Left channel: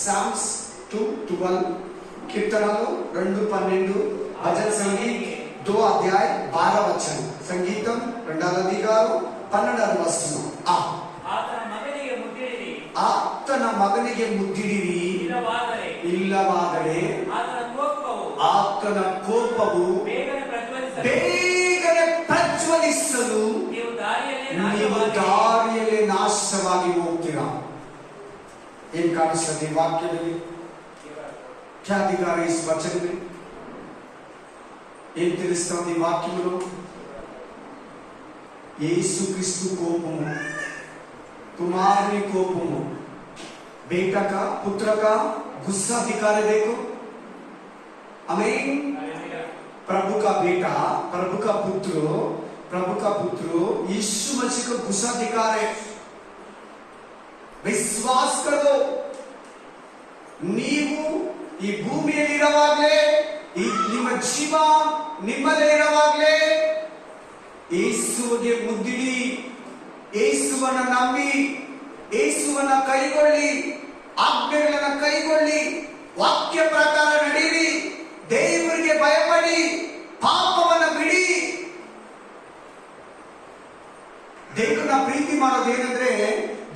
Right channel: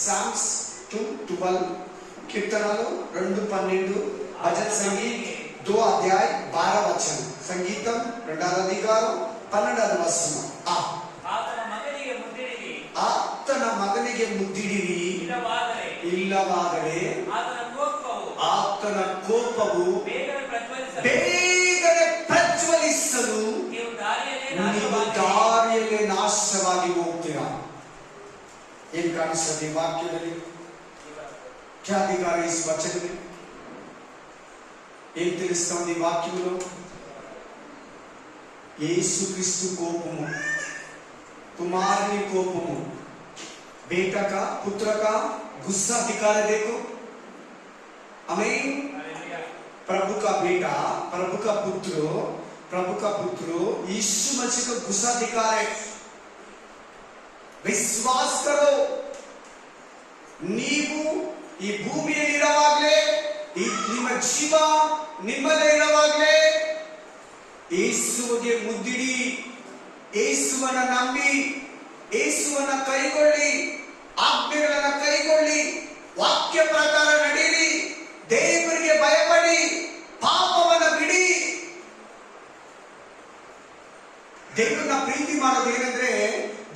Psalms 2:12, कीर्तनाలు 2:12, भजन संगीत 2 अध्याय 12 वचन, संगीतम 2వ అధ్యాయం 12వ వచనం. ಆತನ ಮಗನಿಗೆ ಮುದ್ದಿಡಿರಿ, ಇಲ್ಲವಾದರೆ ಆತನ ಕೋಪವು ಬೇಗನೆ ಪ್ರಜ್ವಲಿಸಲು ನೀವು ದಾರಿಯಲ್ಲಿ ನಾಶವಾಗಿ ಹೋಗ್ತೀರಾ. ಏನ್ ಕಾಣಿಸ್ತದೆ ಈ ವಾಕ್ಯದಲ್ಲಿ? क्या अधिकार है इस वचन में? ఏం తెలుస్తుంది ఈ వాక్యంలో? యేసుక్రీస్తు కోపము, कुमारुनी कोपमु, बेटा का पुत्र का गुस्सा दिखा रहे. देखो, आमीन. प्रभु का बेटा, प्रभु का पुत्र यीशु मसीह का गुस्सा दिखा रहे. विश्वास करो. ನೀವು ಈ ಭೂಮಿಯಲ್ಲಿ ಇರುವಾಗಲೇ, ನಿಮ್ಮ ಜೀವ ನಿಮ್ಮಲ್ಲೇ ಇರುವಾಗಲೇ ಯೇಸುವಿಗೆ ಮುದ್ದಿಡಿ, ಯೇಸುವನ್ನ ನಂಬಿ, ಯೇಸುವನ್ನ ಕೈಗೊಳ್ಳಿ, ಆಜ್ಞೆಗಳನ್ನ ಕೈಗೊಳ್ಳಿ, ವಾಕ್ಯ ಪ್ರಕಾರ ನಡೆಯಿರಿ, ದೇವರಿಗೆ ಭಯಪಡಿ, ಪಾಪವನ್ನ ಬಿಡಿ. ದೇವರನ್ನ ಪ್ರೀತಿ ಮಾಡೋದೇನೆಂದ್ರೆ,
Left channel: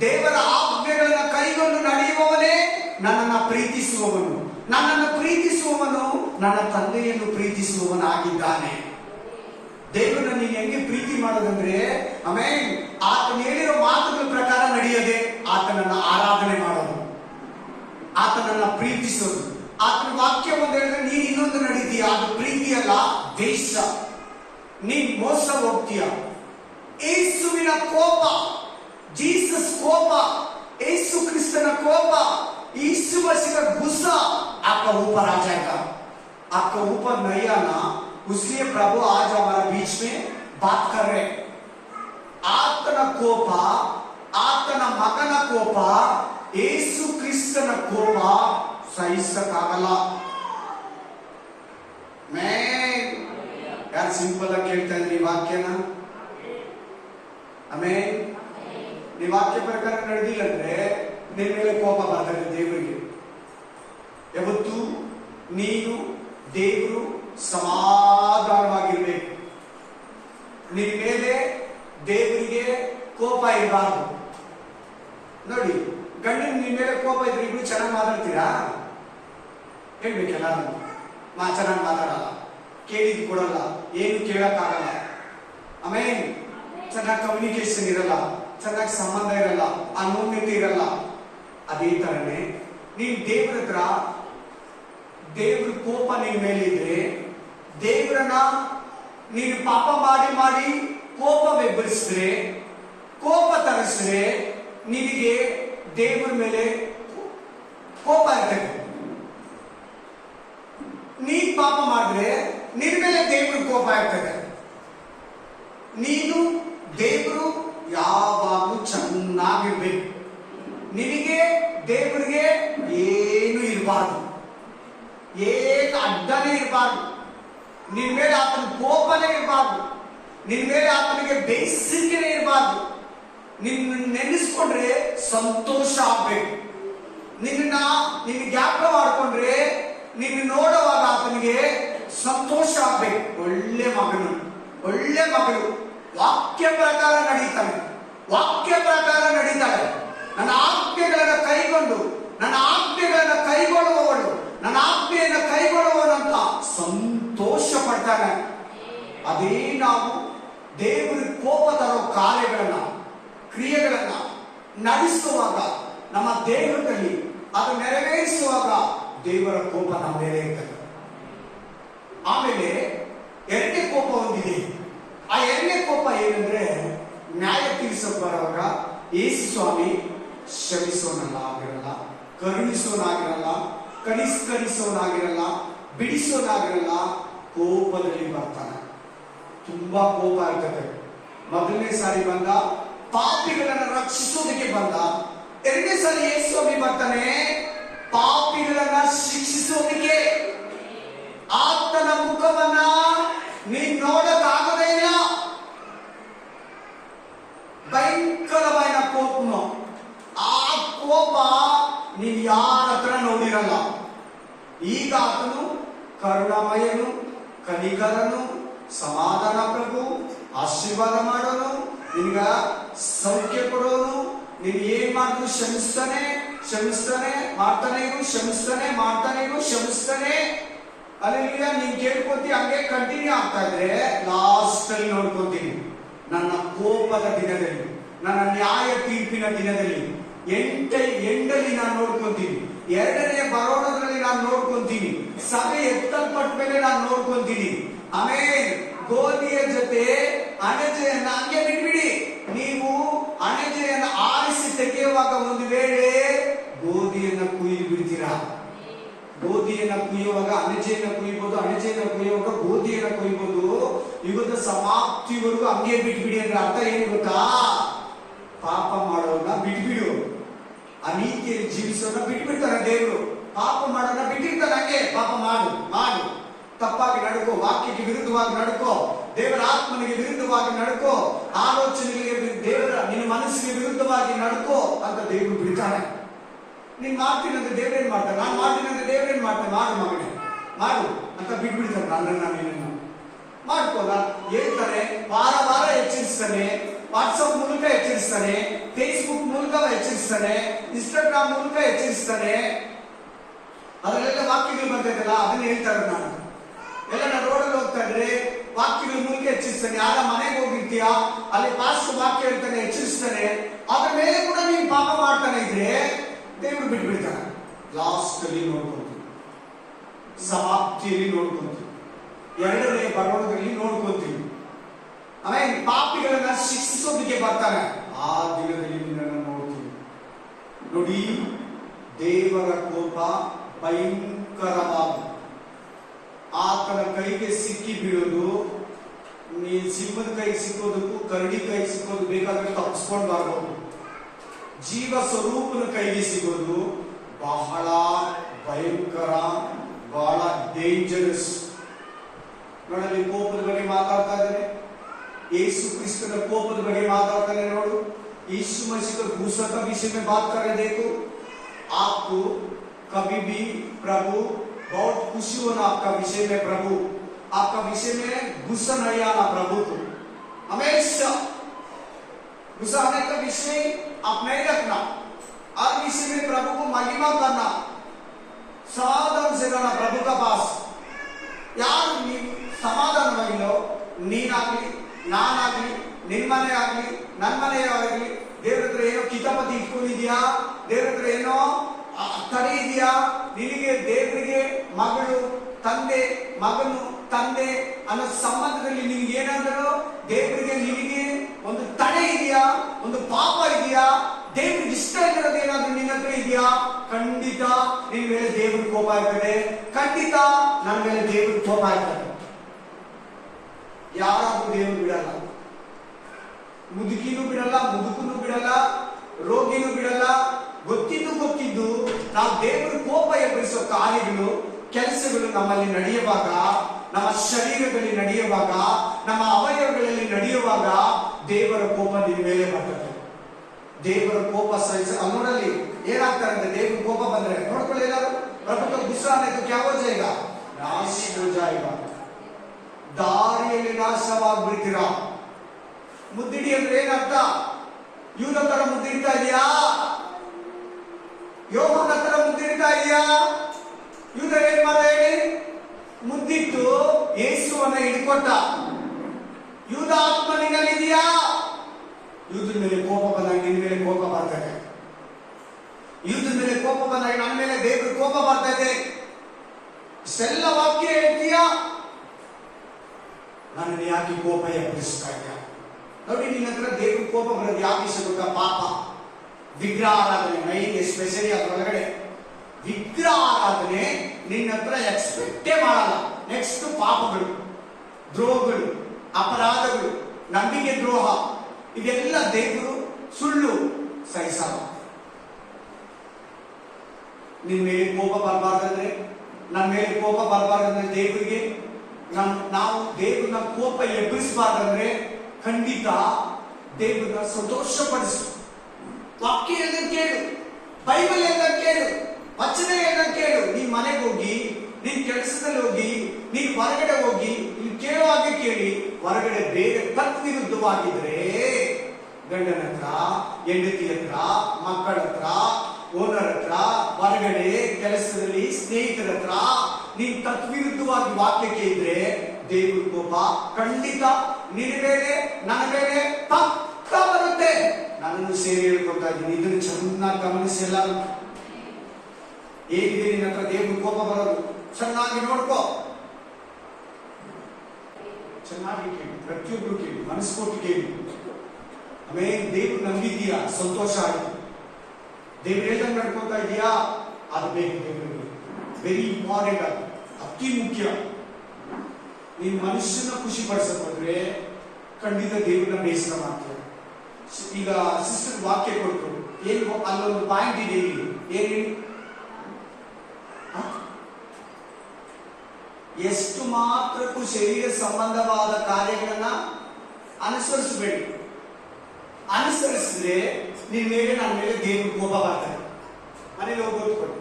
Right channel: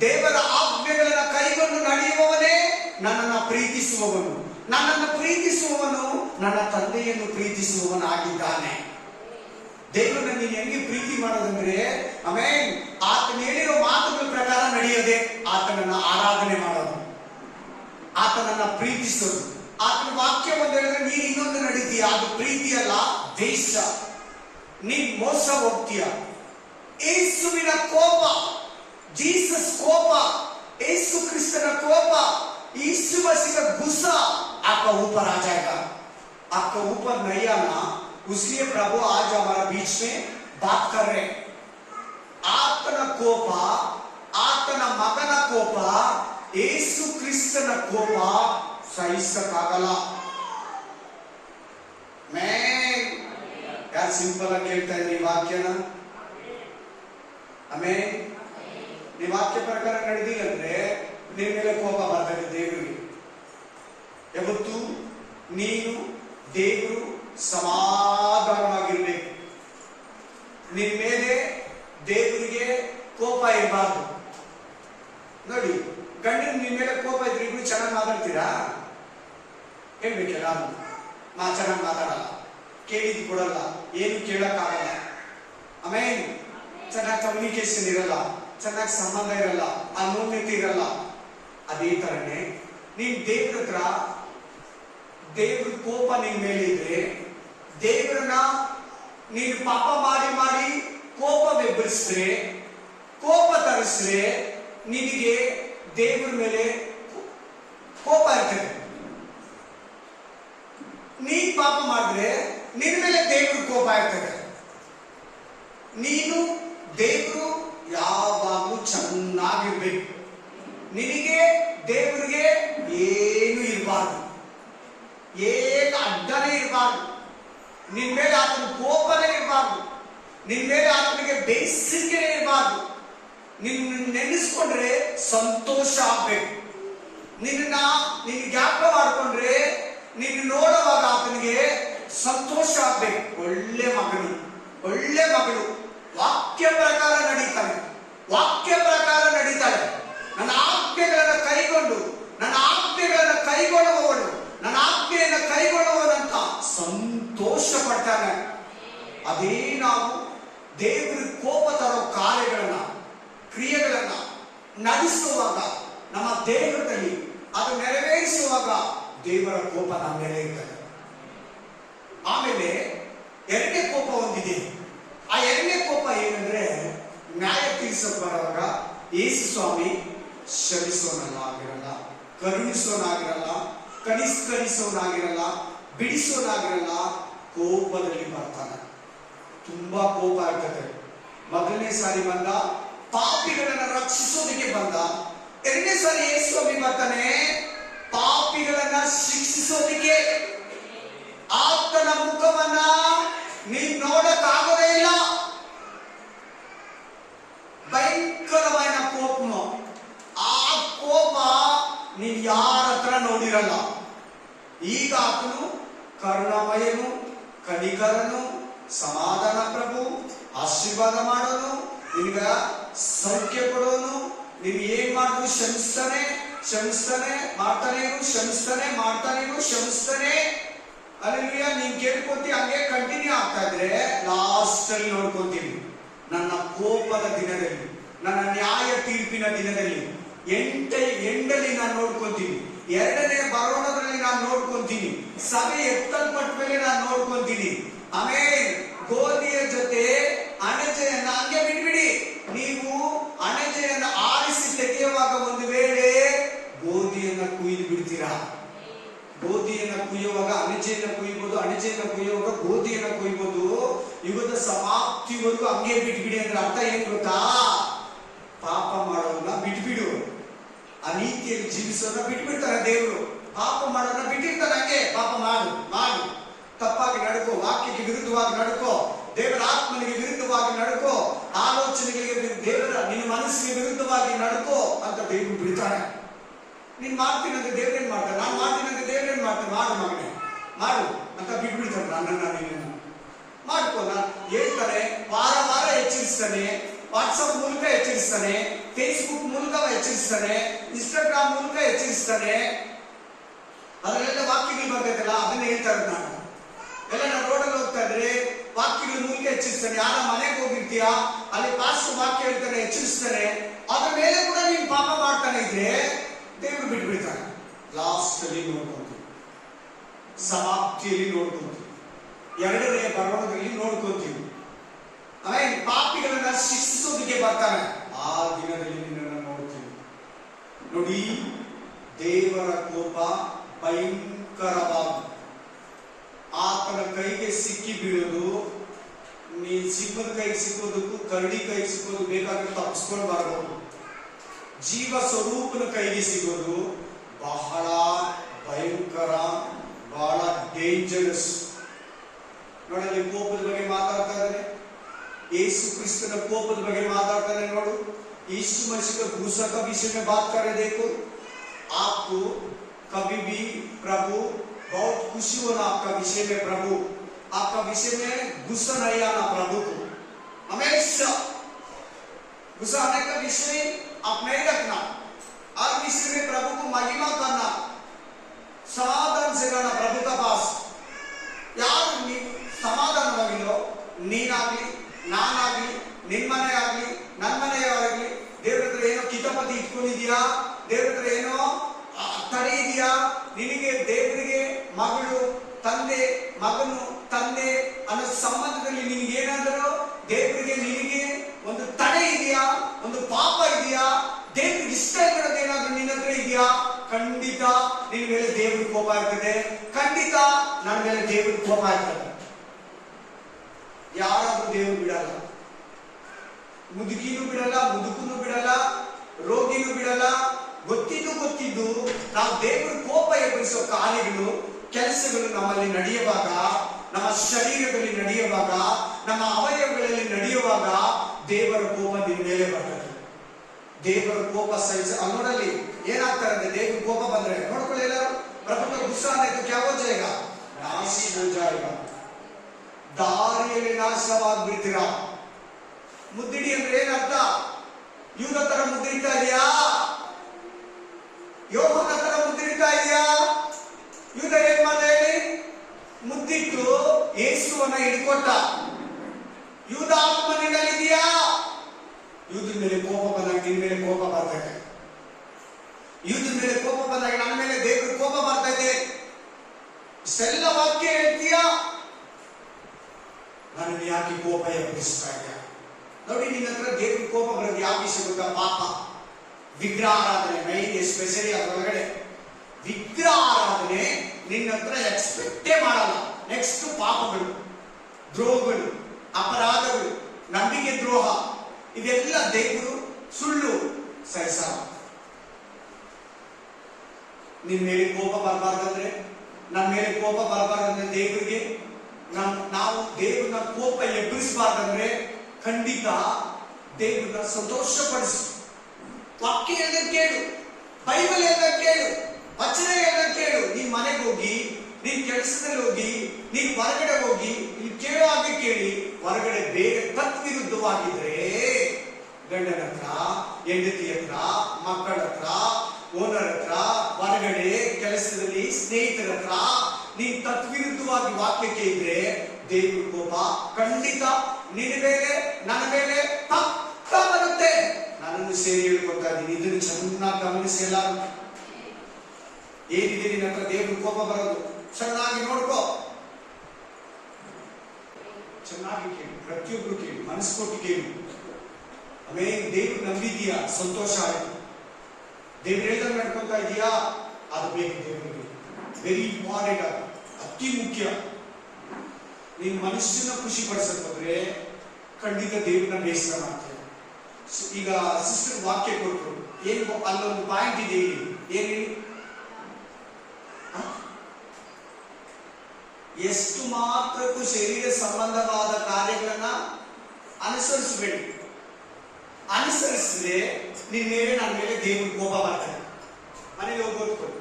ದೇವರ ಆಜ್ಞೆಗಳನ್ನ ಕೈಗೊಂಡು ನಡೆಯುವವನೇ ನನ್ನನ್ನು ಪ್ರೀತಿಸುವವನು. ನನ್ನನ್ನು ಪ್ರೀತಿಸುವವನು ನನ್ನ ತಂದೆಯನ್ನು ಪ್ರೀತಿಸುವವನಾಗಿದ್ದಾನೆ. ದೇವರನ್ನ ನೀನು ಹೆಂಗೆ ಪ್ರೀತಿ ಮಾಡೋದಂದ್ರೆ, ಆಮೇನ್, ಆತನ ಹೇಳಿರೋ ಮಾತುಗಳ ಪ್ರಕಾರ ನಡೆಯೋದೆ, ಆತನನ್ನ ಆರಾಧನೆ ಮಾಡೋದು, ಆತನನ್ನ ಪ್ರೀತಿಸೋದು. ಆತನ ವಾಕ್ಯ ಒಂದು ಹೇಳಿದ್ರೆ ನೀನು ಇನ್ನೊಂದು ನಡೀತೀಯ, ಅದು ಪ್ರೀತಿ ಅಲ್ಲ, ದ್ವೇಷ. ನೀನ್ ಮೋಸ ಹೋಗ್ತೀಯ. ಯೇಸುವಿನ ಕೋಪ, ಜೀಸಸ್ ಕೋಪ, यीशु क्रिस्टन कोप, यीशु मसीह का गुस्सा आपका ऊपर आ जाएगा. आपका ऊपर नहीं आना, इसलिए प्रभु आज हमारा बीच में बात कर रहे. ಆತನ ಕೋಪ, ಆತನ ಮಗನ ಕೋಪ, ಯೇಸು ಕ್ರಿಸ್ತನ ಕೋಪ ಸಹಿಸಕ್ಕಾಗಲ್ಲ. ಯಾರು ಸಿಂಪಲ್ ಆಗಿ ಕೇಳ್ತಾ ಇದ್ರಿ ಈ ವಾಕ್ಯನ? ಆಮೇಲೆ ನೀವು ವಾಕ್ಯ ಪ್ರಕಾರ ನಡೆದಿಲ್ಲ ಅಂದ್ರೆ ನಿನ್ನ ಮೇಲೆ ಕೋಪ ಬರ್ತದೆ ದೇವರಿಗೆ. ಯಾವತ್ತು ನೀನು ದೇವರು ಸಮಾಧಾನವಾಗಿರ್ಬೇಕು. ನಿನ್ನ ಮೇಲೆ ದೇವರಿಗೆ ಕೋಪ ಇರಬಾರ್ದು. ನೋಡಿ, ಗಂಡಿನ ನಿನ್ನ ಮೇಲೆ ಕೋಪ ಇದ್ರೆ ಇಬ್ರು ಚೆನ್ನಾಗಿ ಮಾತಾಡ್ತೀರಾ? ಹೇಳ್ಬೇಕಲ್ಲ, ಚೆನ್ನಾಗಿ ಮಾತಾಡಲ್ಲ, ಕೇಳಿದ್ ಕೊಡಲ್ಲ, ಏನು ಕೇಳಕ್ಕಾಗಲ್ಲ. ಆಮೇಲೆ ಚೆನ್ನಾಗಿ ಕಮ್ಯುನಿಕೇಶನ್ ಇರಲ್ಲ, ಚೆನ್ನಾಗಿ ಸಂಬಂಧ ಇರಲ್ಲ, ಅನ್ಯೋನ್ಯತೆ ಇರಲ್ಲ. ಅದೇ ತರನೇ ನೀನ್ ದೇವ್ರ ಹತ್ರ, ದೇವ್ರ ಕೋಪ ನಿನ್ ಮೇಲೆ ಇದ್ರೆ, ದೇವ್ರನ್ನ ನೀನು ಪಾಪ ಮಾಡಿ ಮಾಡಿ ಕೋಪ ಬೆಬ್ಬರಿಸಿದ್ರೆ, ಕೋಪ ತರಿಸಿದ್ರೆ, ನಿನಗೆ ದೇವ್ರ ಮೇಲೆ ಕೋಪ ಇರ್ತದೆ. ನೀ ಪಾಪ ಮಾಡಿದ್ರೆ ನಿನ್ ಮೇಲೆ ದೇವ್ರ ಕೋಪ ಇರ್ತದೆ. ನೀನು ದೇವರು ಯಾವಾಗಲೂ ಚೆನ್ನಾಗಿರ್ಬೇಕು. ನಿನಗೆ ದೇವರಿಗೆ ಏನು ಇರಬಾರ್ದು, ಏನು ಅಡ್ಡನೇ ಇರಬಾರ್ದು. ನಿನ್ ಮೇಲೆ ಆತನ ಕೋಪನೇ ಇರಬಾರ್ದು, ನಿನ್ ಮೇಲೆ ಆತನಿಗೆ ಬೇಸಿಗೆನೇ ಇರಬಾರ್ದು. ನಿನ್ನ ನೆನೆಸ್ಕೊಂಡ್ರೆ ಸಂತೋಷ ಆಗ್ಬೇಕು. ನಿನ್ನ ಜ್ಞಾಪಕ ಮಾಡ್ಕೊಂಡ್ರೆ ನಿನ್ನ ನೋಡುವಾಗ ಆತನಿಗೆ ಸಂತೋಷ ಆಗ್ಬೇಕು. ಒಳ್ಳೆ ಮಗನು, ಒಳ್ಳೆ ಮಗಳು, ವಾಕ್ಯ ಪ್ರಕಾರ ನಡೀತಾಳೆ, ವಾಕ್ಯ ಪ್ರಕಾರ ನಡೀತಾಳೆ, ನನ್ನ ಆಜ್ಞೆಗಳನ್ನು ಕೈಗೊಂಡು, ನನ್ನ ಆಜ್ಞೆಗಳನ್ನು ಕೈಗೊಳ್ಳುವವಳು, ನನ್ನ ಆಜ್ಞೆಯನ್ನು ಕೈಗೊಳ್ಳುವವನಂತ ಸಂತೋಷ ಪಡ್ತಾನೆ. ಅದೇ ನಾವು ದೇವರ ಕೋಪ ತರೋ ಕಾರ್ಯಗಳನ್ನ, ಕ್ರಿಯೆಗಳನ್ನ ನಡೆಸುವಾಗ, ನಮ್ಮ ದೇಹದಲ್ಲಿ ಅದು ನೆರವೇರಿಸುವಾಗ ದೇವರ ಕೋಪ ನಮ್ಮ ಮೇಲೆ ಇರ್ತದೆ. ಆಮೇಲೆ ಎರಡನೇ ಕೋಪ ಒಂದಿದೆ. ಆ ಎರಡನೇ ಕೋಪ ಏನಂದ್ರೆ, ನ್ಯಾಯ ತೀರಿಸೋಕೆ ಬರುವಾಗ ಯೇಸು ಸ್ವಾಮಿ ಕ್ಷಮಿಸೋನಲ್ಲ ಆಗಿರಲ್ಲ, ಕರುಣಿಸೋನಾಗಿರಲ್ಲ, ಕನಿಷ್ಕರಿಸೋನಾಗಿರಲ್ಲ, ಬಿಡಿಸೋನಾಗಿರಲ್ಲ, ಕೋಪದಲ್ಲಿ ಬರ್ತಾನೆ. ತುಂಬಾ ಕೋಪ ಇರ್ತದೆ. ಮೊದಲನೇ ಸಾರಿ ಬಂದ ಪಾಪಿಗಳನ್ನು ರಕ್ಷಿಸೋದಕ್ಕೆ ಬಂದ. ಎರಡನೇ ಸಾರಿ ಯೇಸು ಸ್ವಾಮಿ ಬರ್ತಾನೆ ಪಾಪಿಗಳನ್ನ ಶಿಕ್ಷಿಸೋದಕ್ಕೆ. ಆತನ ಮುಖವನ್ನ ನೀನ್ ನೋಡಕ್ಕಾಗದೇ ಇಲ್ಲ. ಭಯಂಕರమైన కోపము. ಆ ಕೋಪ ನೀನ್ ಯಾರ ಹತ್ರ ನೋಡಿರಲ್ಲ. ಈಗ ಆತನು ಕರುಣಾಮಯನು, ಕನಿಕರನು, ಸಮಾಧಾನ ಪ್ರಭು, ಆಶೀರ್ವಾದ ಮಾಡೋನು, ನಿನಗ ಸೌಖ್ಯ ಕೊಡೋನು. ನೀನ್ ಏನ್ ಮಾಡಿದ್ರು ಕ್ಷಮಿಸ್ತಾನೆ, ಕ್ಷಮಿಸ್ತಾನೆ, ಮಾಡ್ತಾನೆ ಇರು, ಕ್ಷಮಿಸ್ತಾನೆ, ಮಾಡ್ತಾನೆ ಇರು, ಕ್ಷಮಿಸ್ತಾನೆ. ಅಲ್ಲಿ ನೀನ್ ಕೇಳ್ಕೊಂತಿ, ಹಂಗೆ ಕಂಟಿನ್ಯೂ ಆಗ್ತಾ ಇದ್ರೆ ಲಾಸ್ಟ್ ಅಲ್ಲಿ ನೋಡ್ಕೊಂತೀನಿ, ನನ್ನ ಕೋಪದ ದಿನದಲ್ಲಿ, ನನ್ನ ನ್ಯಾಯ ತೀರ್ಪಿನ ದಿನದಲ್ಲಿ, ಎಂಡಲ್ಲಿ ನಾನು ನೋಡ್ಕೊಂತೀನಿ, ಎರಡನೇ ಬರೋಣದಲ್ಲಿ ನಾನು ನೋಡ್ಕೊಂತೀನಿ, ಸಭೆ ಎತ್ತಲ್ಪಟ್ಟ ಮೇಲೆ ನಾನು ನೋಡ್ಕೊಂತೀನಿ. ಆಮೇಲೆ ಗೋಧಿಯ ಜೊತೆ ಅಣಜೆಯನ್ನ ಹಂಗೆ ಬಿಟ್ಬಿಡಿ. ನೀವು ಅಣಜೆಯನ್ನು ಆರಿಸಿ ತೆಗೆಯುವಾಗ ಒಂದು ವೇಳೆ ಗೋಧಿಯನ್ನ ಕುಯ್ದು ಬಿಡ್ತೀರಾ. ಗೋಧಿಯನ್ನ ಕುಯ್ಯುವಾಗ ಅಣಜೆಯನ್ನ ಕುಯ್ಯಬಹುದು, ಅಣಜೆಯನ್ನ ಕುಯ್ಯುವಾಗ ಗೋಧಿಯನ್ನ ಕುಯ್ಯಬಹುದು. ಯುಗದ ಸಮಾಪ್ತಿವರೆಗೂ ಹಂಗೆ ಬಿಟ್ಬಿಡಿ ಅಂದ್ರೆ ಅರ್ಥ ಏನ್ ಗೊತ್ತಾ? ಪಾಪ ಮಾಡೋನ್ನ ಬಿಟ್ಬಿಡು, ಅನೀತಿಯಲ್ಲಿ ಜೀವಿಸೋನ್ನ ಬಿಟ್ಬಿಡ್ತಾನೆ ದೇವರು. ಪಾಪ ಮಾಡೋನ್ನ ಬಿಟ್ಟಿರ್ತಾನೆ, ಹಂಗೆ ಪಾಪ ಮಾಡು ಮಾಡು, ತಪ್ಪಾಗಿ ನಡ್ಕೋ, ವಾಕ್ಯಕ್ಕೆ ವಿರುದ್ಧವಾಗಿ ನಡ್ಕೋ, ದೇವರ ಆತ್ಮನಿಗೆ ವಿರುದ್ಧವಾಗಿ ನಡ್ಕೋ, ಆಲೋಚನೆಗಳಿಗೆ ದೇವರ ನಿನ್ನ ಮನಸ್ಸಿಗೆ ವಿರುದ್ಧವಾಗಿ ನಡ್ಕೋ ಅಂತ ದೇವರು ಬಿಡ್ತಾನೆ. ನೀನ್ ಮಾಡ್ತೀನಿ ಅಂದ್ರೆ ದೇವರೇನ್ ಮಾಡ್ತಾರೆ, ನಾನು ಮಾಡ್ತೀನಿ ಅಂದ್ರೆ ದೇವರೇನ್ ಮಾಡ್ತಾರೆ, ಮಾಡು ಮಗನೇ ಮಾಡು ಅಂತ ಬಿಟ್ಬಿಡ್ತಾರೆ. ನನ್ನ ಮಾಡ್ಕೋಲ್ಲ ಹೇಳ್ತಾರೆ. ವಾರ ವಾರ ಎಚ್ಚರಿಸ್ತಾನೆ, ವಾಟ್ಸಪ್ ಮೂಲಕ ಎಚ್ಚರಿಸ್ತಾನೆ, ಫೇಸ್ಬುಕ್ ಮೂಲಕ ಎಚ್ಚರಿಸ್ತಾನೆ, ಇನ್ಸ್ಟಾಗ್ರಾಮ್ ಮೂಲಕ ಎಚ್ಚರಿಸ್ತಾನೆ. ಅದರಲ್ಲೆಲ್ಲ ವಾಕ್ಯಗಳು ಬರ್ತೈತಲ್ಲ, ಅದನ್ನ ಹೇಳ್ತಾರೆ. ನಾನು ಎಲ್ಲ ನಾನು ರೋಡಲ್ಲಿ ಹೋಗ್ತಾ ಇದ್ರೆ ವಾಕ್ಯಗಳ ಮೂಲಕ ಎಚ್ಚರಿಸ್ತಾನೆ. ಯಾರ ಮನೆಗೆ ಹೋಗಿರ್ತೀಯಾ ಅಲ್ಲಿ ಪಾಸ್ಟರ್ ವಾಕ್ಯ ಹೇಳ್ತಾನೆ, ಎಚ್ಚರಿಸ್ತಾನೆ. ಅದ್ರ ಮೇಲೆ ಕೂಡ ನೀನು ಪಾಪ ಮಾಡ್ತಾನೆ ಇದ್ರೆ ದೇವರು ಬಿಟ್ಬಿಡ್ತಾನೆ. ಲಾಸ್ಟ್ ಅಲ್ಲಿ ನೋಡ್ಕೊಂತೀವಿ, ಸಮಾಪ್ತಿಯಲ್ಲಿ ನೋಡ್ಕೊಂತೀವಿ, ಎರಡನೇ ಬರೋಣದಲ್ಲಿ ನೋಡ್ಕೊಂತೀವಿ. ಆಮೇಲೆ ಪಾಪಿಗಳನ್ನ ಶಿಕ್ಷಿಸೋದಕ್ಕೆ ಬರ್ತಾನೆ. ಆ ದಿನದಲ್ಲಿ ನಿನ್ನನ್ನು ನೋಡ್ತೀವಿ. ನೋಡಿ, ದೇವರ ಕೋಪ ಭಯಂಕರವಾದ, ಆತನ ಕೈಗೆ ಸಿಕ್ಕಿ ಬೀಳೋದು, ನೀ ಸಿಂಹದ ಕೈಗೆ ಸಿಕ್ಕೋದಕ್ಕೂ ಕರಡಿ ಕೈಗೆ ಸಿಕ್ಕೋದು ಬೇಕಾದ್ರೆ ತಪ್ಪಿಸ್ಕೊಂಡು ಬರ್ಬೋದು. ಜೀವ ಸ್ವರೂಪನ ಕೈಗೆ ಸಿಗೋದು ಬಹಳ ಭಯಂಕರ, ಬಹಳ ಡೇಂಜರಸ್. ನೋಡಲ್ಲಿ ಕೋಪದ ಬಗ್ಗೆ ಮಾತಾಡ್ತಾ ಇದ್ದಾರೆ, ಯೇಸು क्रिस्तನ ಕೋಪದ ಬಗ್ಗೆ ಮಾತಾಡ್ತಾನೆ. ನೋಡು, यीशु मसीह का गुस्सा का विषय में बात कर रहे। देखो, आपको कभी भी प्रभु बहुत खुशी होना आपका विषय में, प्रभु आपका विषय में गुस्सा नहीं आना प्रभु को। हमेशा गुस्सा आने का विषय आप नहीं रखना, हर विषय में प्रभु को महिमा करना, समाधान से रहना प्रभु का पास। यार ಸಮಾಧಾನವಾಗಿಲ್ಲೋ, ನೀನಾಗ್ಲಿ, ನಾನಾಗ್ಲಿ, ನಿಮ್ಮನೆ ಆಗ್ಲಿ, ನನ್ನ ಮನೆ ಆಗ್ಲಿ, ದೇವ್ರ ಹತ್ರ ಏನೋ ಕಿತಾಪತಿ ಇಟ್ಕೊಂಡಿದ್ಯಾ, ದೇವ್ರ ಹತ್ರ ಏನೋ ತಡೆ ಇದೆಯಾ ನಿನಗೆ? ದೇವರಿಗೆ ಮಗಳು, ತಂದೆ, ಮಗನು, ತಂದೆ ಅನ್ನೋ ಸಂಬಂಧದಲ್ಲಿ ನಿನಗೇನಾದರೂ ದೇವರಿಗೆ ನಿನಗೆ ಒಂದು ತಡೆ ಇದೆಯಾ? ಒಂದು ಪಾಪ ಇದೆಯಾ? ದೇವರಿಗೆ ಇಷ್ಟ ಇರೋದು ಏನಾದ್ರೂ ನಿನ್ನ ಹತ್ರ ಇದೆಯಾ? ಖಂಡಿತ ನಿನ್ನ ಮೇಲೆ ದೇವ್ರ ಕೋಪ ಇರ್ತದೆ, ಖಂಡಿತ ನನ್ನ ಮೇಲೆ ದೇವ್ರ ಕೋಪ ಇರ್ತದೆ. ಯಾರಾದ್ರೂ ದೇವರು ಬಿಡಲ್ಲ, ಮುದುಕಿನೂ ಬಿಡಲ್ಲ, ಮುದುಕನು ಬಿಡಲ್ಲ, ರೋಗಿನೂ ಬಿಡಲ್ಲ. ಗೊತ್ತಿದ್ದು ನಾವು ದೇವರ ಕೋಪ ಎಬ್ಬರಿಸೋ ಕಾರ್ಯಗಳು, ಕೆಲಸಗಳು ನಮ್ಮಲ್ಲಿ ನಡೆಯುವಾಗ, ನಮ್ಮ ಶರೀರದಲ್ಲಿ ನಡೆಯುವಾಗ, ನಮ್ಮ ಅವಯವಗಳಲ್ಲಿ ನಡೆಯುವಾಗ ದೇವರ ಕೋಪ ನಿನ್ನ ಮೇಲೆ ಬರ್ತದೆ. ದೇವರ ಕೋಪ ಸಹಿಸ ನೋಡಲ್ಲಿ ಏನಾಗ್ತಾರೆ ಅಂದ್ರೆ, ದೇವರ ಕೋಪ ಬಂದ್ರೆ ನೋಡ್ಕೊಳ್ಳಿ ಎಲ್ಲರೂ, ಪ್ರಭು ಗುಸ್ಸಾ ಆನೆ तो क्या हो जाएगा? नाश हो जाएगा. ದಾರಿಯಲ್ಲಿ ನಾಶವಾಗ್ಬಿಡ್ತೀರಾ. ಮುದ್ದಿಡಿ ಅಂದ್ರೆ ಏನರ್ಥ? ಯೂದ ತರ ಮುದ್ದಿಡ್ತಾ ಇದೆಯಾ? ಯೋಗನ ತರ ಮುದ್ದಿಡ್ತಾ ಇದೆಯಾ? ಯೂದ ಏನ್ ಮಾಡ ಹೇಳಿ? ಮುದ್ದಿಟ್ಟು ಯೇಸುವನ್ನ ಹಿಡ್ಕೊಟ್ಟ. ಯೂದ ಆತ್ಮನಿನಲ್ಲಿದೆಯಾ? ಯೂದನ ಮೇಲೆ ಕೋಪ ಬಂದಾಗ ನಿನ್ನ ಮೇಲೆ ಕೋಪ ಬರ್ತದೆ. ಯೂದನ ಮೇಲೆ ಕೋಪ ಬಂದಾಗ ನನ್ನ ಮೇಲೆ ದೇವ್ರ ಕೋಪ ಬರ್ತಾ ಇದೆ. ಇಷ್ಟೆಲ್ಲ ವಾಕ್ಯ ಹೇಳ್ತೀಯಾ? ನನ್ನ ಯಾಕೆ ಕೋಪ ಎಬ್ಬಿಸ್ತಾ ಇದ್ದ? ನೋಡಿ, ನಿನ್ನ ಹತ್ರ ದೇವ್ರ ಕೋಪ ಬರೋದು ಯಾಕೆ ಗೊತ್ತಾ? ಪಾಪ, ವಿಗ್ರಹ ಆರಾಧನೆ, ಮೈಗೆ ಸ್ಪೆಷಲಿ ಅದರೊಳಗಡೆ ವಿಗ್ರಹ ಆರಾಧನೆ ನಿನ್ನ ಹತ್ರ ಎಕ್ಸ್ಪೆಕ್ಟೇ ಮಾಡಲ್ಲ. ನೆಕ್ಸ್ಟ್ ಪಾಪಗಳು, ದ್ರೋಹಗಳು, ಅಪರಾಧಗಳು, ನಂಬಿಕೆ ದ್ರೋಹ, ಇವೆಲ್ಲ ದೇವರು ಸುಳ್ಳು ಸಹಿಸಲ್ಲ. ನಿನ್ ಮೇಲೆ ಕೋಪ ಬರಬಾರ್ದಂದ್ರೆ, ನನ್ನ ಮೇಲೆ ಕೋಪ ಬರಬಾರ್ದಂದ್ರೆ, ದೇವರಿಗೆ ನಾವು ದೇವ್ರನ್ನ ಕೋಪ ಎಬ್ಬಿಸಬಾರ್ದಂದ್ರೆ ಖಂಡಿತ ದೇವ್ರನ್ನ ಸಂತೋಷಪಡಿಸು. ವಾಕ್ಯ ಕೇಳು, ಬೈಬಲ್ ಹೇಳ್ದಂಗೆ ಕೇಳು, ವಚನ ಹೇಳ್ದಂಗೆ ಕೇಳು. ನೀನ್ ಮನೆಗೆ ಹೋಗಿ, ನೀನ್ ಕೆಲಸದಲ್ಲಿ ಹೋಗಿ, ನೀನ್ ಹೊರಗಡೆ ಹೋಗಿ, ನೀನ್ ಕೇಳೋ ಹಾಗೆ ಕೇಳಿ. ಹೊರಗಡೆ ಬೇರೆ ತದ್ವಿರುದ್ಧವಾಗಿದ್ರೆ ಗಂಡನ ಹತ್ರ, ಹೆಂಡತಿ ಹತ್ರ, ಮಕ್ಕಳ ಹತ್ರ, ಓನರ್ ಹತ್ರ, ಹೊರಗಡೆ ಕೆಲಸದಲ್ಲಿ ಸ್ನೇಹಿತರ ಹತ್ರ ನೀನ್ ತದ್ವಿರುದ್ಧವಾಗಿ ವಾಕ್ಯಕ್ಕೆ ಇದ್ರೆ ದೇವ್ರ ಕೋಪ ಖಂಡಿತ ನಿನ್ನ ಮೇಲೆ, ನನ್ನ ಮೇಲೆ ಪಕ್ಕ ಬರುತ್ತೆ. ನನ್ನನ್ನು ಸೇರಿ ಹೇಳ್ಕೊಳ್ತಾ ಇದ್ದೀನಿ, ಇದನ್ನು ಚೆನ್ನಾಗಿ ಗಮನಿಸಿ. ಎಲ್ಲ ಏನಿದೆ ನಿನ್ನ ಹತ್ರ ದೇವ್ರ ಕೋಪ ಬರೋದು ಚೆನ್ನಾಗಿ ನೋಡ್ಕೋ, ಚೆನ್ನಾಗಿ ಕೇಳಿ, ಪ್ರತಿಯೊಬ್ರು ಕೇಳಿ, ಮನಸ್ಸು ಕೊಟ್ಟು ಕೇಳಿ. ಆಮೇಲೆ ದೇವ್ರು ನಂಬಿದೀಯಾ, ಸಂತೋಷ ಆಗಿದೆ. ದೇವ್ರು ಹೇಳ್ದಂಗೆ ನಡ್ಕೊಳ್ತಾ ಇದೀಯಾ, ಅದು ಬೇಕು ದೇವರಿಗೆ. ವೆರಿ ಇಂಪಾರ್ಟೆಂಟ್, ಅದು ಅತಿ ಮುಖ್ಯ. ನೀನ್ ಮನುಷ್ಯನ ಖುಷಿ ಪಡಿಸಕ್ ಹೋದ್ರೆ ಖಂಡಿತ ದೇವ್ರನ್ನ ಬೇಸರ ಮಾಡ್ತೀಯ. ಈಗ ಸಿಸ್ಟರ್ ವಾಕ್ಯ ಕೊಟ್ಟರು, ಏನ್ ಅಲ್ಲೊಂದು ಪಾಯಿಂಟ್ ಇದೆ, ಏನಿ ಎಷ್ಟು ಮಾತ್ರಕ್ಕೂ ಶರೀರ ಸಂಬಂಧವಾದ ಕಾರ್ಯಗಳನ್ನ ಅನುಸರಿಸಬೇಡಿ. ಅನುಸರಿಸಿದ್ರೆ ನಿನ್ ಮೇಲೆ, ನನ್ನ ಮೇಲೆ ದೇವ್ರ ಕೋಪ ಬರ್ತಾರೆ. ಮನೇಲಿ ಹೋಗೋದು ಕೊಡಿ,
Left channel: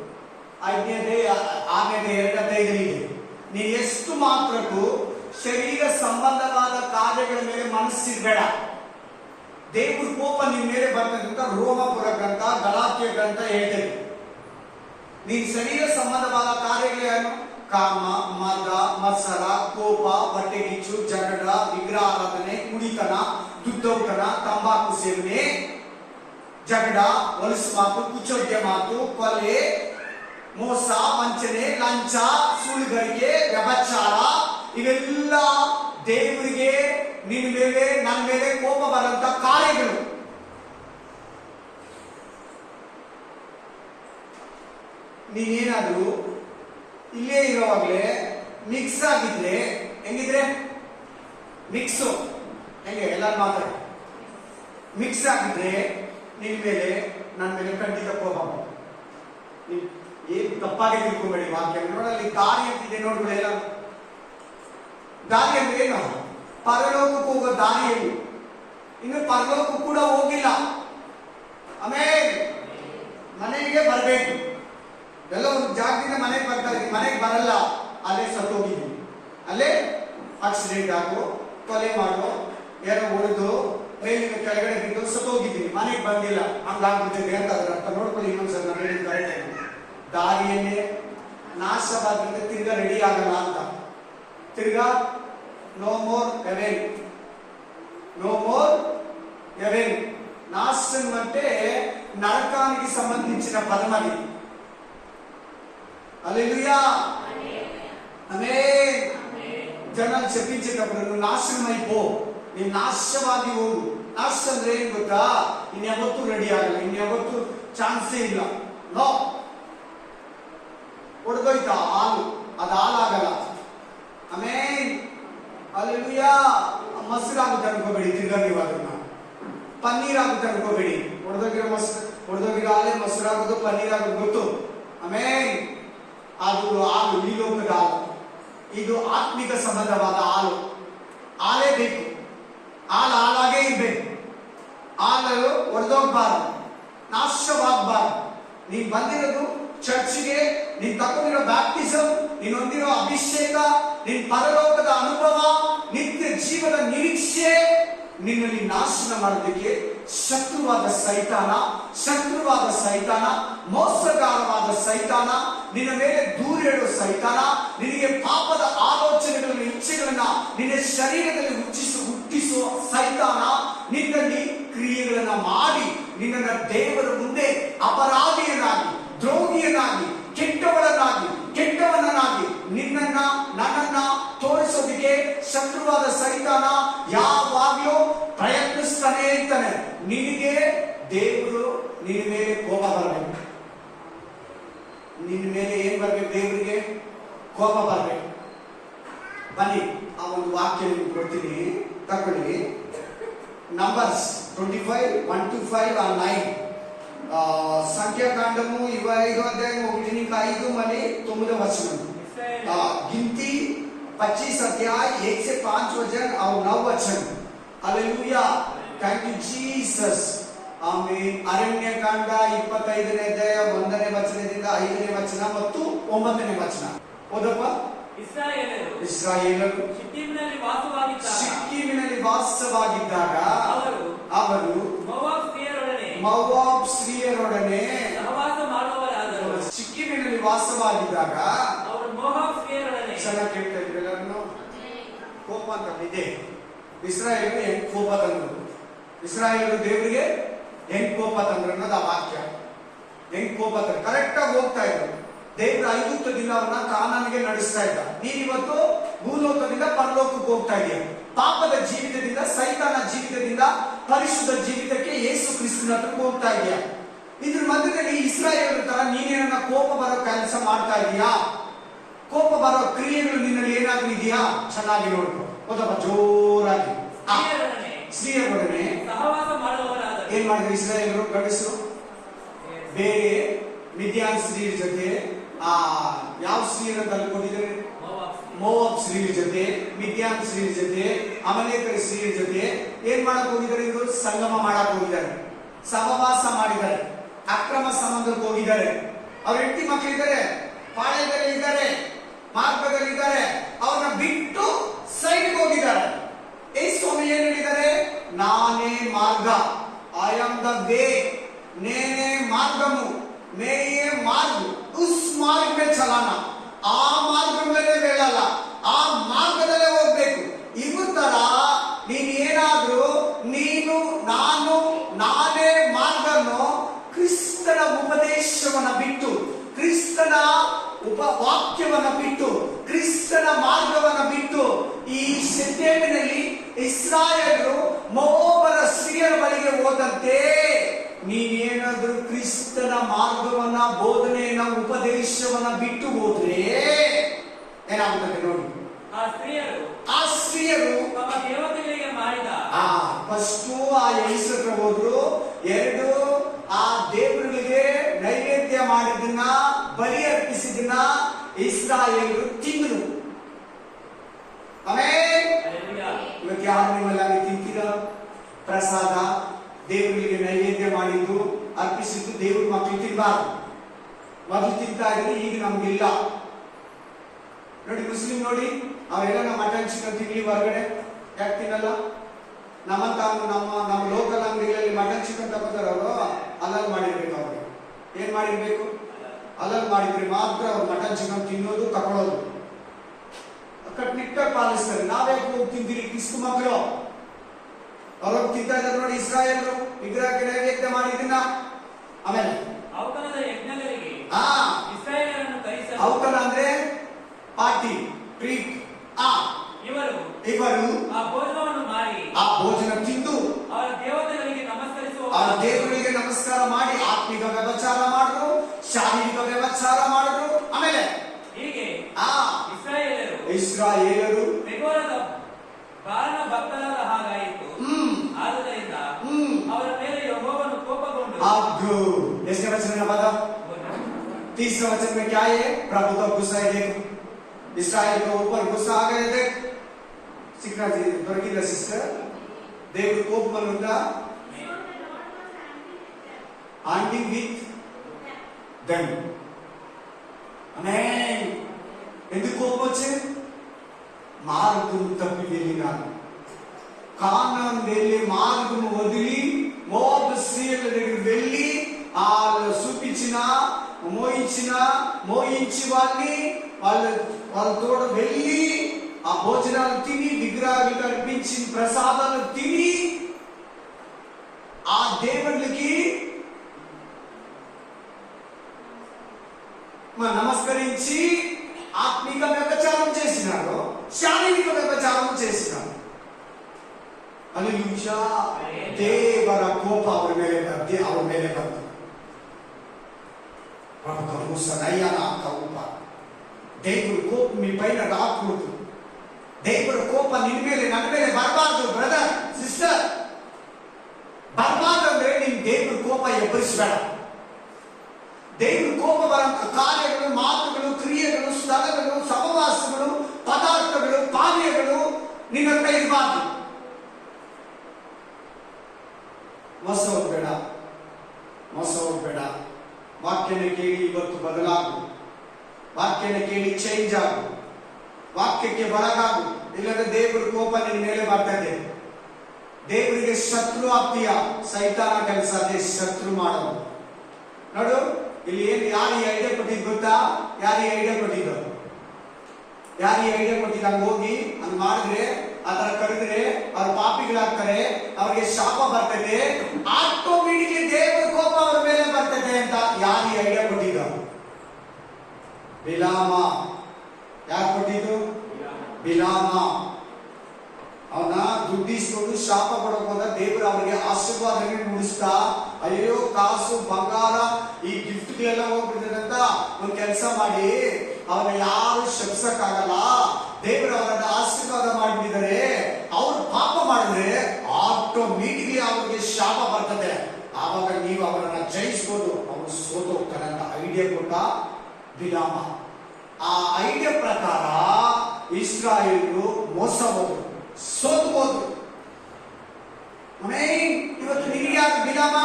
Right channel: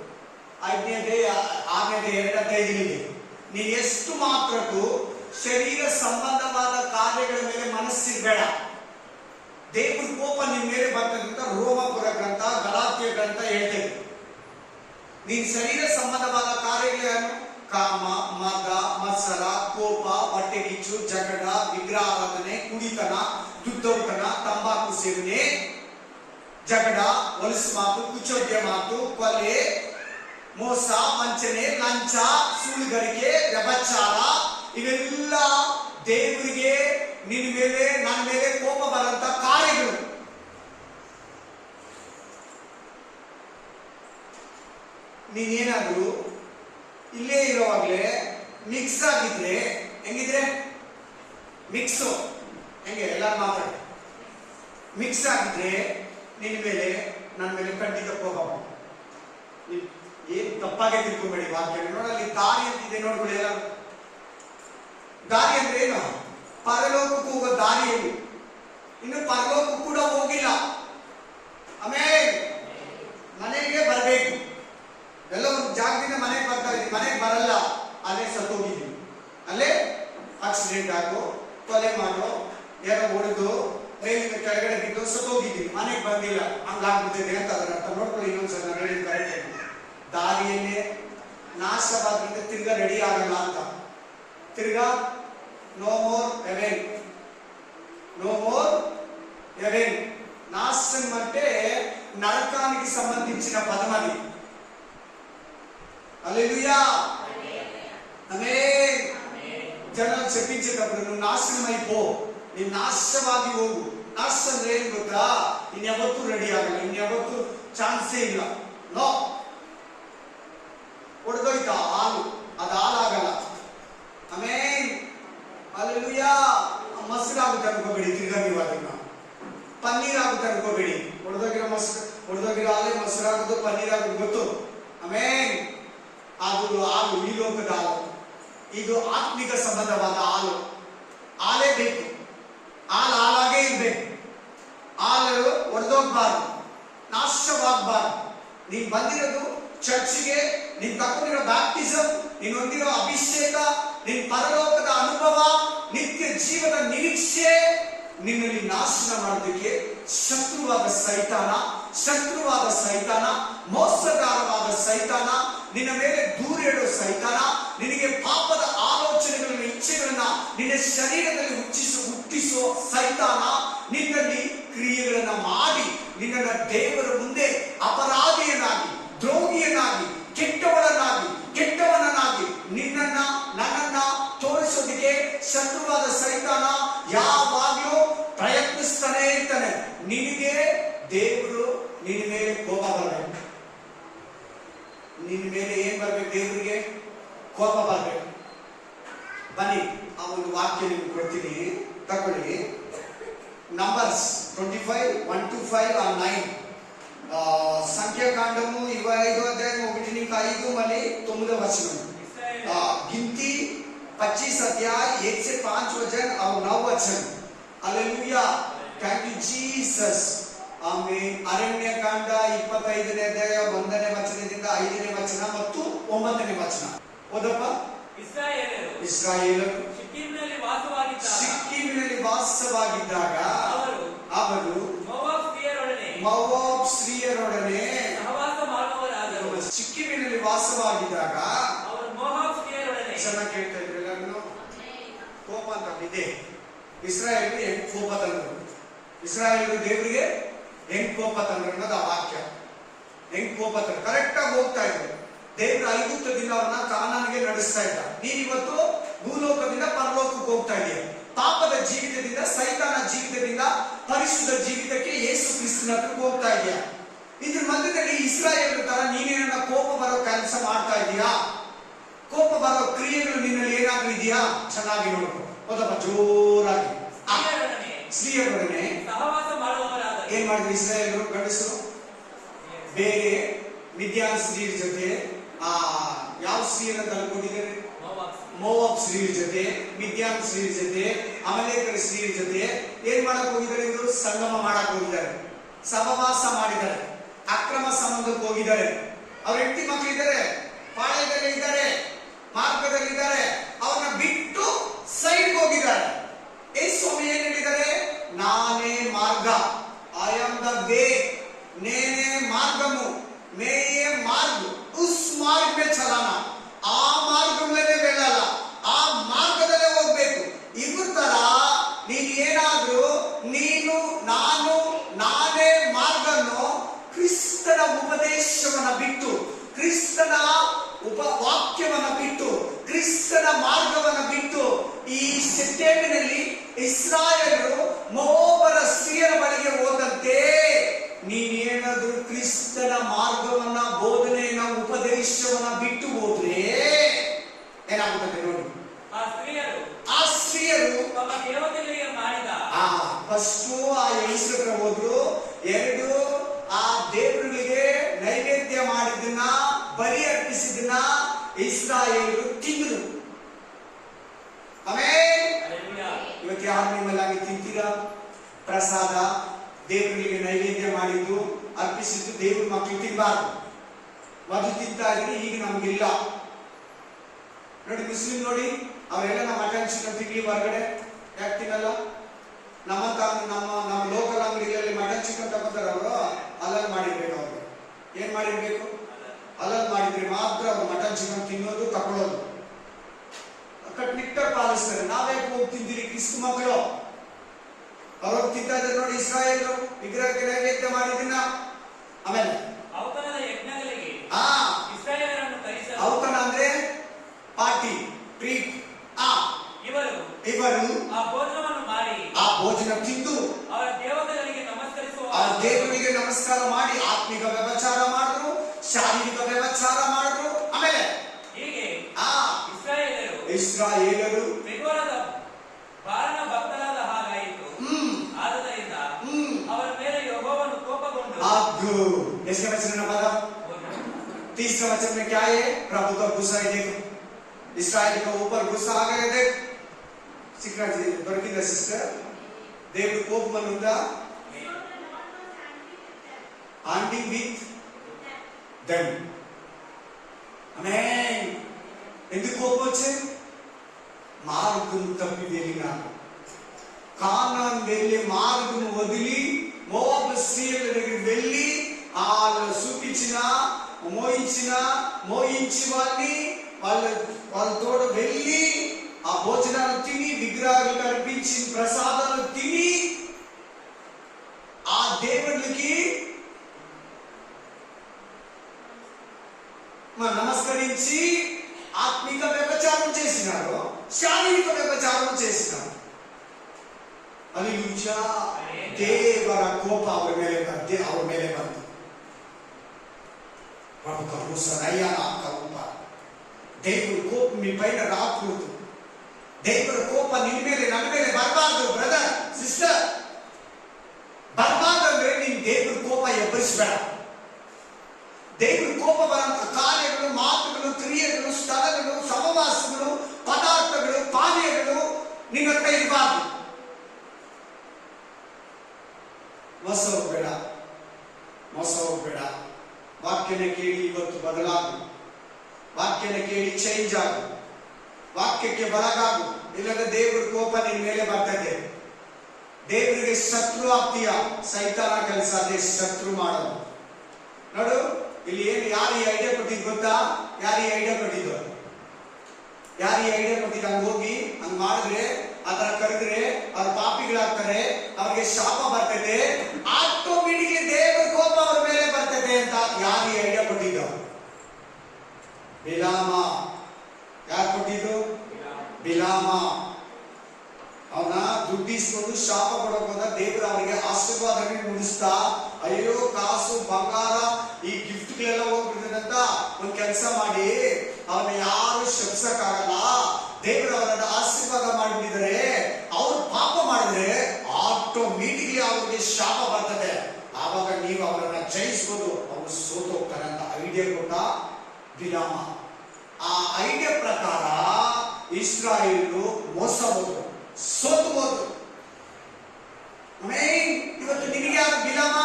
5ನೇ ಅಧ್ಯಾಯ 6ನೇ ಅಧ್ಯಾಯ 2ನೇ ಅಧ್ಯಾಯದಲ್ಲಿ ನೀನ್ ಎಷ್ಟು ಮಾತ್ರಕ್ಕೂ ಶರೀರ ಸಂಬಂಧವಾದ ಕಾರ್ಯಗಳ ಮೇಲೆ ಮನಸ್ಸಿರ್ಬೇಡ. ದೇವ್ರ ಕೋಪ ನಿನ್ ಮೇಲೆ ಬರ್ತಕ್ಕಂಥ ರೋಮಪುರ ಗ್ರಂಥ, ಗಲಾತ್ಯ ಗ್ರಂಥ ಹೇಳ್ತೇವೆ. ನೀನ್ ಶರೀರ ಸಂಬಂಧವಾದ ಕಾರ್ಯಗಳನ್ನು ಕಾಮ, ಮದ, ಮತ್ಸರ, ಕೋಪ, ಹೊಟ್ಟೆಗಿಚ್ಚು, ಜಗಳ, ವಿಗ್ರಹಾರಾಧನೆ, ಕುಡಿತನ, ದುದ್ದೌತಣ, ತಂಬಾಕು ಸೇವನೆ, ಜಗಳ, ಹೊಲಸು ಮಾತು, ಕುಚೋದ್ಯ ಮಾತು, ಕೊಲೆ, ಮೋಸ, ವಂಚನೆ, ಲಂಚ, ಸುಳ್ಳುಗಳಿಗೆ, ವ್ಯಭಚಾರ, ಇವೆಲ್ಲ ದೇವರಿಗೆ, ನಿನ್ನ ಮೇಲೆ, ನನ್ನ ಮೇಲೆ ಕೋಪ ಬರಂತ ಕಾರ್ಯಗಳು. ನೀನೇನಾದ್ರೂ ಇಲ್ಲೇ ಇರೋವಾಗ್ಲೇ ಮಿಕ್ಸ್ ಆಗಿದ್ರೆ, ಹೆಂಗಿದ್ರೆ ಮಿಕ್ಸು, ಹೆಂಗೆ ಎಲ್ಲಾರು ಮಾತಾಡಿ, ಮಿಕ್ಸ್ ಆಗಿದ್ರೆ ನಿನ್ ಮೇಲೆ, ನನ್ನ ಮೇಲೆ ಖಂಡಿತ ಕೋಪ. ಏನು ತಪ್ಪಾಗಿ ತಿಳ್ಕೊಬೇಡಿ. ವಾಕ್ಯ ನೋಡಲ್ಲಿ ದಾರಿ ಅಂತಿದೆ, ನೋಡ್ಬಿಡಿ ಎಲ್ಲರೂ. ದಾರಿ ಅಂದ್ರೆ ಏನು? ಪರಲೋಕಕ್ಕೆ ಹೋಗೋ ದಾರಿ ಏನು? ಇನ್ನು ಪರಲೋಕಕ್ಕೂ ಕೂಡ ಹೋಗಿಲ್ಲ. ಆಮೇಲೆ ಮನೆಗೆ ಬರಬೇಕು. ಎಲ್ಲ ಒಂದು ಜಾಗದಿಂದ ಮನೆಗೆ ಬರ್ತಾ ಇದ್ದೀವಿ, ಮನೆಗೆ ಬರಲ್ಲ, ಅಲ್ಲೇ ಸತ್ತೋಗಿದ್ವಿ, ಅಲ್ಲೇ ಆಕ್ಸಿಡೆಂಟ್ ಆಗೋ, ಕೊಲೆ ಮಾಡೋ, ಯಾರೋ ಹೊಡೆದು ಮೇಲಿನ ಕೆಳಗಡೆ ಬಿದ್ದು ಸತ್ತೋಗಿದ್ವಿ, ಮನೆಗೆ ಬಂದಿಲ್ಲ, ಹಂಗಾಗ್ಬಿಟ್ಟಿದೆ ಅಂತ ಅದರ ಅರ್ಥ. ನೋಡ್ಕೊಳ್ಳಿ ಇನ್ನೊಂದ್ಸಲ ನಾನು ಹೇಳಿದ ಕರೆಕ್ಟ್. ದಾರಿಯಲ್ಲೇ ನಾಶವಾದ್ರೆ ತಿರ್ಗಾ ರೆಡಿ ಆಗಲ್ಲ ಅಂತ. ತಿರ್ಗಾ no more even, no more even. నాశనం అంటే నరకానికి సంబంధించిన పదం అది. హల్లెలూయా, ఆమేన్. జనాలు చెప్పించేటప్పుడు నువ్వు నాశనం అయిపో, నీ ನಾಶವಾಗಿ ಹೋಗು. ನಾಶ ಅಂದ್ರೆ ಏನು ಗೊತ್ತಾ? ಇನ್ಯಾವತ್ತೂ ರೆಡಿ ಆಗಲ್ಲ, ಇನ್ಯಾವತ್ತೂ ಚಾನ್ಸೇ ಇಲ್ಲ. ನೋ, ಹೊಡೆದೋಯ್ತಾ ಹಾಲು, ಅದು ಹಾಲಾಗಲ್ಲ. ಆಮೇನ್, ಹಲ್ಲೆಲೂಯಾ. ಮೊಸರು ಆಗುತ್ತೆ ಅನ್ಕೋಬೇಡಿ, ತಿರ್ಗಾ ನೀವು ಅದನ್ನ ಪನ್ನೀರ್ ಆಗುತ್ತೆ ಅನ್ಕೋಬೇಡಿ. ಹೊಡೆದೋಗಿರೋ ಮೊಸರು, ಹೊಡೆದೋಗಿರೋ ಹಾಲೇ ಮೊಸರು ಆಗೋದು, ಪನ್ನೀರ್ ಆಗೋದು ಗೊತ್ತು. ಆಮೇನ್. ಅದು ಹಾಲು ಈ ಲೋಕದ ಹಾಲು, ಇದು ಆತ್ಮಿಕ ಸಂಬಂಧವಾದ ಹಾಲು. ಹಾಲೇ ಬೇಕು, ಹಾಲು ಹಾಲಾಗೇ ಇರ್ಬೇಕು. ಹಾಲು ಹೊಡೆದೋಗ್ಬಾರ್ದು, ನಾಶವಾಗಬಾರ್ದು. ನೀನ್ ಬಂದಿರೋದು ಚರ್ಚ್ಗೆ, ನೀನ್ ತಗೊಂಡಿರೋ ಬ್ಯಾಪ್ಟಿಸಮ್, ನೀನ್ ಹೊಂದಿರೋ ಅಭಿಷೇಕ, ನಿನ್ ಪರಲೋಕದ ಅನುಭವ, ನಿತ್ಯ ಜೀವನ ನಿರೀಕ್ಷೆ ನಿನ್ನಲ್ಲಿ ನಾಶನ ಮಾಡೋದಕ್ಕೆ ಶತ್ರುವಾದ ಸೈತಾನ, ಮೋಸಗಾರವಾದ ಸೈತಾನ, ನಿನ್ನ ಮೇಲೆ ದೂರ ಹೇಳೋ ಸೈತಾನ, ನಿನಗೆ ಪಾಪದ ಆಲೋಚನೆಗಳನ್ನ, ಇಚ್ಛೆಗಳನ್ನ ನಿನ್ನ ಶರೀರದಲ್ಲಿ ಹುಟ್ಟಿಸುವ ಸೈತಾನ ನಿನ್ನಲ್ಲಿ ಕ್ರಿಯೆಗಳನ್ನ ಮಾಡಿ ನಿನ್ನ ದೇವರ ಮುಂದೆ ಅಪರಾಧಿಯನಾಗಿ, ದ್ರೋಹಿಯನಾಗಿ, ಕೆಟ್ಟವನನ್ನಾಗಿ ನಿನ್ನನ್ನ ನನ್ನನ್ನ ತೋರಿಸೋದಿಕ್ಕೆ ಶತ್ರುವಾದ ಸೈತಾನ ಯಾವಾಗ್ಲೂ ಪ್ರಯತ್ನಿಸ್ತಾನೆ ಇರ್ತಾನೆ. ನಿನಗೆ ದೇವರು ನಿನ್ನ ಮೇಲೆ ಕೋಪ ಬರಬೇಕು. ನಿನ್ನ ಮೇಲೆ ಏನ್ ಬರ್ಬೇಕು? ದೇವರಿಗೆ ಕೋಪ ಬರಬೇಕು. ಬನ್ನಿ, ಆ ಒಂದು ವಾಕ್ಯ ನಿಮ್ಗೆ ಕೊಡ್ತೀನಿ, ತಗೊಳ್ಳಿ. Numbers 25, 1-5 and 9. సంఖ్యాకాండము 25వ అధ్యాయం 1-5 మళ్ళీ 9వ వచనం. गिनती 25 अध्याय 1 से 5 वचन और 9 वचन. Hallelujah, thank you Jesus. ಆಮೇಲೆ ಅರಣ್ಯಕಾಂಡ 25ನೇ ಅಧ್ಯಾಯ 1ನೇ ವಚನದಿಂದ 5ನೇ ವಚನ ಮತ್ತು 9ನೇ ವಚನ ಓದಪ್ಪ. ಇಸ್ರಾಯೇಲರು ಸಿಕ್ಕಿಮಿನಲ್ಲಿ ವಾಸವಾಗಿದ್ದಾಗ ಅವರು ಮೋವಾಬ್ ಸ್ತ್ರೀಯರೊಡನೆ ಸಿಕ್ಕಿಮಿನಲ್ಲಿ ವಾಸವಾಗಿದ್ದಾಗ ಚೆನ್ನಾಗಿ ಕೇಳ್ತಾ ಇದ್ರೆ ಎಲ್ಲರನ್ನು ಕೋಪ ಅಂತ ಇದೆ. ಇಸ್ರಾಯೇಲ್ಗೆ ಹೆಂಗ್ ಕೋಪ ತಂದ್ರು, ಇಸ್ರಾಯೇಲ್ ದೇವರಿಗೆ ಹೆಂಗ್ ಕೋಪ ತಂದ್ರು ಅನ್ನೋದು ಆ ವಾಕ್ಯ. ಹೆಂಗ್ ಕೋಪ ತಂದ್ರು, ಕರೆಕ್ಟ್ ಆಗಿ ಹೋಗ್ತಾ ಇದ್ರು. ದೇವರ ಐಗುಪ್ತದಿಂದ ಅವ್ರನ್ನ ಕಾನಾನಿಗೆ ನಡೆಸ್ತಾ ಇದ್ದ. ನೀವಿವತ್ತು ಭೂಲೋಕದಿಂದ ಪರಲೋಕಕ್ಕೆ ಹೋಗ್ತಾ ಇದೀಯ. ಪಾಪದ ಜೀವಿತದಿಂದ, ಸೈತಾನ ಜೀವಿತದಿಂದ ಪರಿಶುದ್ಧ ಜೀವಿತಕ್ಕೆ ಯೇಸು ಕ್ರಿಸ್ತನ ಹತ್ರಕ್ಕೆ ಹೋಗ್ತಾ ಇದೆಯಾ. ಇದ್ರ ಮಧ್ಯದಲ್ಲಿ ಇಸ್ರಾಯೇಲ್ ತರ ನೀನೇನ ಕೋಪ ಬರೋ ಕೆಲಸ ಮಾಡ್ತಾ ಇದೀಯಾ? ಕೋಪ ಬರೋ ಕ್ರಿಯೆಗಳು ನಿನ್ನಲ್ಲಿ ಏನಾದ್ರೂ ಇದೆಯಾ? ಚೆನ್ನಾಗಿ ನೋಡ್ಕೊ. ಹೋದಪ್ಪ ಜೋರಾಗಿ. ಸ್ತ್ರೀಯರೊಡನೆ ಏನ್ ಮಾಡಿದ್ರು ಇಸ್ರಾಯೇಲ್ ಗಂಡಸರು? ಬೇರೆ ಮಿದ್ಯಾನ್ ಸ್ತ್ರೀಯರ ಜೊತೆ ಯಾವ ಸ್ತ್ರೀಯರ ಕಲ್ಕೊಂಡಿದ್ದಾರೆ? ಮೋವಾಬ್ ಸ್ತ್ರೀಯರ ಜೊತೆ, ಮಿದ್ಯಾನ್ ಸ್ತ್ರೀಯರ ಜೊತೆ, ಅಮಲೇಕರ ಸ್ತ್ರೀಯರ ಜೊತೆ ಏನ್ ಮಾಡಕ್ ಹೋಗಿದ್ದಾರೆ? ಇವರು ಸಂಗಮ ಮಾಡಕ್ ಹೋಗಿದ್ದಾರೆ, ಸಹವಾಸ ಮಾಡಿದ್ದಾರೆ, ಅಕ್ರಮ ಸಂಬಂಧಕ್ಕೆ ಹೋಗಿದ್ದಾರೆ. ಅವ್ರ ಹೆಂಡತಿ ಮಕ್ಕಳಿದ್ದಾರೆ, ಪಾಳ್ಯದಲ್ಲಿ ಇದ್ದಾರೆ, ಮಾರ್ಗದಲ್ಲಿ ಇದ್ದಾರೆ. ಅವ್ರನ್ನ ಬಿಟ್ಟು ಸೈಡ್ಗೆ ಹೋಗಿದ್ದಾರೆ. ಏ ಸ್ವಾಮಿ ಏನ್ ಹೇಳಿದ್ದಾರೆ? ನಾನೇ ಮಾರ್ಗ, ಐ ಆಮ್ ದ ವೇ, ನೇನೇ ಮಾರ್ಗಮು, ಮೇಯೇ ಮಾರ್ಗ, ಉಸ್ ಮಾರ್ಗ ಮೇ ಚಲಾನ. ಆ ಮಾರ್ಗದಲ್ಲೇ ಬೇಡಲ್ಲ, ಆ ಮಾರ್ಗದಲ್ಲೇ ಹೋಗ್ಬೇಕು. ಇವ್ರ ತರ ನೀನ್ ಏನಾದ್ರೂ ನೀನು ನಾನು ನಾನೇ ಮಾರ್ಗನು ಕ್ರಿಸ್ತನ ಉಪದೇಶವನ್ನ ಬಿಟ್ಟು, ಕ್ರಿಸ್ತನ ವಾಕ್ಯವನ್ನ ಬಿಟ್ಟು, ಕ್ರಿಸ್ತನ ಮಾರ್ಗವನ್ನ ಬಿಟ್ಟು ಈ ಸೆಪ್ಟೆಂಬರ್ನಲ್ಲಿ ಇಸ್ರಾಯೇಲರು ಮೋವಾಬರ ಸ್ತ್ರೀಯರ ಬಳಿಗೆ ಹೋದಂತೆ ನೀನೇನಾದ್ರೂ ಕ್ರಿಸ್ತನ ಮಾರ್ಗವನ್ನ, ಬೋಧನೆಯನ್ನ, ಉಪದೇಶವನ್ನ ಬಿಟ್ಟು ಹೋದ್ರೆ ಏನಾಗುತ್ತದೆ ನೋಡಿ. ಆ ಸ್ತ್ರೀಯರು ಫಸ್ಟು ಆ ಹೆಂಗಸರ ಹೋದ್ರು, ಎರಡು ಆ ದೇವರುಗಳಿಗೆ ನೈವೇದ್ಯ ಮಾಡಿದ್ದನ್ನ, ಬಲಿ ಅರ್ಪಿಸಿದ್ದನ್ನ ಇಸ್ರಾಯೇಲರು ತಿಂದ್ರು. ಆಮೇಲೆ ಇವತ್ತು ಯಾರು ನಿಮ್ಮಲ್ಲಿ ತಿಂತೀರಾ? ಪ್ರಸಾದ ದೇವರಿಗೆ ನೈವೇದ್ಯ ಮಾಡಿದ್ದು, ಅರ್ಪಿಸಿದ್ದು ದೇವ್ರ ಮಕ್ಕಳು ತಿನ್ನಬಾರ್ದು. ಮೊದಲು ತಿಂತಾ ಇದ್ರು, ಈಗ ನಮಗಿಲ್ಲ ನೋಡಿ. ಮುಸ್ಲಿಂ ನೋಡಿ, ಅವರೆಲ್ಲ ನಮ್ಮ ಮಟನ್ ಚಿಕನ್ ತಿನ್ಲಿ ಹೊರಗಡೆ. ಯಾಕೆ ತಿನ್ನಲ್ಲ? ನಮ್ಮ ಲೋಕಲ್ ಅಂಗಡಿಗಳಲ್ಲಿ ಮಟನ್ ಚಿಕನ್ ತಗೋತಾರ ಅವರು, ಅಲ್ಲಲ್ಲಿ ಮಾಡಿರ್ಬೇಕು. ಅವ್ರಿಗೆ ಏನ್ ಮಾಡಿರ್ಬೇಕು? ಅಲ್ಲಲ್ಲಿ ಮಾಡಿದ್ರೆ ಮಾತ್ರ ಅವ್ರು ಮಟನ್ ಚಿಕನ್ ತಿನ್ನೋದು, ತಗೊಳ್ಳೋದು ಕಟ್ಟುನಿಟ್ಟಾಗಿ ಪಾಲಿಸ್ತಾರೆ. ನಾವೇ ಹೋಗಿ ತಿಂತೀರಿ? ಕ್ರಿಸ್ತ ಮಕ್ಕಳು ಅವ್ರಿಗೆ ತಿಂತಾ ಇದ್ದಾರೆ ನೋಡಿ. ಇಸ್ರಾಯೇಲರು ವಿಗ್ರಹಕ್ಕೆ ನೈವೇದ್ಯ ಮಾಡಿದ್ದನ್ನ, ಆಮೇಲೆ ಔತಣ ಅಂದ್ರೆ ಪಾರ್ಟಿ, ಟ್ರೀಟ್. ಇವರು ಆ ಭೋಜನ ತಿಂದು ಆ ದೇವರಿಗೆ ನಮಸ್ಕಾರ ಮಾಡಿ ಆತ್ಮಿಕ ವ್ಯಭಚಾರ ಮಾಡಿದ್ರು, ಶಾರೀರಿಕ ವ್ಯಭಚಾರ ಮಾಡಿದ್ರು. ಆಮೇಲೆ ಇಸ್ರಾಯೇಲರು इसके वचन में पता 30 वचन में क्या है? प्रभु का गुस्सा है। देखो इस्राएल के ऊपर गुस्सा आ गए थे. सीखना दొరికిందా సిస్టర్? దేవుడు కోపం ఉందా? Aunty with them. ఆమేన్. ఎందుకు కోపం వచ్చింది? మార్గం తప్పి వెళ్ళినారు. కానాన్ వెళ్ళే మార్గం వదిలి మోవాబు స్త్రీల దగ్గరికి వెళ్ళి వాళ్ళు చూపించిన మోయించి వాళ్ళతో వెళ్ళి ఆ భోజనాలు తిని, విగ్రహాలు అర్పించి ప్రసాదాలు తిని ఆ దేవుళ్ళకి నమస్కరించి ఆత్మిక వ్యభిచారం చేసినారు, శారీరక వ్యభిచారం చేసినారు. ಹಲ್ಲೆಲೂಯಾ. ದೇವರ ಕೋಪ ಅವರ ಮೇಲೆ ಬಂತು. ದೇವರ ಕೋಪ మీ పైన రాకూడదు. ದೇವರ ಕೋಪ ನಿಮ್ಮ ಮೇಲೆ, ನನ್ನ ಮೇಲೆ ಬರಬಾರ್ದು. ಬ್ರದರ್, ಸಿಸ್ಟರ್, ಬರಬಾರ್ದು ಅಂದ್ರೆ ನೀನ್ ದೇವರ ಕೋಪ ಎಬ್ಬರಿಸಬೇಡ. ದೇವರ ಕೋಪ ಬರಂತ ಕಾರ್ಯಗಳು, ಮಾತುಗಳು, ಕ್ರಿಯೆಗಳು, ಸ್ಥಳಗಳು, ಸಹವಾಸಗಳು, ಪದಾರ್ಥಗಳು, ಪಾನೀಯಗಳು ನಿನ್ನ ಹತ್ರ ಇರಬಾರ್ದು. ಮೋಸ ಹೋಗ್ಬೇಡ. ಮೋಸ ಹೋಗ್ಬೇಡ. ವಾಕ್ಯನ ಕೇಳಿ ಇವತ್ತು ಬದಲಾಗು. ವಾಕ್ಯನ ಕೇಳಿ ಚೇಂಜ್ ಆಗು. ವಾಕ್ಯಕ್ಕೆ ಒಳಗಾಗು. ಇಲ್ಲದ್ರೆ ದೇವರ ಕೋಪ ನಿನ್ನ ಮೇಲೆ ಬರ್ತದೆ. ದೇವರಿಗೆ ಶತ್ರು ಆಗ್ತೀಯ. ಸೈತಾನ ಕೆಲಸ ಅದೇ, ಶತ್ರು ಮಾಡೋದು. ನೋಡು ಇಲ್ಲಿ ಏನು, ಯಾರು ಈ ಐಡಿಯಾ ಕೊಟ್ಟಿದ್ ಗೊತ್ತಾ? ಯಾರು ಈ ಐಡಿಯಾ ಕೊಟ್ಟಿದ್ದು? ಯಾರು ಈ ಐಡಿಯಾ ಕೊಟ್ಟಿದ್ದು? ಹಂಗ ಹೋಗಿ ಹಂಗ್ ಮಾಡಿದ್ರೆ, ಆತರ ಕರೆದ್ರೆ ಅವ್ರ ಪಾಪಿಗಳಾಗ್ತಾರೆ, ಅವ್ರಿಗೆ ಶಾಪ ಬರ್ತದೆ, ಆಟೋಮೆಟಿಕ್ಲಿ ದೇವರ ಕೋಪ ಅವ್ರ ಮೇಲೆ ಬರ್ತದೆ ಅಂತ ಯಾರು ಈ ಐಡಿಯಾ ಕೊಟ್ಟಿದ್ದು? ಬಿಲಾಮ. ಯಾರು ಕೊಟ್ಟಿದ್ದು? ಬಿಲಾಮ. ಅವನ ದುಡ್ಡಿಸ್ಕೊಂಡು ಶಾಪ ಕೊಡಕ್ ಹೋದ. ದೇವರು ಅವರಿಗೆ ಆಶೀರ್ವಾದ ನುಡಿಸ್ತಾ, ಅಯ್ಯೋ ಕಾಸು ಬಂಗಾರ ಈ ಗಿಫ್ಟ್ಗಳೆಲ್ಲ ಹೋಗ್ಬಿಟ್ಟಿದಂತ ಒಂದ್ ಕೆಲಸ ಮಾಡಿ ಅವನ ಯಾರು ಶಪಿಸಕ್ಕಾಗಲ್ಲ. ದೇವರು ಅವರನ್ನ ಆಶೀರ್ವಾದ ಮಾಡಿಬಿಟ್ಟಿದ್ದಾರೆ. ಅವ್ರು ಪಾಪ ಮಾಡಿದ್ರೆ ಆಟೋಮೆಟಿಕ್ಲಿ ಅವ್ರಿಗೆ ಶಾಪ ಬರ್ತದೆ. ಆವಾಗ ನೀವು ಅವರನ್ನ ಜಯಿಸ್ಬೋದು, ಅವರು ಸೋತು ಹೋಗ್ತಾರೆ ಅಂತ ಐಡಿಯಾ ಕೊಟ್ಟ ಬಿಲಾಮ. ಆ ಐಡಿಯಾ ಪ್ರಕಾರ ಇಸ್ರಾಯೇಲ್ರು ಮೋಸ ಹೋದ್ರು, ಸೋತು ಹೋದ್ರು. ಇವತ್ತು ನಿನಗ್ಯಾರು ಬಿಲಾಮ?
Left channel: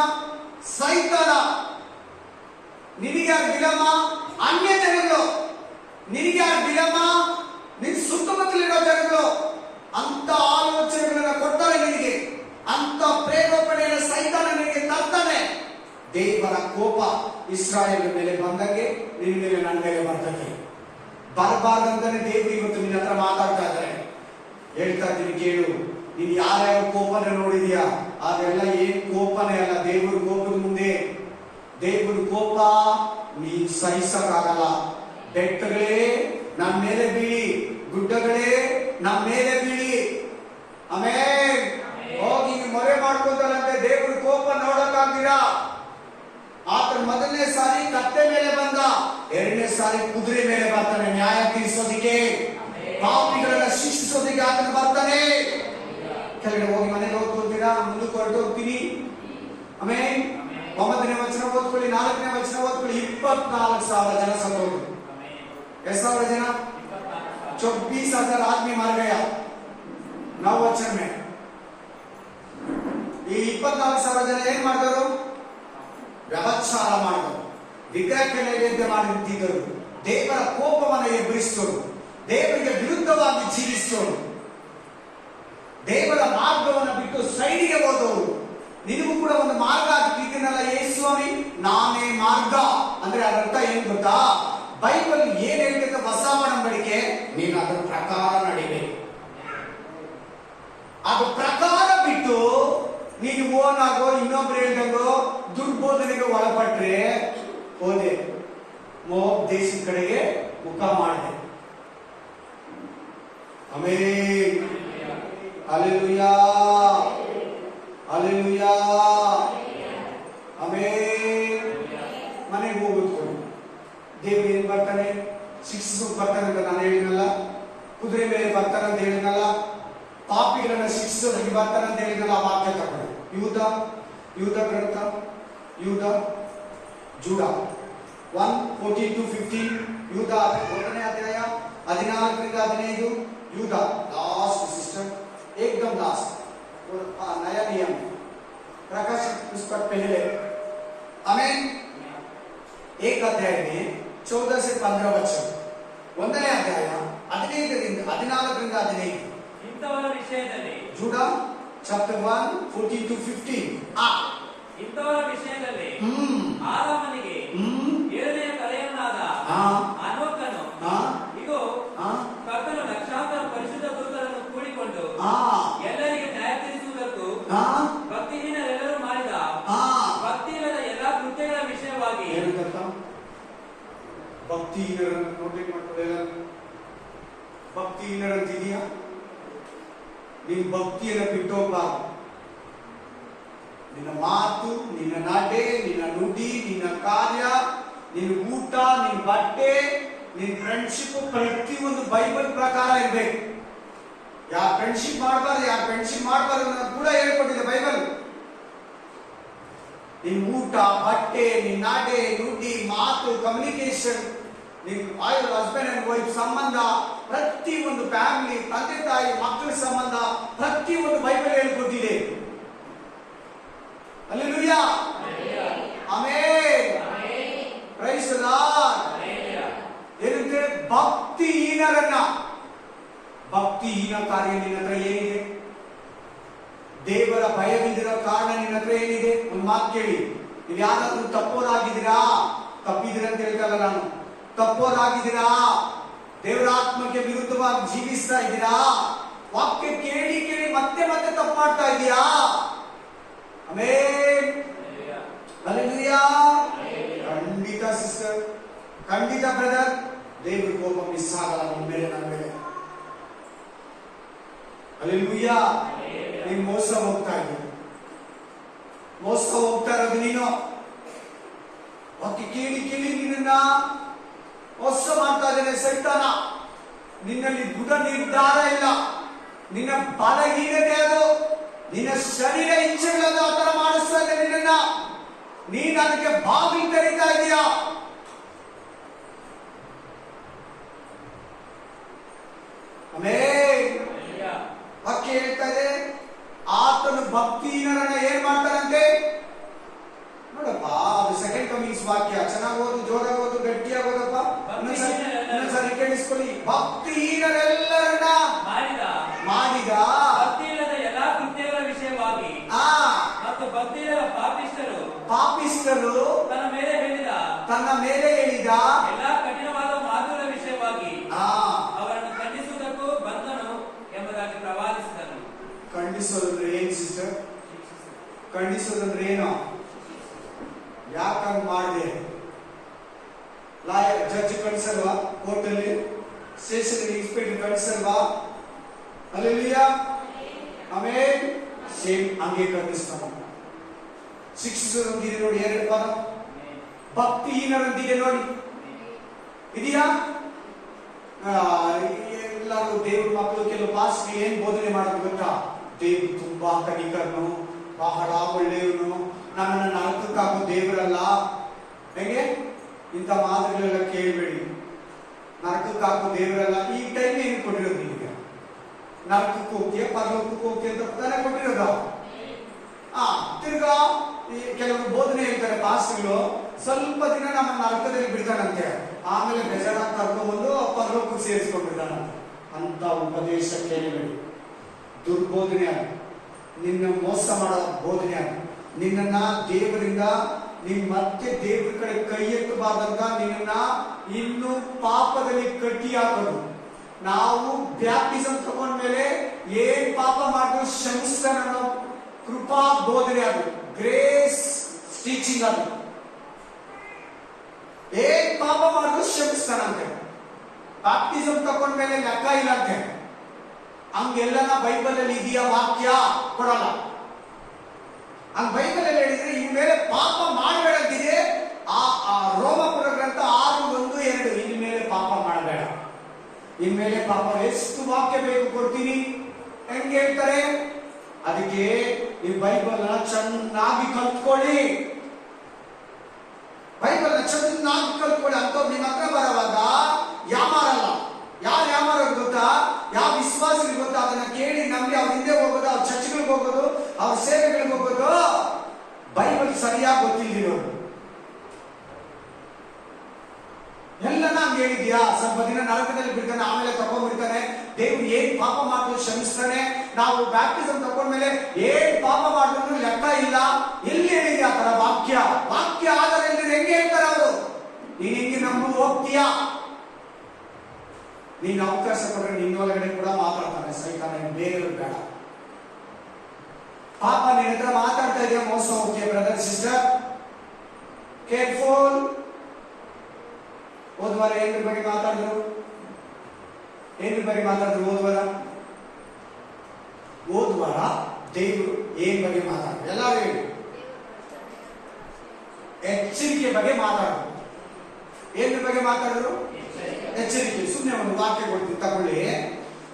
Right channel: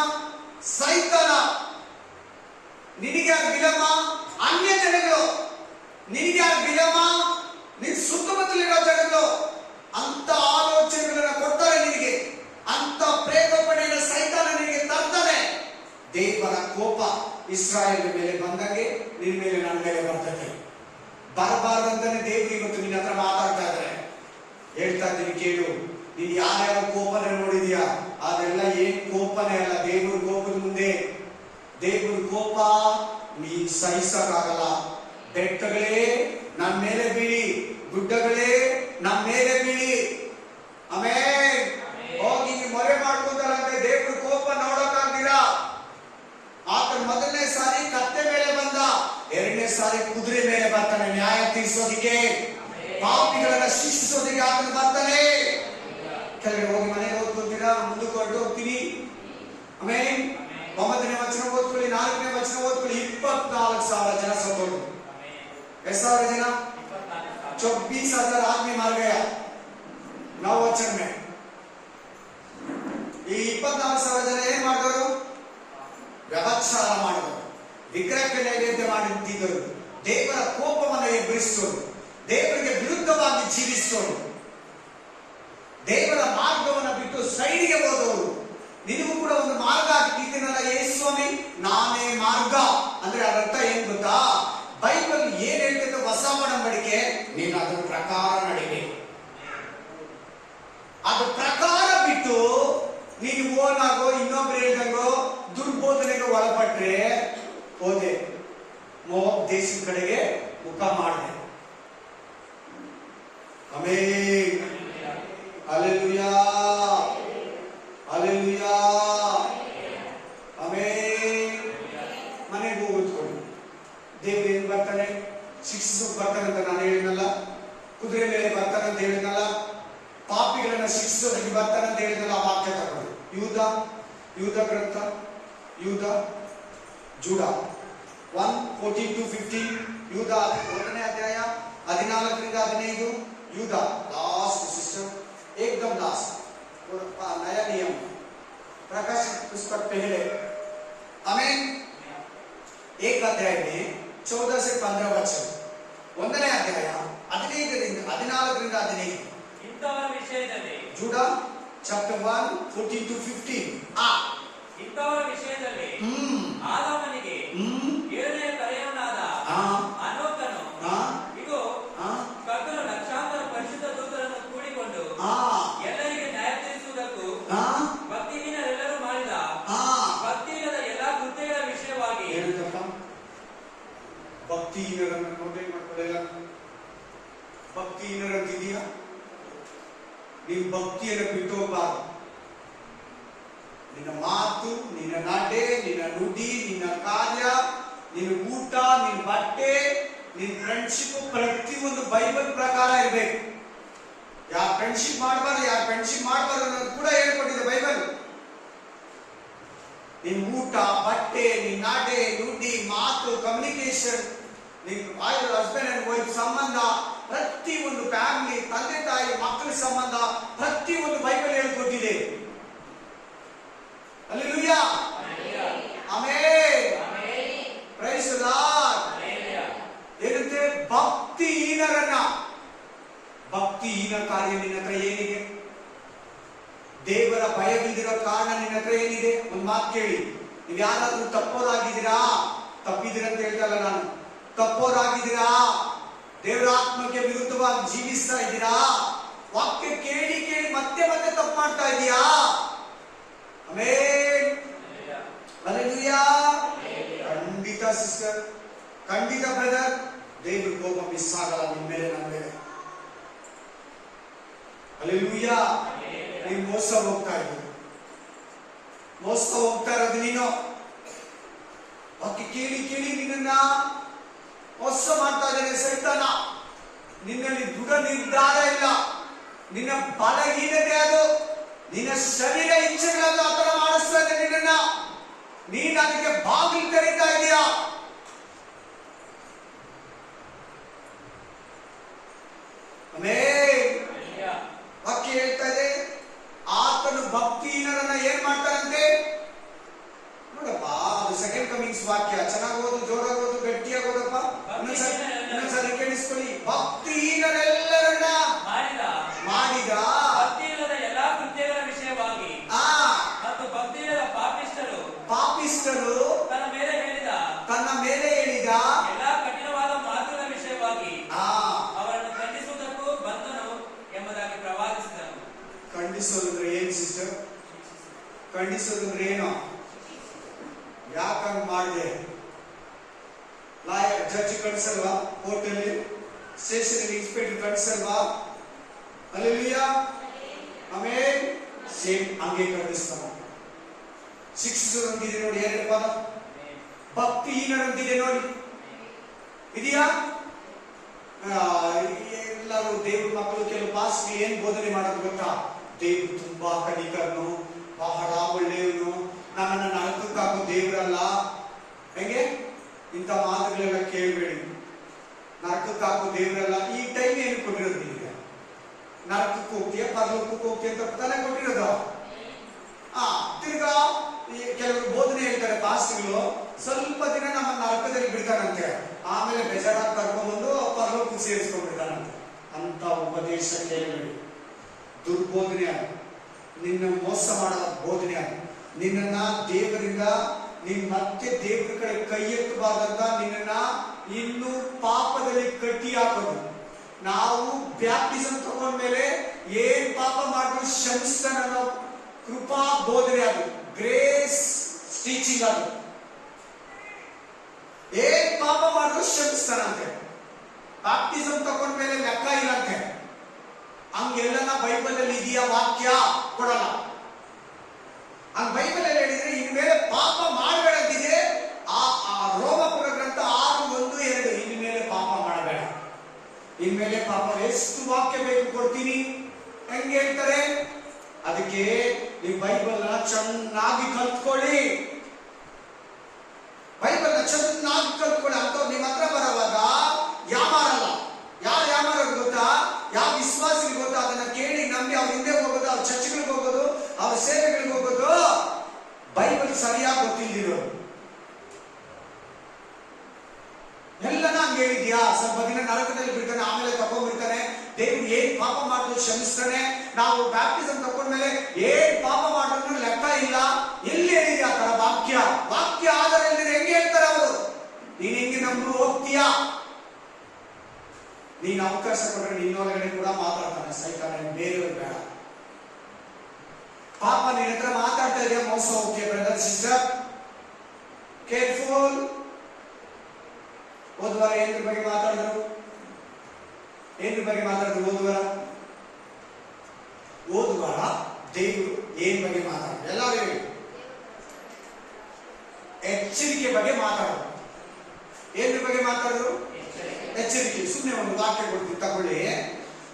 ಸೈತಾನ. ನಿನಗ್ಯಾರು ಬಿಲಾಮ? ಅನ್ಯ ಜನಗಳು. ನಿನಗ್ಯಾರು ಬಿಲಾಮ? ನಿನ್ ಸುತ್ತಮುತ್ತಲಿರೋ ಜನಗಳು. ಅಂತ ಆಲೋಚನೆಗಳನ್ನ ಕೊಡ್ತಾರೆ ನಿನಗೆ, ಅಂತ ಪ್ರೇರೇಪಣೆಯನ್ನು ಸೈತಾನ ನಿನಗೆ ತರ್ತಾನೆ. ದೇವರ ಕೋಪ ಇಸ್ರಾಯೇಲ್ ಮೇಲೆ ಬಂದಂಗೆ ನಿನ್ನ ಮೇಲೆ, ನನ್ನ ಮೇಲೆ ಬರ್ತದೆ. ಬರಬಾರ್ದಂತಾನೆ ದೇವರು ಇವತ್ತು ನಿನ್ನ ಹತ್ರ ಮಾತಾಡ್ತಾ ಇದ್ದಾರೆ. ಹೇಳ್ತಾ ಇದ್ದೀನಿ ಕೇಳು. ನೀನ್ ಯಾರ್ಯಾವ ಕೋಪನ ನೋಡಿದ್ಯಾ, ಅದೆಲ್ಲ ಏನ್ ಕೋಪನೇ ಅಲ್ಲ. ದೇವರ ಕೋಪದ ಮುಂದೆ, ದೇವರ ಕೋಪ ನೀನ್ ಸಹಿಸಕ್ಕಾಗಲ್ಲ. ಬೆಟ್ಟಗಳೇ ನಮ್ಮ ಮೇಲೆ ಬೀಳಿ, ಗುಡ್ಡಗಳೇ ನಮ್ಮ ಮೇಲೆ ಬೀಳಿ. ಆಮೇಲೆ ಹೋಗಿ ಮೊರೆ ಮಾಡ್ಕೊಂತಾರಂತೆ. ದೇವ್ರ ಕೋಪ ನೋಡಕ್ಕಾಗ್ತೀರಾ? ಆತ ಮೊದಲನೇ ಸಾರಿ ಕತ್ತೆ ಮೇಲೆ ಬಂದ, ಎರಡನೇ ಸಾರಿ ಕುದುರೆ ಮೇಲೆ ಬರ್ತಾನೆ ನ್ಯಾಯ ತೀರಿಸೋದಿಕ್ಕೆ, ಪಾಪಿಗಳನ್ನ ಶಿಕ್ಷಿಸೋದಿಕ್ಕೆ ಆತನ ಬರ್ತಾನೆ. ಕೆಳಗಡೆ ಹೋಗಿ ಮನೆಗೆ ಓದ್ಕೊಳ್ತೀರಾ, ಮುಂದಕ್ಕೆ ಹೊರಟೋಗ್ತೀರಿ. ಆಮೇಲೆ 9ನೇ ವಚನ ಓದ್ಕೊಳ್ಳಿ, 4ನೇ ವಚನ ಓದ್ಕೊಳ್ಳಿ. 24,000 ಜನ ಸತ್ತೋದ್ರು. ಎಷ್ಟು ಸಾವಿರ ಜನ? 24,000 आदमी मार गया 9 वचन में. ಈ 24,000 ಜನ ಏನ್ ಮಾಡಿದವರು? ವ್ಯಭಚಾರ ಮಾಡಿದವರು, ವಿಗ್ರಹಕ್ಕೆ ನೈವೇದ್ಯ ಮಾಡುತ್ತಿದ್ದರು, ದೇವರ ಕೋಪವನ್ನು ಎಬ್ಬರಿಸಿದವರು, ದೇವರಿಗೆ ವಿರುದ್ಧವಾಗಿ ಜೀವಿಸಿದವರು, ದೇವರ ಮಾರ್ಗವನ್ನು ಬಿಟ್ಟು ಸೈಡಿಗೆ ಹೋದವರು. ನಿನಗೂ ಕೂಡ ಒಂದು ಮಾರ್ಗ ಹಾಕಿದ್ದೀನಲ್ಲ ಯೇಸು ಸ್ವಾಮಿ, ನಾನೇ ಮಾರ್ಗ ಅಂದ್ರೆ ಅದರ್ಥ ಏನ್ ಗೊತ್ತಾ? ಬೈಬಲ್ ಏನ್ ಹೇಳ್ತದೆ ಹೊಸ ಒಡಂಬಡಿಕೆ, ನೀನು ಅದರ ಪ್ರಕಾರ ನಡಿಬೇಕು. ಅದು ಪ್ರಕಾರ ಬಿಟ್ಟು ನೀನು ಓನ್ ಆಗೋ, ಇನ್ನೊಬ್ರು ಹೇಳ್ದಂಗೋ ದುರ್ಬೋಧನೆಗೆ ಒಳಪಟ್ರೆ ಹೋದೆ, ಮೋಬ್ ದೇಶದ ಕಡೆಗೆ ಮುಖ ಮಾಡಿದೆ. ಆಮೆನ್. Hallelujah, hallelujah, amen. ಮನೆಗೆ ಹೋಗೋದು ದೇವ್ರು ಏನ್ ಬರ್ತಾನೆ? ಶಿಕ್ಷಿಸೋಕ್ ಬರ್ತಾನೆ ಅಂತ ನಾನು ಹೇಳಿನಲ್ಲ. ಕುದುರೆ ಮೇಲೆ ಬರ್ತಾನೆ ಅಂತ ಹೇಳಿನಲ್ಲ. ಪಾಪಿಗಳನ್ನ ಶಿಕ್ಷಿಸೋದಕ್ಕೆ ಬರ್ತಾನೆ ಅಂತ ಹೇಳಿನಲ್ಲ. ಆ ವಾಕ್ಯ ತಗೊಂಡು ಯೂದ ಗ್ರಂಥ, ಯೂದ ಜೂಡ 1:14-15. ಯೂದ 1ನೇ ಅಧ್ಯಾಯ 14-15. यूदा लास्ट सिस्टर, एकदम लास्ट, नया नियम प्रकाशित पुस्तक पहले. आमेन. 1 अध्याय में 14 से 15 वचन. 1ನೇ ಅಧ್ಯಾಯ 15-14 ಇಂಥವರ ವಿಷಯದಲ್ಲಿ. ಜೂಡ chapter 1:14-15. ಇಂಥವರ ವಿಷಯದಲ್ಲಿ ಆದಾಮನಿಗೆ ಎರಡನೇ ತಲೆಯವನಾದ ಹನೋಕನು, ಇಗೋ ಕರ್ತನು ಲಕ್ಷಾಂತರ ಪರಿಶುದ್ಧ ದೂತರನ್ನು ಕೂಡಿಕೊಂಡು ಎಲ್ಲರಿಗೆ ನ್ಯಾಯ ತೀರಿಸುವುದಕ್ಕೂ ಭಕ್ತಿಹೀನರೆಲ್ಲರೂ ಮಾಡಿದ ಭಕ್ತಿ ಇಲ್ಲದ ಎಲ್ಲಾ ಕೃತ್ಯಗಳ ವಿಷಯವಾಗಿ. ಭಕ್ತಿಹೀನರನ್ನು ನೋಟೇ ಮಾಡ್ಕೊಳ್ಳಲ್ಲ. ಭಕ್ತಿಹೀನರಂತಿದೆಯಾ? ನೀನು ಭಕ್ತಿಯನ್ನು ಬಿಟ್ಟೋಗ್ಬಾರ್ದು. ನಿನ್ನ ಮಾತು, ನಿನ್ನ ನಡೆ, ನಿನ್ನ ನುಡಿ, ನಿನ್ನ ಕಾರ್ಯ, ನಿನ್ನ ಊಟ, ನಿನ್ನ ಬಟ್ಟೆ, ನಿನ್ನ ಫ್ರೆಂಡ್ಶಿಪ್ ಪ್ರತಿಯೊಂದು ಬೈಬಲ್ ಪ್ರಕಾರ ಇರಬೇಕು. ಯಾರು ಫ್ರೆಂಡ್ಶಿಪ್ ಮಾಡಬಾರ್ದು, ಯಾರು ಫ್ರೆಂಡ್ಶಿಪ್ ಮಾಡಬಾರ್ದು ಅನ್ನೋದು ಕೂಡ ಹೇಳ್ಕೊಟ್ಟಿದೆ ಬೈಬಲ್. ನಿನ್ನ ಊಟ, ಬಟ್ಟೆ, ನಿನ್ನ ನಡೆ, ನುಡಿ, ಮಾತು, ಕಮ್ಯುನಿಕೇಶನ್, ನಿನ್ನ ಹಸ್ಬೆಂಡ್ ಅಂಡ್ ವೈಫ್ ಸಂಬಂಧ, ಪ್ರತಿಯೊಂದು ಫ್ಯಾಮಿಲಿ, ತಂದೆ ತಾಯಿ ಮಕ್ಕಳ ಸಂಬಂಧ, ಪ್ರತಿಯೊಂದು ಬೈಬಲ್ ಹೇಳ್ಕೊಟ್ಟಿದೆ. Hallelujah, amen. ಭಕ್ತಿನ ಕಾರ್ಯ ನಿನ್ನ ಹತ್ರ ಏನಿದೆ? ದೇವರ ಭಯವಿಲ್ದಿರೋ ಕಾರಣ ನಿನ್ನ ಹತ್ರ ಏನಿದೆ? ಒಂದು ಮಾತು ಕೇಳಿ, ನೀವು ಯಾರಾದ್ರೂ ತಪ್ಪೋರಾಗಿದ್ದೀರಾ? ತಪ್ಪಿದ್ದೀರಾ ಅಂತ ಹೇಳ್ತಲ್ಲ ನಾನು. ತಪ್ಪೋರಾಗಿದ್ದೀರಾ? ದೇವರ ಆತ್ಮಕ್ಕೆ ವಿರುದ್ಧವಾಗಿ ಜೀವಿಸ್ತಾ ಇದ್ದೀರಾ? ವಾಕ್ಯ ಕೇಳಿ ಕೇಳಿ ಮತ್ತೆ ಮತ್ತೆ ತಪ್ಪು ಮಾಡ್ತಾ ಇದೀಯಾ? Amen, hallelujah. ಖಂಡಿತ ಸಿಸ್ಟರ್, ಖಂಡಿತ ಬ್ರದರ್, ದೇವ್ರ ಕೋಪ ಮಿಸ್ ಆಗಲ್ಲ ನಿಮ್ಮ ಮೇಲೆ, ನನ್ನ ಮೇಲೆ. ಹಲ್ಲೆಲೂಯಾ. ನೀನು ಮೋಸ ಹೋಗ್ತಾ ಇದ್ದೀಯ, ಮೋಸ ಹೋಗ್ತಾ ಇರೋದು ನೀನು. ವಾಕ್ಯ ಕೇಳಿ ಕೇಳಿ ನಿನ್ನ ಮೋಸ ಮಾಡ್ತಾ ಇದ್ದೇನೆ ಸೈತಾನ. ನಿನ್ನಲ್ಲಿ ದೃಢ ನಿರ್ಧಾರ ಇಲ್ಲ, ನಿನ್ನ ಬಲಹೀನತೆ ಅದು, ನಿನ್ನ ಶರೀರ ಇಚ್ಛೆಗಳನ್ನು ಆ ತರ ಮಾಡಿಸ್ತಾ ಇದೆ ನಿನ್ನ. ನೀನು ಅದಕ್ಕೆ ಬಾಗಿಲು ತೆರೀತಾ ಇದೀಯಾ? ಆಮೆನ್. ವಾಕ್ಯ ಹೇಳ್ತಾ ಇದೆ, ಆತನು ಭಕ್ತಿಹೀನರನ್ನ ಏನ್ ಮಾಡ್ತಾರಂತೆ ನೋಡಪ್ಪ. ಅದು ಸೆಕೆಂಡ್ ಕಮಿಂಗ್ಸ್ ವಾಕ್ಯ. ಚೆನ್ನಾಗಿ ಓದು, ಜೋರಾಗಿ ಓದು, ಗಟ್ಟಿಯಾಗಿ ಓದಪ್ಪ. ಇನ್ನೊಂದ್ಸರಿ ಕೇಳಿಸ್ಕೊಳ್ಳಿ. ಭಕ್ತಿಹೀನರೆಲ್ಲರನ್ನ ಮಾಡಿದ ಭಕ್ತಿಯಿಲ್ಲದ ಎಲ್ಲಾ ಕೃತ್ಯಗಳ ವಿಷಯವಾಗಿ ಮತ್ತು ಭಕ್ತಿಯಿಲ್ಲದ ಪಾಪಿಷ್ಠರು ತನ್ನ ಮೇಲೆ ಹೇಳಿದ ಎಲ್ಲಾ ಕಠಿಣವಾದ ಮಾತುಗಳ ವಿಷಯವಾಗಿ ಅವರನ್ನು ಖಂಡಿಸುವುದಕ್ಕೂ ಬಂದನು ಎಂಬುದಾಗಿ ಪ್ರವಾದಿಸಿದನು. ಖಂಡಿಸೋದಂದ್ರೆ ಏನ್ ಸಿಸ್ಟರ್? ಖಂಡಿಸೋದಂದ್ರೆ ಏನು? ಯಾಕಂಗ್ ಮಾಡಿದೆ? ಲಾಯರ್ ಜಡ್ಜ್ ಕಳಿಸಲ್ವಾ? ಕೋರ್ಟಲ್ಲಿ ಸ್ಟೇಷನ್ ಇನ್ಸ್ಪೆಕ್ಟರ್ ಕಳಿಸಲ್ವಾ? ಹಲ್ಲೆಲೂಯಾ. ಆಮೆನ್. ಸೇಮ್ ಹಂಗೆ ಖಂಡಿಸ್ತಾನ. ಶಿಕ್ಷಿಸೋದೊಂದಿದೆ ನೋಡಿ, ಎರಡು ಪದ. ಭಕ್ತಿಹೀನರಂತಿದೆ ನೋಡಿ, ಇದೆಯಾ? ಎಲ್ಲರೂ ದೇವ್ರ ಮಕ್ಕಳು ಕೆಲವು ಪಾಸ್ಟ್ ಏನ್ ಬೋಧನೆ ಮಾಡೋದು ಗೊತ್ತಾ? ದೇವ್ರು ತುಂಬಾ ಕನಿಕರನು, ಬಹಳ ಒಳ್ಳೆಯವನು, ನಮ್ಮನ್ನ ನರಕಕ್ಕಾಗೋ ದೇವರಲ್ಲ. ಹೆಂಗೆ? ಇಂಥ ಮಾತುಗಳೆಲ್ಲ ಕೇಳಬೇಡಿ. ನರಕಕ್ಕಾಗೋ ದೇವರಲ್ಲ. ಈ ಟೈಮ್ ಏನು ಕೊಟ್ಟಿರೋದು ನಿಮಗೆ? ನರಕಕ್ಕೆ ಹೋಗ್ತೀಯ, ಪರಲೋಕಕ್ಕೆ ಹೋಗ್ತೀಯ ಅಂತ ತಾನೇ ಕೊಟ್ಟಿರೋದು. ತಿರ್ಗಾ ಕೆಲವರು ಬೋಧನೆ ಹೇಳ್ತಾರೆ ಪಾಸ್ಟ್ಗಳು, ಸ್ವಲ್ಪ ದಿನ ನಮ್ಮ ನರಕದಲ್ಲಿ ಬಿಡ್ತಾನಂತೆ, ಆಮೇಲೆ ಬೇಜಾರಾಗಿ ಕರ್ಕೊಂಡ್ಬಂದು ಪರಲೋಕಕ್ಕೆ ಸೇರಿಸ್ಕೊಂಡ್ಬಿಡ್ತಾನಂತೆ. ಅಂತ ಉಪದೇಶ ಕೇಳಬೇಡಿ. ದುರ್ಬೋಧನೆ ಅದು, ನಿನ್ನ ಮೋಸ ಮಾಡೋ ಬೋಧನೆ ಅದು. ನಿನ್ನನ್ನ ದೇವರಿಂದ ನೀನ್ ಮತ್ತೆ ದೇವ್ರ ಕಡೆ ಕೈ ಎತ್ತಬಾರ್ದಂತ ನಿನ್ನ ಇನ್ನು ಪಾಪದಲ್ಲಿ ಕಟ್ಟಿ ಹಾಕೋದು. ನಾವು ಬ್ಯಾಪ್ಟಿಸಮ್ ತಗೊಂಡ್ಮೇಲೆ ಏನ್ ಪಾಪ ಮಾಡಿದ್ರು ಕ್ಷಮಿಸ್ತಾನ ಅನ್ನೋ ಕೃಪಾ ಬೋಧನೆ ಅದು, ಗ್ರೇಸ್ ಟೀಚಿಂಗ್ ಅದು. ಏನ್ ಪಾಪ ಮಾಡಿದ್ರು ಕ್ಷಮಿಸ್ತಾನಂತೆ. ಬ್ಯಾಪ್ಟಿಸಮ್ ತಗೊಂಡ್ಮೇಲೆ ಲೆಕ್ಕ ಇಲ್ಲಂತೆ. ಹಂಗೆಲ್ಲನ ಬೈಬಲ್ ಅಲ್ಲಿ ಇದೆಯಾ? ವಾಕ್ಯ ಕೊಡಲ್ಲ. ಹಂಗ ಬೈಬಲ್ ಅಲ್ಲಿ ಹೇಳಿದ್ರೆ ಇನ್ಮೇಲೆ ಪಾಪ ಮಾಡಬೇಡ ಅಂತಿದೆ. ಆ ರೋಮಪುರ ಗ್ರಂಥ 6:1-2 ಇನ್ಮೇಲೆ ಪಾಪ ಮಾಡಬೇಡ, ಇನ್ಮೇಲೆ ಪಾಪ. ಎಷ್ಟು ವಾಕ್ಯ ಬೇಕು ಕೊಡ್ತೀನಿ, ಹೆಂಗೆ ಹೇಳ್ತಾರೆ? ಅದಕ್ಕೆ ನೀವು ಬೈಬಲ್ ಚೆನ್ನಾಗಿ ಕಲ್ತ್ಕೊಳ್ಳಿ, ಬೈಬಲ್ ಚೆನ್ನಾಗಿ ಕಲ್ತ್ಕೊಳ್ಳಿ. ಅಂತವ್ರು ನಿಮ್ಮ ಹತ್ರ ಬರೋವಾಗ ಯಾಮಾರಲ್ಲ. ಯಾರು ಯಾಮಾರೋದು ಗೊತ್ತಾ? ಯಾವ ವಿಶ್ವಾಸಿಗೆ ಗೊತ್ತಾ? ಅದನ್ನ ಕೇಳಿ ನಂಬಿ ಅವ್ರ ಹಿಂದೆ ಹೋಗೋದು, ಅವ್ರ ಚರ್ಚ್ಗಳಿಗೆ ಹೋಗೋದು, ಅವ್ರ ಸೇವೆಗಳಿಗೆ ಹೋಗೋದು. ಬೈಬಲ್ ಸರಿಯಾಗಿ ಗೊತ್ತಿಲ್ದಿರೋರು ಎಲ್ಲನ ಹಂಗೆ ಹೇಳಿದ್ಯಾ? ಸ್ವಲ್ಪ ದಿನ ನರಕದಲ್ಲಿ ಬಿಡ್ತಾನೆ, ಆಮೇಲೆ ತಗೊಂಡ್ಬಿಡ್ತಾನೆ. ದೇವ್ರು ಏನ್ ಪಾಪ ಮಾಡಿದ್ರು ಕ್ಷಮಿಸ್ತಾನೆ. ನಾವು ಬ್ಯಾಪ್ಟಿಸಮ್ ತಗೊಂಡ್ಮೇಲೆ ಏನ್ ಪಾಪ ಮಾಡಿದ್ರು ಲೆಕ್ಕ ಇಲ್ಲ. ಎಲ್ಲಿ ಹೇಳಿದ್ಯಾ ಆ ತರ ವಾಕ್ಯ? ವಾಕ್ಯ ಆಧಾರ ಇಲ್ಲದೆ ಹೆಂಗೆ ಹೇಳ್ತಾರೆ ಅವರು? ನೀನ್ ಹೆಂಗೆ ನಂಬು ಹೋಗ್ತೀಯಾ? ನೀನು ಅವಕಾಶ ಕೊಟ್ಟರೆ ನಿನ್ನೊಳಗಡೆ ಕೂಡ ಮಾತಾಡ್ತಾನೆ ಸೈತಾನ, ಬೇರೆಯವ್ರು ಬೇಡ. ಪಾಪ ನಿನ್ನ ಹತ್ರ ಮಾತಾಡ್ತಾ ಇದೆಯಾ? ಮೋಸ ಹೋಗ್ತೀಯ ಬ್ರದರ್ ಸಿಸ್ಟರ್, ಕೇರ್ಫುಲ್. ಹೋದ್ವಾರ ಏನ್ರ ಬಗ್ಗೆ ಮಾತಾಡಿದ್ರು? ಏನ್ರ ಬಗ್ಗೆ ಮಾತಾಡಿದ್ರು ಹೋದ್ವಾರ? ದೇವರು ಏನ್ ಬಗ್ಗೆ ಮಾತಾಡಿದ್ರು? ಎಲ್ಲರೂ ಹೇಳಿ. ಎಚ್ಚರಿಕೆ ಬಗ್ಗೆ ಮಾತಾಡಿದ್ರು. ಏನ್ರ ಬಗ್ಗೆ ಮಾತಾಡಿದ್ರು? ಎಚ್ಚರಿಕೆ. ಸುಮ್ಮನೆ ಒಂದು ವಾಕ್ಯ ಕೊಡ್ತೀನಿ ತಗೊಳ್ಳಿ.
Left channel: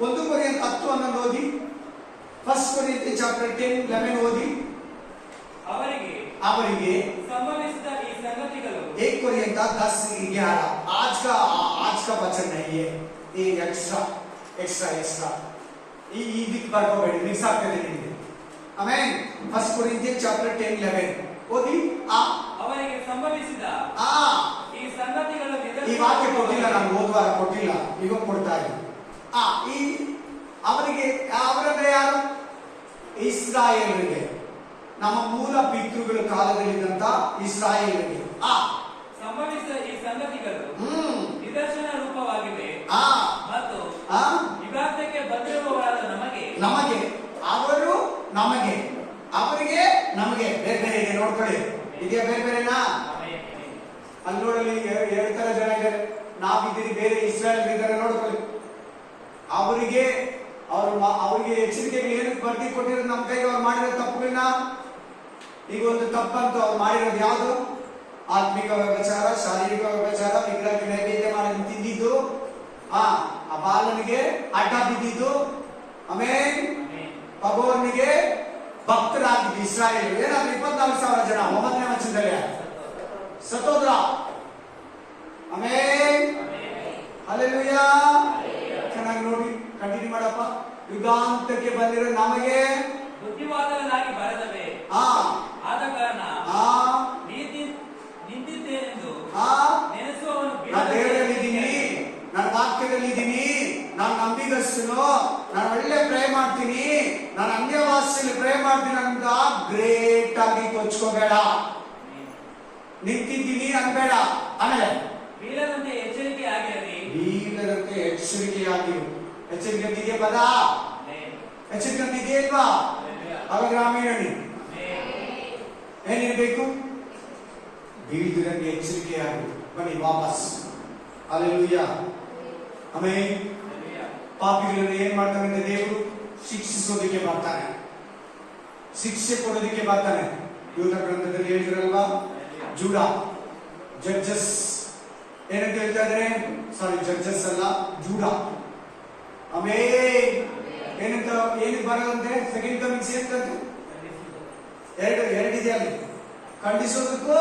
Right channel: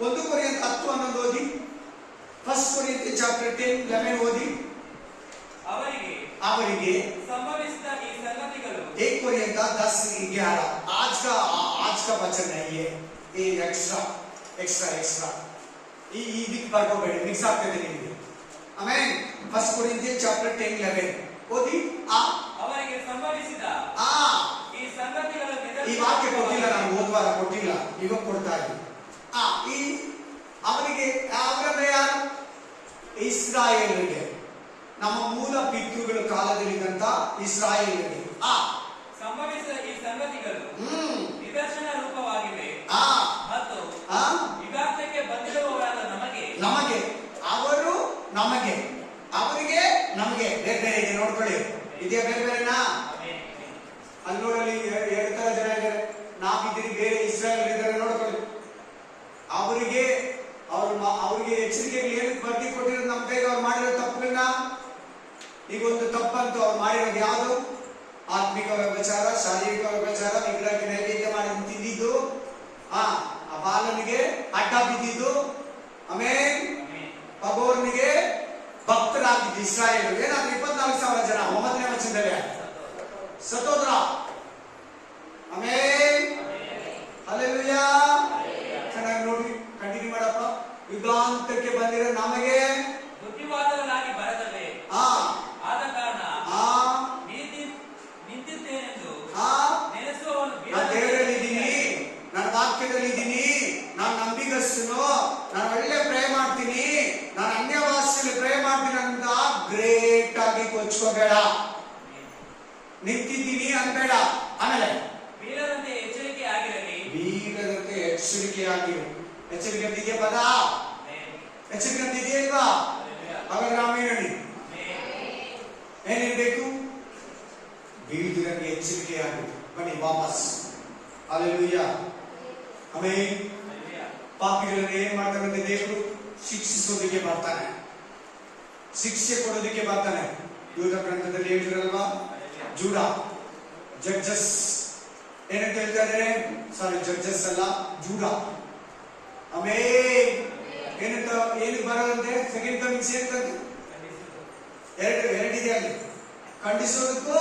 1 ಕೊರಿಂಥ 10:11 ಓದಿ. 1 ಕೊರಿಂಥ ಚಾಪ್ಟರ್ 10:11 ಓದಿ. ಅವರಿಗೆ संभविसिದ ಈ ಸಂಗತಿಗಳು 1 कोरिन्थ 10:11 आज का वचन है ये एक्स्ट्रा ಇದಕ್ಕೆ ಬರ್ಕೋಬೇಡಿ, ಮಿಕ್ಸ್ ಆಗ್ತದೆ ನಿಮಗೆ. ಆಮೇನ್. 1 ಕೊರಿಂಥ ಚಾಪ್ಟರ್ 10:11 ಓದಿ. ಅವರಿಗೆ ಸಂಭವಿಸಿದ ಈ ಸಂಗತಿಗಳು. ಈ ವಾಕ್ಯ ಕೊಟ್ಟಿಲ್ಲ, ನಾನು ಹೋದ್ವಾರ ಕೊಟ್ಟಿಲ್ಲ, ಇವಾಗ ಕೊಡ್ತಾ ಇದ್ದೀನಿ. ಅವನಿಗೆ ಅವರಂದ್ರೆ ಯಾರು? ಇಸ್ರಾಯೇಲರಿಗೆ, ನಮ್ಮ ಮೂಲ ಪಿತೃಗಳ ಕಾಲದಲ್ಲಿದ್ದಂತ ಇಸ್ರಾಯೇಲರಿಗೆ ಸಂಭವಿಸಿದ ಈ ಸಂಗತಿಗಳು ನಿದರ್ಶನ ರೂಪವಾಗಿವೆ ಮತ್ತು ಯುಗಾಂತಕ್ಕೆ ಬಂದಿರುವವರಾದ ನಮಗೆ ಅವರು ನಮಗೆ ಅವರಿಗೆ ನಮಗೆ ಬೇರೆ ಬೇರೆ ಇದೆ. ನೋಡ್ಕೊಳ್ಳಿ, ಇದೆಯಾ ಬೇರೆ ಬೇರೆನಾ? ಅಲ್ಲಿ ನೋಡಲಿ ಎರಡು ತರ ಜನ ಇದ್ದಾರೆ. ನಾವಿದ್ದೀರಿ, ಬೇರೆ ಇಸ್ರಾಯೇಲ್ ಇದ್ದಾರೆ. ನೋಡ್ಕೊಳ್ಳಿ, ಅವರಿಗೆ ಅವ್ರಿಗೆ ಎಚ್ಚರಿಕೆಗಳು ಏನಕ್ಕೆ ಬಡ್ಡಿ ಕೊಟ್ಟಿರೋದು? ನಮ್ಮ ಕೈಗೆ ಅವ್ರು ಮಾಡಿರೋ ತಪ್ಪುಗಳನ್ನ. ಈಗ ಒಂದು ತಪ್ಪಂತೂ ಅವ್ರು ಮಾಡಿರೋದು ಯಾವುದು? ಆತ್ಮಿಕ ವ್ಯಭಚಾರ, ಶಾರೀರಿಕ ವ್ಯಭಚಾರ, ವಿಗ್ರಹಕ್ಕೆ ನೈವೇದ್ಯ ಮಾಡಿ ತಿಂದಿದ್ದು, ಆ ಬಾಲನಿಗೆ ಅಡ್ಡ ಬಿದ್ದಿದ್ದು, ಆಮೇಲೆ ಪಗೋರ್ನಿಗೆ ಭಕ್ತರಾಗಿದ್ದು ಇಸ್ರಾಯೇಲ್. ಏನಾದ್ರು 24,000 ಜನ 9ನೇ ವಚನದಲ್ಲಿ ಸತ್ತೋದ್ರ. ಆಮೇಲೆ ಹಲ್ಲೆಲೂಯಾ. ಚೆನ್ನಾಗಿ ನೋಡಿ, ಕಂಟಿನ್ಯೂ ಮಾಡಪ್ಪ. ಯುಗಾಂತಕ್ಕೆ ಬಂದಿರೋ ನಮಗೆ ಬುದ್ಧಿವಾದಗಳಾಗಿ ಬರದವೆ. ಆದ ಕಾರಣ ನೀತಿ ನಿಂತಿದ್ದೇನೆಂದು ನೆನೆಸುವವನು ನಾನು ದೇವರಲ್ಲಿ ಇದ್ದೀನಿ, ನನ್ನ ವಾಕ್ಯದಲ್ಲಿ ಇದ್ದೀನಿ, ನಾನು ನಂಬಿಗಸ್ತನು, ನಾನು ಒಳ್ಳೆ ಪ್ರೇ ಮಾಡ್ತೀನಿ, ನಾನು ಅನ್ಯ ಭಾಷೆಯಲ್ಲಿ ಪ್ರೇ ಮಾಡ್ತೀನಿ ಅಂತ ಗ್ರೇಟ್ ಆಗಿ ಕೊಚ್ಕೋಬೇಡ. ನಿಂತಿದ್ದೀನಿ ಅನ್ಬೇಡ. ಆಮೇಲೆ ಬೀಳದಂತೆ ಎಚ್ಚರಿಕೆ ಆಗಿರಲಿ. ಬೀಳದಂತೆ ಎಚ್ಚರಿಕೆಯಾಗಿರು. ಎಚ್ಚರಿಕೆ ಅಂತಿದೆಯಾ ಪದ? ಎಚ್ಚರಿಕೆ ಅಂತಿದೆಯಾ ಇಲ್ವಾ? ಅವಾಗ ರಾಮಾಯಣ ಏನಿರ್ಬೇಕು? ಬೀಳದಂತೆ ಎಚ್ಚರಿಕೆಯಾಗಿರು. ಬನ್ನಿ ವಾಪಸ್. ಹಲ್ಲೆಲೂಯಾ. ಆಮೇಲೆ ಪಾಪಿಗಳನ್ನು ಏನ್ ಮಾಡ್ತಾನೆ? ದೇವರು ಶಿಕ್ಷಿಸೋದಕ್ಕೆ ಬರ್ತಾನೆ, ಶಿಕ್ಷೆ ಕೊಡೋದಕ್ಕೆ ಬರ್ತಾನೆ. ಯೂದ ಗ್ರಂಥದಲ್ಲಿ ಹೇಳಿದ್ರಲ್ವಾ, ಜೂಡ ಜಡ್ಜಸ್ ಏನಂತ ಹೇಳ್ತಾ ಇದ್ದಾರೆ? ಸಾರಿ, ಜಡ್ಜಸ್ ಅಲ್ಲ, ಜೂಡ. ಆಮೇಲೆ ಏನಂತ ಏನಕ್ಕೆ ಬರೋದಂತೆ? ಸೆಕೆಂಡ್ ಕಮಿಂಗ್ಸ್ ಏನಂತೆ? ಎರಡಿದೆ ಅಲ್ಲಿ, ಖಂಡಿಸೋದಕ್ಕೂ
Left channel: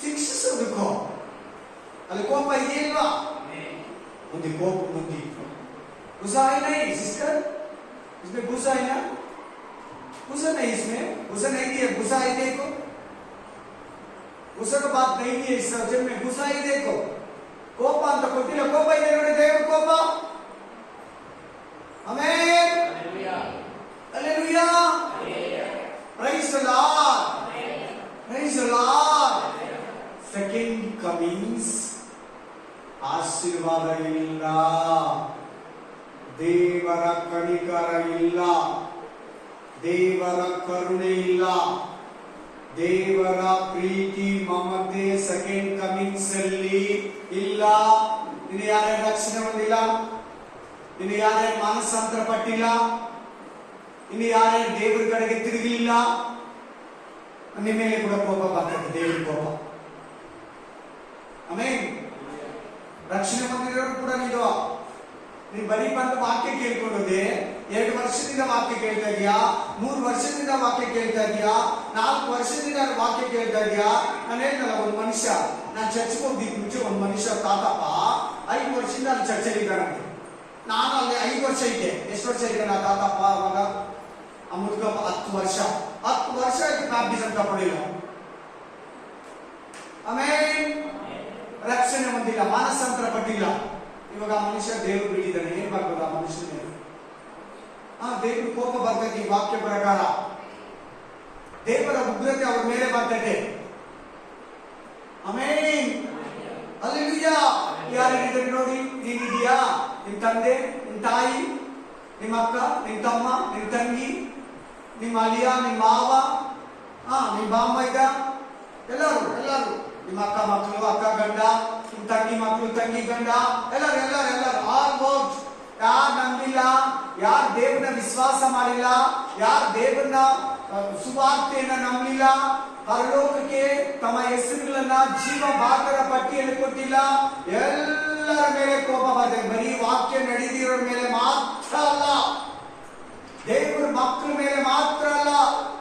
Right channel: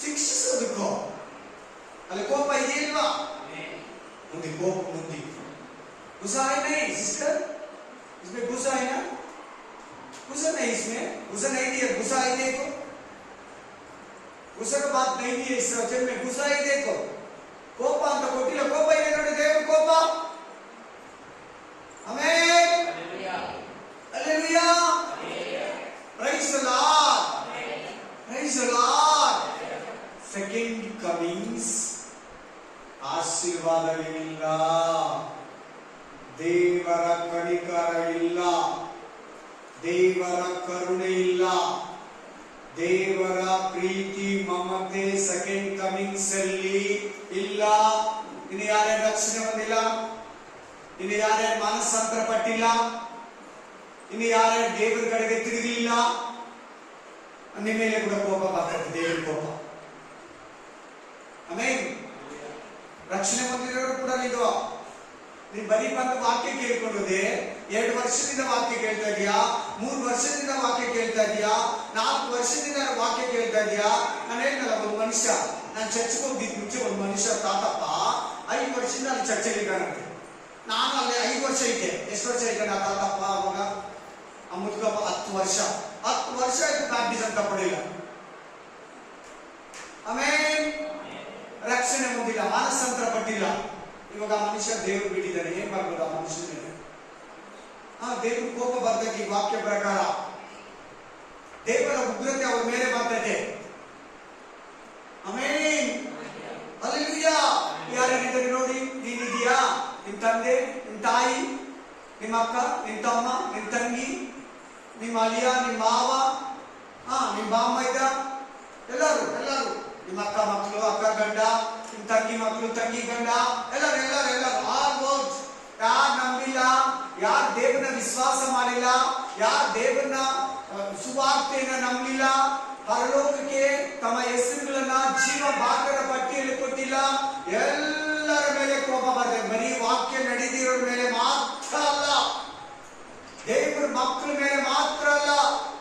ಶಿಕ್ಷಿಸೋದಕ್ಕೂ. ಅಲ್ಲಿ ಕೋಪ ಇದೆಯಲ್ವಾ? ಮುಂದೆ ಕೋಪ बुद्धि गुस्सा है नहीं सिस्टर, इसमें गुस्सा है ना? गुस्सा नहीं, इसमें गुस्सा नहीं दिया, गुस्सा ही देखो, गुस्सा का बात नहीं है इस वचन में. गुस्सा ही देखो, ಕೋಪ ಅಂತ ಕೊಟ್ಟಿಲ್ಲ, ಕೋಪ ಇದೆ ನೋಡಿ, ದೇವರ ಕೋಪ. Amen, hallelujah, praise the Lord, praise the Lord. Second comings ಆಶೀರ್ವಾದವಿಲ್ಲ, ದೇವರ ಕನಿಕರ ಇಲ್ಲ, ದೇವರ ಕರುಣೆ ಇಲ್ಲ, ದೇವರ ಪ್ರೀತಿ ಮಮತೆ ಸೆಕೆಂಡ್ ಕಮಿಂಗ್ಸ್ ಅಲ್ಲಿ ಇಲ್ಲ. ಇನ್ನು ಯಾರ್ಯಾರು ರಕ್ಷಣೆ ಹೊಂದಿಲ್ಲ, ಇನ್ನು ಯಾರ್ಯಾರು ಮಾನಸಾಂತರ ಪಟ್ಟಿಲ್ಲ, ಇನ್ನು ಯಾರ್ಯಾರು ದೇವರ ಕಡೆಗೆ ತಿರುಗಲಿಲ್ಲ, ನಿಮ್ಮ ಮೇಲೆ ಕೂಡ ಕೋಪ ಬರ್ತದೆ, ದೇವರ ಕೋಪ. ಆಮೇಲೆ ರಕ್ಷಣೆ ಹೊಂದಿರೋರು ಕೂಡ ನೀನು ಬರೀ ಬಂದು ವಾಕ್ಯ ಕೇಳ್ಕೊಳ್ಳೋದೆ, 2 ವರ್ಷದಿಂದ ವಾಕ್ಯ ಕೇಳ್ತಾ ಇದೀಯಾ, 3 ವರ್ಷದಿಂದ ವಾಕ್ಯ ಕೇಳ್ತಾ ಇದೀಯಾ, 4 ವರ್ಷದಿಂದ ವಾಕ್ಯ ಕೇಳ್ತಾ ಇದೀಯಾ. ನಾನು ಹೇಳ್ತಲ್ಲ, ಒಂದು ಮನುಷ್ಯ, ನಾನು ಚರ್ಚ್ಗೆ ಹೋಗಿದ್ದು ಮುಂಚೆ ಒಂದು ಮನುಷ್ಯ ತಾತಪ್ಪ 5 ವರ್ಷದಿಂದ ಅಲ್ಲಿ ಚರ್ಚೆಗೆ ಇದ್ದಾನಂತೆ. ನಾನು ಅಲ್ಲಿ 5 ವರ್ಷ ಇದ್ದೆ. ಎಷ್ಟು ವರ್ಷ ಇದ್ದಾನೆ ಆ ತಾತಪ್ಪ? ಅವಾಗ ಆ ಮುದುಕಪ್ಪ 10 ವರ್ಷ ಆಯ್ತು ಬ್ಯಾಪ್ಟಿಸಂ ತಗೊಳ್ಳಿಲ್ಲ. ಆಮೇಲೆ ರಕ್ಷಣೆ ಹೊಂದಿಲ್ಲ, ಮಾನಸಾಂತರ ಪಟ್ಟಿಲ್ಲ. ಇವಾಗ ಆ ಮನುಷ್ಯ ದೇವರು ಬಿಟ್ಟಿದ್ದಾನೆ. ಏನ್ ಬರ್ಬೋದು ಆ ಮನುಷ್ಯನ ಮೇಲೆ? ದೇವ್ರ ಕೋಪ ಬರ್ತೈತಿ. ವಾಕ್ಯ ಪ್ರಕಾರ ದೇವರ ಉಗ್ರತೆ ಅವ್ರ ಮೇಲೆ ಬರ್ತೈತೆ. ಆಮೇಲೆ ಹಲ್ಲೆಲೂಯಾ. ಯಾರೇನಿದ್ದಾರೆ ನೋಡಿ, ನೀನಿದೀಯಾ, ನಿನ್ ತಂದೆ, ನಿನ್ ತಾಯಿ, ನಿಮ್ಮ ಅಕ್ಕ, ನಿನ್ ತಮ್ಮ, ನಿನ್ ತಂಗಿ, ನಿಮ್ಮ ಅಳಿಯ, ನಿಮ್ಮ ಮಾವ, ನಿಮ್ಮ ಬಾಮ್ಮ ಇದ್ದ, ಎಲ್ಲರೂ ನಿಮ್ಮ ಅಕ್ಕ ಮಕ್ಕಳು, ಅಕ್ಕ ಗಂಡ, ನಿಮ್ಮ ತಂಗಿ ಮಕ್ಕಳು, ತಂಗಿ ಗಂಡ, ಎಲ್ಲರೂ ಆಲ್ಮೋಸ್ಟ್ ಯಾರು ನಂಬಿಲ್ಲ, ಯಾರು ದೇವರನ್ನ ವಿಶ್ವಾಸ ಮಾಡಿಲ್ಲ, ಯಾರು ದೇವರನ್ನ ಸುವಾರ್ತೆಯನ್ನ ನಂಬಲಿಲ್ಲ, ಪರಲೋಕಕ್ಕೆ ತಮ್ಮ ಹೆಸರುಗಳನ್ನ ಜೀವ ಭಾಗರ ಪಟ್ಟಿಯಲ್ಲಿ ಕೊಟ್ಟಿಲ್ಲ, ಎಲ್ಲರ ಮೇಲೆ ಕೋಪ ಬರ್ತದೆ. ಬರೀ ವಾಕ್ಯ ನಡೆದಿರೋರ ಮೇಲೆ ಮಾತ್ರ ಅಲ್ಲ, ದೇವರ ಮಕ್ಕಳ ಮೇಲೆ ಮಾತ್ರ ಅಲ್ಲ,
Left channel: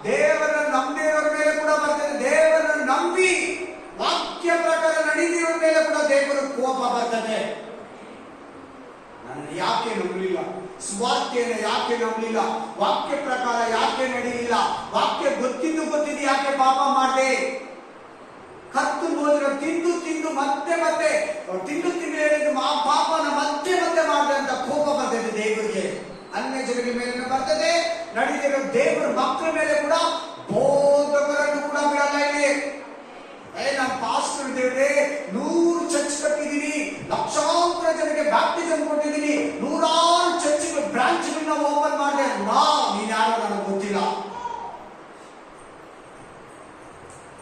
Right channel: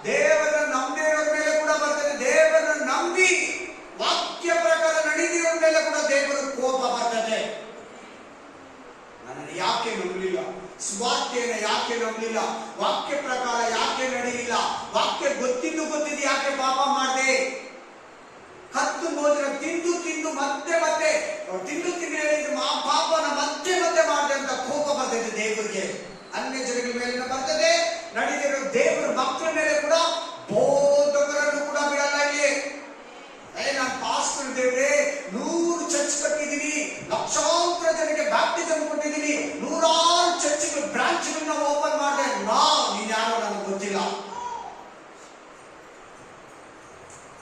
ದೇವರ ನಂಬಿರೋರ ಮೇಲೆ ಕೂಡ ಬರ್ತದೆ. ದೇವರ ನಂಬಿ ವಾಕ್ಯ ಪ್ರಕಾರ ನಡೆದಿರೋರ ಮೇಲೆ ಕೂಡ ದೇವರ ಕೋಪ ಬರ್ತದೆ. ನನ್ನನ್ನು ಯಾಕೆ ನಂಬಲಿಲ್ಲ, ಸ್ವಾರ್ಥೆಯನ್ನು ಯಾಕೆ ನಂಬಲಿಲ್ಲ, ವಾಕ್ಯ ಪ್ರಕಾರ ಯಾಕೆ ನಡೆಯಲಿಲ್ಲ, ವಾಕ್ಯ ಗೊತ್ತಿದ್ದು ಯಾಕೆ ಪಾಪ ಮಾಡಿದೆ, ಕರ್ತನು ಹೋದ್ರೆ ತಿಂದು ತಿಂದು ಮತ್ತೆ ಮತ್ತೆ ತಿಂದು ತಿಂದು ಹೇಳಿದ್ರು ಪಾಪನ ಮತ್ತೆ ಮತ್ತೆ ಮಾಡಿದೆ ಅಂತ ಕೋಪ ಬರ್ತದೆ ದೇವರಿಗೆ. ಅನ್ಯ ಜನಗಳ ಮೇಲೆ ಬರ್ತದೆ, ನಡೀತಿರೋ ದೇವರ ಮಕ್ಕಳ ಮೇಲೆ ಕೂಡ, ಬೋಧಕರನ್ನು ಕೂಡ ಬಿಡಲ್ಲ ಇಲ್ಲಿ. ನಾನು ಪಾಸ್ಟರ್ ದೇವ್ರೆ 100 ಚರ್ಚ್ ಕಟ್ಟಿದ್ದೀನಿ, ಲಕ್ಷಾಂತರ ಜನಕ್ಕೆ ಬ್ಯಾಪ್ಟಿಸಮ್ ಕೊಟ್ಟಿದ್ದೀನಿ, 100 ಚರ್ಚ್ಗಳು ಬ್ರಾಂಚ್ಗಳನ್ನ ಓಪನ್ ಮಾಡಿದೆ. ನೀನ್ ಯಾರೋ ನನಗೆ ಗೊತ್ತಿಲ್ಲ.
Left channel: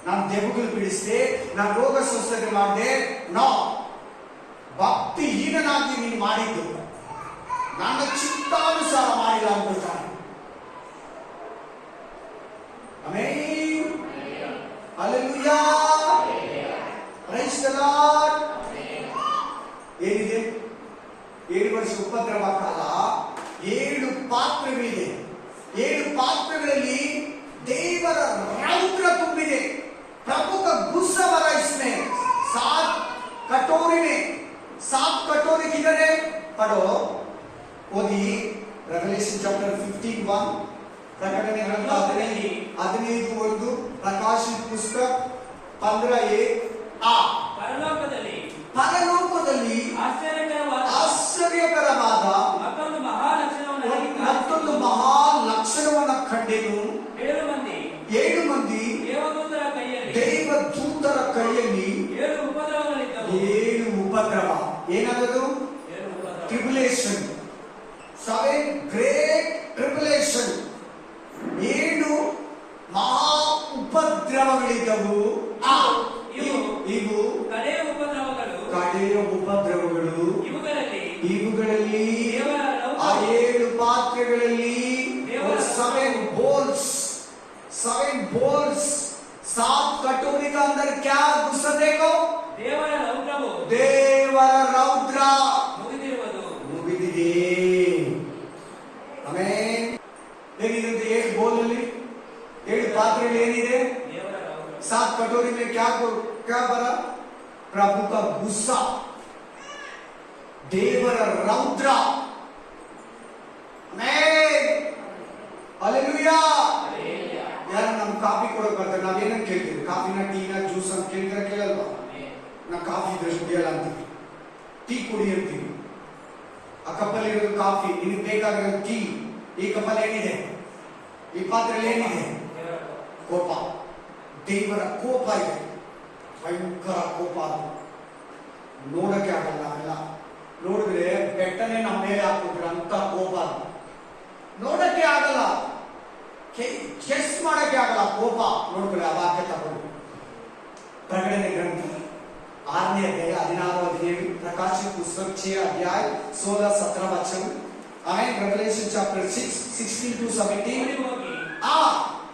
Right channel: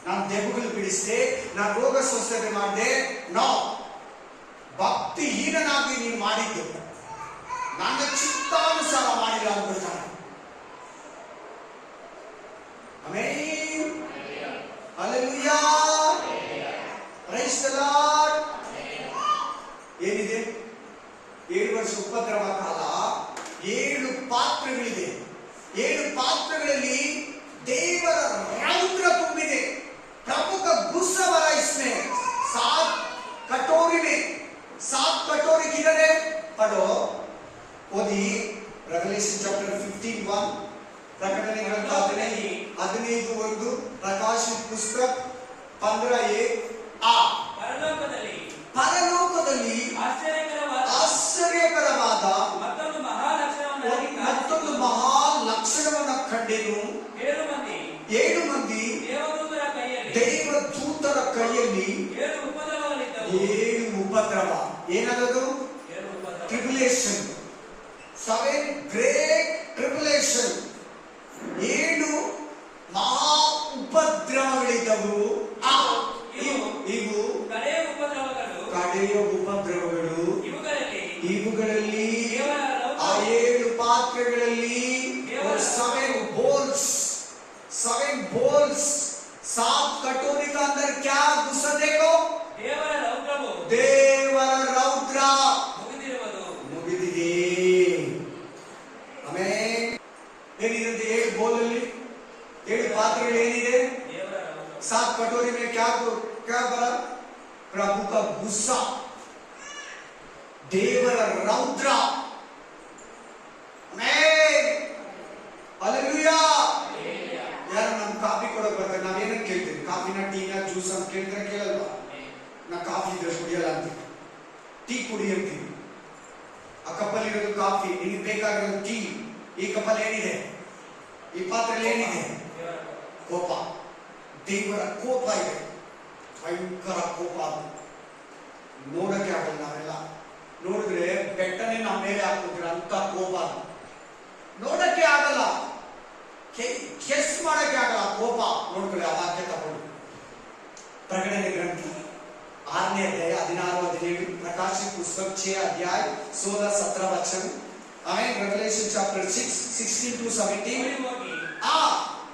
ನಾನು ದೆವ್ವಗಳು ಬಿಡಿಸಿದೆ, ನಾನು ರೋಗ ಸ್ವಸ್ಥತೆ ಮಾಡಿದೆ. ಭಕ್ತಿಹೀನನಾಗಿ ನೀನು ಮಾಡಿದ್ದು, ನನ್ನ ಚಿತ್ತಾನುಸಾರ ಮಾಡಿಲ್ಲ ಅಂದ್ಕೊಳ್ತಾನೆ. Amen, hallelujah, praise the Lord. ಏನಿದೆ? 7 ವರ್ಷ ಉಪದ್ರವ ಕಾಲ, 7 ಪಾತ್ರಗಳಿದೆ. 7 ಪಾತ್ರಗಳಲ್ಲಿ ದೇವರ ರೌದ್ರ ತುಂಬಿದೆ. प्रभु का गुस्सा भरा इसमें। 7 कटोरी में 7 कटोरी किधर है? पढ़ो, ओदी रेवलेशन चैप्टर 15:1, ಪ್ರಕಟಣೆ ಗ್ರಂಥ 15:1, ಪ್ರಕಾಶಿತ ಪುಸ್ತಕ 15:1. ಪರಲೋಕದಲ್ಲಿ ಆಶ್ಚರ್ಯಕರವಾದ ಮತ್ತೊಂದು ಮಹಾ ಲಕ್ಷಣವನ್ನು ಕಂಡೆನು. 7 ಮಂದಿ ದೇವದೂತರ ಕೈಯಲ್ಲಿ 7 ಉಪದ್ರವ. ಏನದು? ಟ್ರಿಬುಲೇಷನ್. 7 great tribulation. 7 ಮಹಾ ಉಪದ್ರವಗಳಿದ್ದವು. ಇವು ಕಡೆಯ ಉಪದ್ರವಗಳು. ಇವುಗಳಲ್ಲಿ ಆ 7 ಪಾತ್ರೆಗಳಲ್ಲಿ 7 बोल्स 7 कटोरी का अंदर क्या घुसा? देखो, ದೇವರ ರೌದ್ರ ಮುಗಿದಿದೆ. ಆಮೆನ್. ಏನಿದೆ? 7 ಬೋಲಲ್ಲಿ 7 ಪಾತ್ರೆಗಳು ಏನಿದೆ? 7 कटोरी में क्या भरा? प्रभु का गुस्सा, ದೇವರ ರೌದ್ರ. Amen, hallelujah. ಯಾರು ನಮ್ಗೆ ಕಾಫಿ ಕೊಡೋಕೆ ಬರ್ತಾರೆ, ನಾವೇನಂತ ಕೇಳ್ತೀವಿ? ಕಾಫಿನ, ಟೀನ, ಜ್ಯೂಸ್ ಅಂತ ಕೇಳಿದ್ರೆ ಕೇಳಲ್ವಾ? ನಾ ಕಾಫಿ ಇದ್ರೆ ಕುಡಿಯಲ್ಲ ಅಂತೀವಿ, ಟೀ ಕುಡಿ ಅಂತೀವಿ. ಆ ಕಪ್ಪಲ್ಲಿ ಇರೋದು ಕಾಫಿ, ನಿನಗೆ ಬೇಕಾಗಿರೋದು ಟೀ. ಈ ಕಪ್ಪಲ್ಲಿ ಏನಿದೆ? ಈ ಪಾತ್ರೆಯಲ್ಲಿ ಏನಿದೆ? ಕೋಪ. ದೇವರ ಕೋಪ ಇದೆ, ಭಯಂಕರ ಕೋಪ. ಅದು ನೋಡಕ್ಕೆ ಆಗಲ್ಲ. ಅವೆಲ್ಲ ನೋಡಿದ್ರೆ ಬೆಟ್ಟನೆ ನಮ್ಮ ಮೇಲೆ ಹಾಕಿದ್ರೆ ಅಂತ ಕೋಪ. ಅದು ನೋಡಕ್ಕೆ ಆಗಲ್ಲ, ಗೆಸ್ ಮಾಡಕ್ಕೆ ಆಗಲ್ಲ. ಕೋಪ ನೋಡ್ಕೊಳ್ಳಿ. ಆ ವಾಕ್ಯ ತಗೊಂಡು ಪ್ರಕಟಣೆ ಗ್ರಂಥ 6ನೇ ಅಧ್ಯಾಯ 16-17, ಪ್ರಕಾಶಿತ ಪುಸ್ತಕ 6 अध्याय 16-17 वचन. ಆಮೇಲೆ ರೆವಲೇಷನ್ ಚಾಪ್ಟರ್ 6 16-17.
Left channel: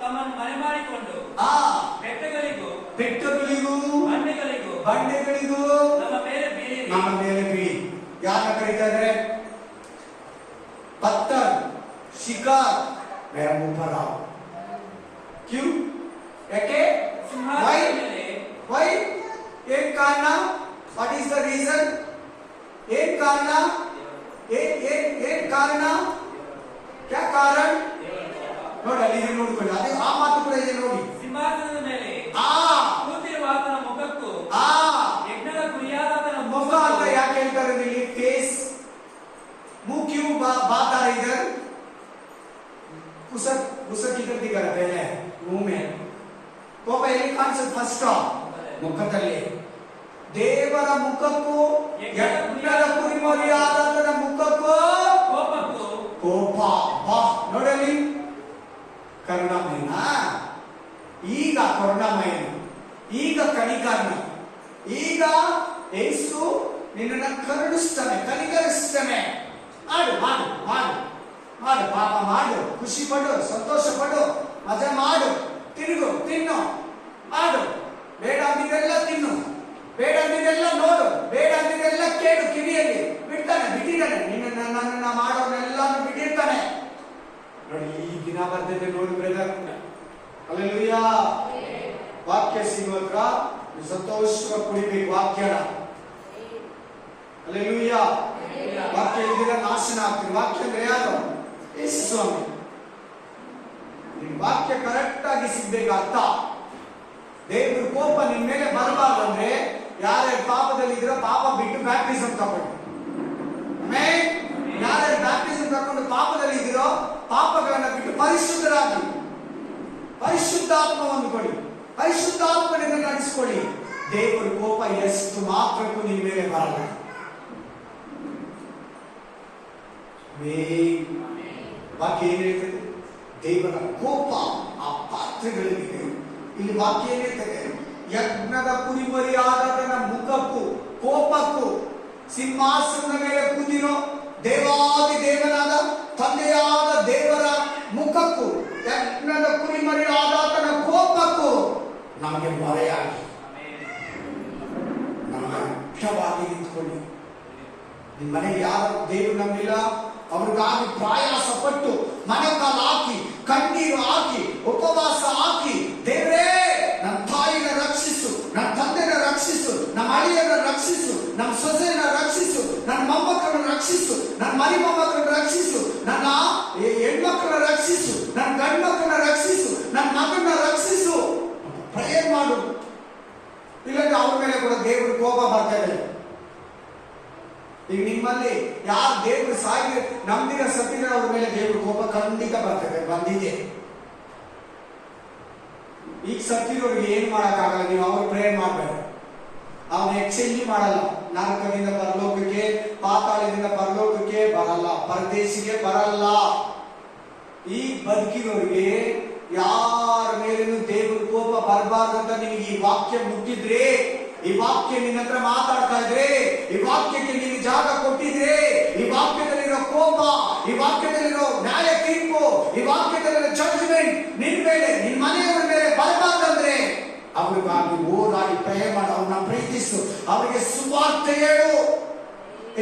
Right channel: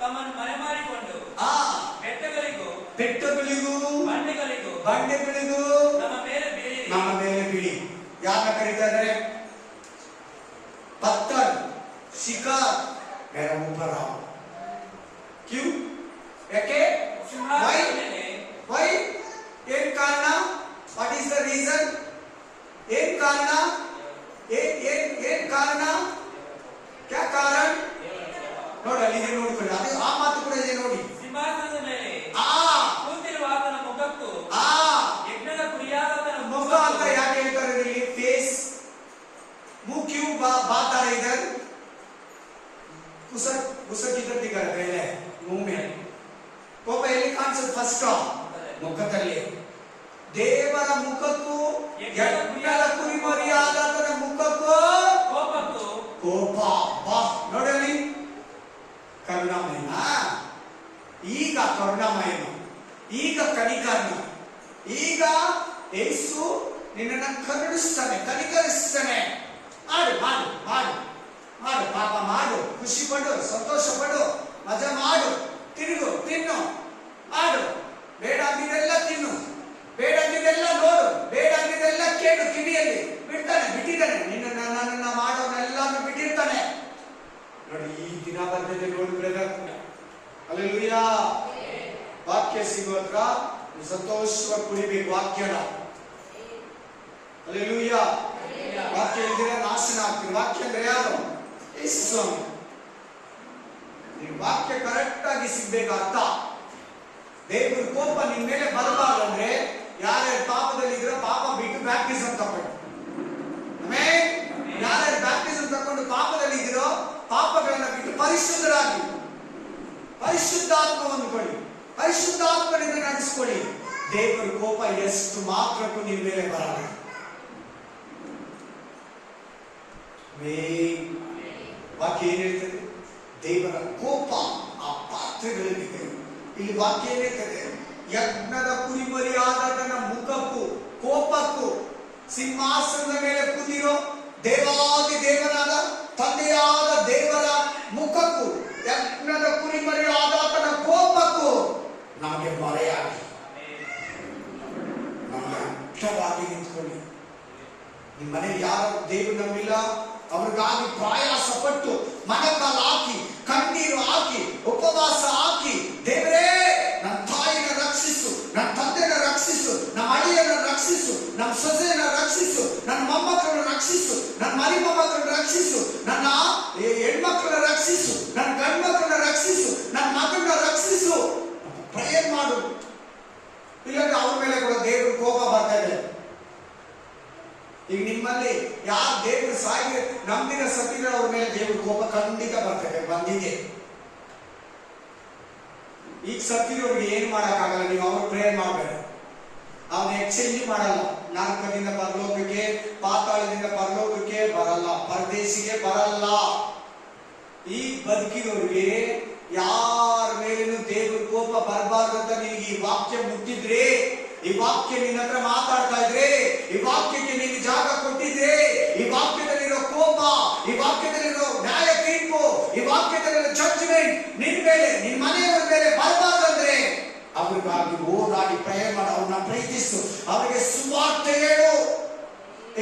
ತಮ್ಮನ್ನು ಮರೆಮಾಡಿಕೊಂಡು ಬೆಟ್ಟಗಳಿಗೂ ಬಂಡೆಗಳಿಗೂ ನಮ್ಮ ಮೇಲೆ ಬಿಡಿ. ಯಾರನ್ನ ಕರೀತಾರೆ? पत्थर, शिकार मेरा मुंह पर आओ. क्यों? ಯಾಕೆ? why? ಏನ್ ಕಾರಣ? What is the reason? ಏನ್ ಕಾರಣ? ಏನ್ ಕಾರಣ? ಕ್ಯಾ ಕಾರಣ? ನೋಡಿ, ಅಲ್ಲಿ ನೋಡ್ಕೊಳ್ಳಿ. ಅದು ಆ ಮಾತು ಕೂಡ ಇದೆ ನೋಡಿ. ಸಿಂಹಾಸನದ ಮೇಲೆ ಕೂತಿರುವ ಆತನ ಮುಖಕ್ಕೂ ಯಜ್ಞದ ಕುರಿಯಾದವನ ಮುಖ ಅಂತ ಯಾಕೆ ಹೇಳ್ತಾರೆ ಇಲ್ಲಿ? ಫೇಸ್. मुंह क्यों बात आ रही इधर? उसक इधर दिखा रहा पहले मुंह में. ಕೋಪ ಎಲ್ಲಿ ಕಾಣಿಸುತ್ತೆ? ಫಸ್ಟ್ ಮುಖದಲ್ಲಿ. ದೇವರ ಮುಖಕ್ಕೂ ಯಜ್ಞದ ಕುರಿಮರಿಯಾದವನ ಮುಖಕ್ಕೂ ಕೋಪ. ನೋಡಲಿ, ಕರುಣಾಮಯನ. ಈಗ ಕರುಣಾಮಯನ, ಈಗ ಕನಿಕರ್ಣ. ಈಗ ಯೇಸು ನಿನ್ನನ್ನು ಕರುಣಿಸ್ತಾನೆ, ಕನಿಕರಿಸ್ತಾನೆ. ಮಾಡು ಮಾಡು ಮಾಡು ಮಾಡು, ಪಾಪ ಮಾಡು, ಖುಷಿ ಪಡು, ಸಂತೋಷ ಪಡು, ಮಜಾ ಮಾಡು, ತಿರುಗು, ತಿನ್ನು, ಮಾಡು. ಬೇಡ ಅಂದಿದ್ದೆಲ್ಲ ತಿನ್ನು, ಬೇಡ ಅಂದಿದ್ದೆಲ್ಲ ನೋಡು, ಬೇಡ ಅಂದಿದ್ದೆಲ್ಲ ಕೇಳು ಕಿವಿಯಲ್ಲಿ. ಬಿಟ್ಟಿದ್ದಾನೆ ನಿನ್ನ ನನ್ನನ್ನ ಮಾಡೋನೆಲ್ಲಾನು ಬಿಟ್ಟಿರ್ತಾನೆ. ನೋಡಿ, ಈ ದಿನ ಬಂದಿದೆ ನೋಡಿ ಬ್ರದರ್. ಹಲ್ಲೆಲೂಯಾ. ವಾಕ್ಯ ಸಿಗುವತ್ರ ಸಂತೋಷವಾಗಿ ಕುಡಿಬೇಕು ವಾಕ್ಯನ. ಹಲ್ಲೆಲೂಯಾ. ವಾಕ್ಯ ಇಲ್ದಿರ ನಾಶನ ಆಗ್ತೀವಿ. ವಾಕ್ಯ ಅಂದ್ರೆ ಯಾರು? ಯೇಸು ಸ್ವಾಮಿ. ವಾಕ್ಯ ಕರೆಕ್ಟ್ ಆಗಿ ಸಿಗ್ಬೇಕು ಅರ್ಥ. ದೇವ್ರ ಕೋಪ ನಿನ್ ಮೇಲೆ ಬರಬಾರ್ದು ಅಂದ್ರೆ ಯಾರ್ಯಾರು ಪಾಪದಲ್ಲಿ ಇದ್ರೋ ಪಾಪ ಬಿಟ್ಟು ಬ್ಯಾಪ್ಟಿಸಮ್ ತಗೊಂಡು, ಆಮೇಲೆ ಯಾರ್ಯಾರು ಬ್ಯಾಪ್ಟಿಸಮ್ ತಗೊಂಡು ಪಾಪದಲ್ಲಿ ಇದ್ರೋ ಪಾಪಗಳನ್ನ ಬಿಟ್ಟು ಪರಿಶುದ್ಧರಾಗಿ ಪರಿಶುದ್ಧಾತ್ಮವನ್ನು ಕೊಡಿ, ಪರಿಶುದ್ಧಾತ್ಮನಿಂದ ನಡೆಸ್ಕೊಳ್ಳಿ. ದೇವರ ಕೋಪ ಎಷ್ಟು ಮಾತ್ರಕ್ಕೂ ನಿನ್ ಮೇಲೆ ಬರಲ್ಲ. ವಾಕ್ಯ ಏನ್ ಹೇಳ್ತದೆ? ದೇವರ ಕೋಪ ಆ ಪಾತ್ರೆಗಳಲ್ಲಿದೆ. ಇಲ್ಲಿ ವಾಕ್ಯ ಏನ್ ಹೇಳ್ತದೆ? ಯಜ್ಞದ ಕುರಿಮರಿಯಾದ ತನ್ನ ಮುಖಕ್ಕೂ ಕೋಪಕ್ಕೂ ಸಿಂಹಾಸನದ ಮೇಲೆ ಕೂತಿರೋ ದೇವಾದಿ ದೇವನಾದ ತಂದೆಯಾದ ದೇವರ ಮುಖಕ್ಕೂ ಯಜ್ಞದ ಕುರಿಮರಿಯಾದ ತನ್ನ ಕೋಪಕ್ಕೂ ನಮಗೆ ಮೊರೆಯಾಗಿ ಅರ್ಥವಾಗಿ ನಿಂತ್ಕೊಳ್ಳಿ. ನಿಮ್ಮ ಮನೆಗೆ ಯಾರು ದೇವರು ನಂಬಿಲ್ಲ ಅವ್ರಿಗಾಗಿ ಪ್ರಯಾಸ ಪಟ್ಟು ಮನಕಾಲ ಹಾಕಿ ಕಣ್ಣೀರು ಹಾಕಿ ಉಪವಾಸ ಹಾಕಿ, ದೇವರೇ ನನ್ನ ತಾಯಿನ ರಕ್ಷಿಸು, ನನ್ನ ತಂದೆನ ರಕ್ಷಿಸು, ನಮ್ಮ ಅಳಿಯನ ರಕ್ಷಿಸು, ನಮ್ಮ ಸೊಸೆಯನ್ನ ರಕ್ಷಿಸು, ನನ್ನ ಮೊಮ್ಮಕ್ಕಳನ್ನು ರಕ್ಷಿಸು, ನನ್ನ ಮರಿ ಮೊಮ್ಮಕ್ಕಳನ್ನು ರಕ್ಷಿಸು, ನನ್ನ ಹೆಣ್ಮಕ್ಳನ್ನ ರಕ್ಷಿಸು, ನನ್ನ ಗಂಡು ಮಕ್ಕಳನ್ನ ರಕ್ಷಿಸು, ನನ್ನ ಮಗನ ರಕ್ಷಿಸು ಪ್ರೇಯರ್ ಮಾಡು. ಇಲ್ಲಾಂದ್ರೆ ಅವ್ರ ಮೇಲೆ ಕೂಡ ದೇವರು ಕೋಪ ಬರ್ತಾ ಇದೆ. ಈಗ ನಿಮ್ಮಲ್ಲಿ ಯಾರು ದೇವರು ಸಾಗಿ ನಂಬಿನ ಸತ್ತಿದ್ರೆ ಅವ್ರ ಮೇಲೆ ದೇವರು ಕೋಪ ಖಂಡಿತ ಬರ್ತದೆ, ಬಂದಿದೆ. ಈಗ ಸತ್ತಿರೋರಿಗೆ ಏನು ಮಾಡಕ್ಕಾಗಲ್ಲ, ನೀವು ಅವ್ರ ಪ್ರೇಯರ್ ಮಾಡಬೇಡ. ಅವನ ಎಕ್ಸ್ಚೇಂಜ್ ಮಾಡಲ್ಲ. ನರಕದಿಂದ ಪರಲೋಕಕ್ಕೆ, ಪಾತಾಳದಿಂದ ಪರಲೋಕಕ್ಕೆ ಬರಲ್ಲ, ಪರದೇಶಿಗೆ ಬರಲ್ಲ. ಈ ಬದುಕಿದವರಿಗೆ ಯಾರ ಮೇಲೇನು ದೇವ್ರ ಕೋಪ ಬರಬಾರ್ದಂತ ನಿನಗೆ ಈ ವಾಕ್ಯ ಮುಟ್ಟಿದ್ರೆ, ಈ ವಾಕ್ಯ ನಿನ್ನ ಹತ್ರ ಮಾತಾಡ್ತಾ ಇದ್ರೆ, ಈ ವಾಕ್ಯಕ್ಕೆ ನೀನು ಜಾಗ ಕೊಟ್ಟಿದ್ರೆ, ಈ ವಾಕ್ಯದಲ್ಲಿರೋ ಕೋಪ, ಈ ವಾಕ್ಯದಲ್ಲಿರೋ ನ್ಯಾಯ ತೀರ್ಪು, ಈ ವಾಕ್ಯದಲ್ಲಿರೋ ಜಡ್ಜ್ಮೆಂಟ್ ನಿನ್ ಮೇಲೆ, ನಿನ್ ಮನೆಯವರ ಮೇಲೆ ಬರಬಾರ್ದಂದ್ರೆ ಅವ್ರಿಗಾಗಿ ಓಡಾಡಿ ಪ್ರೇಯರ್ ಮಾಡು, ಅವ್ರನ್ನ ಪ್ರೀತಿಸು, ಅವರಿಗೆ ಸುವಾರ್ತೆ ಹೇಳು.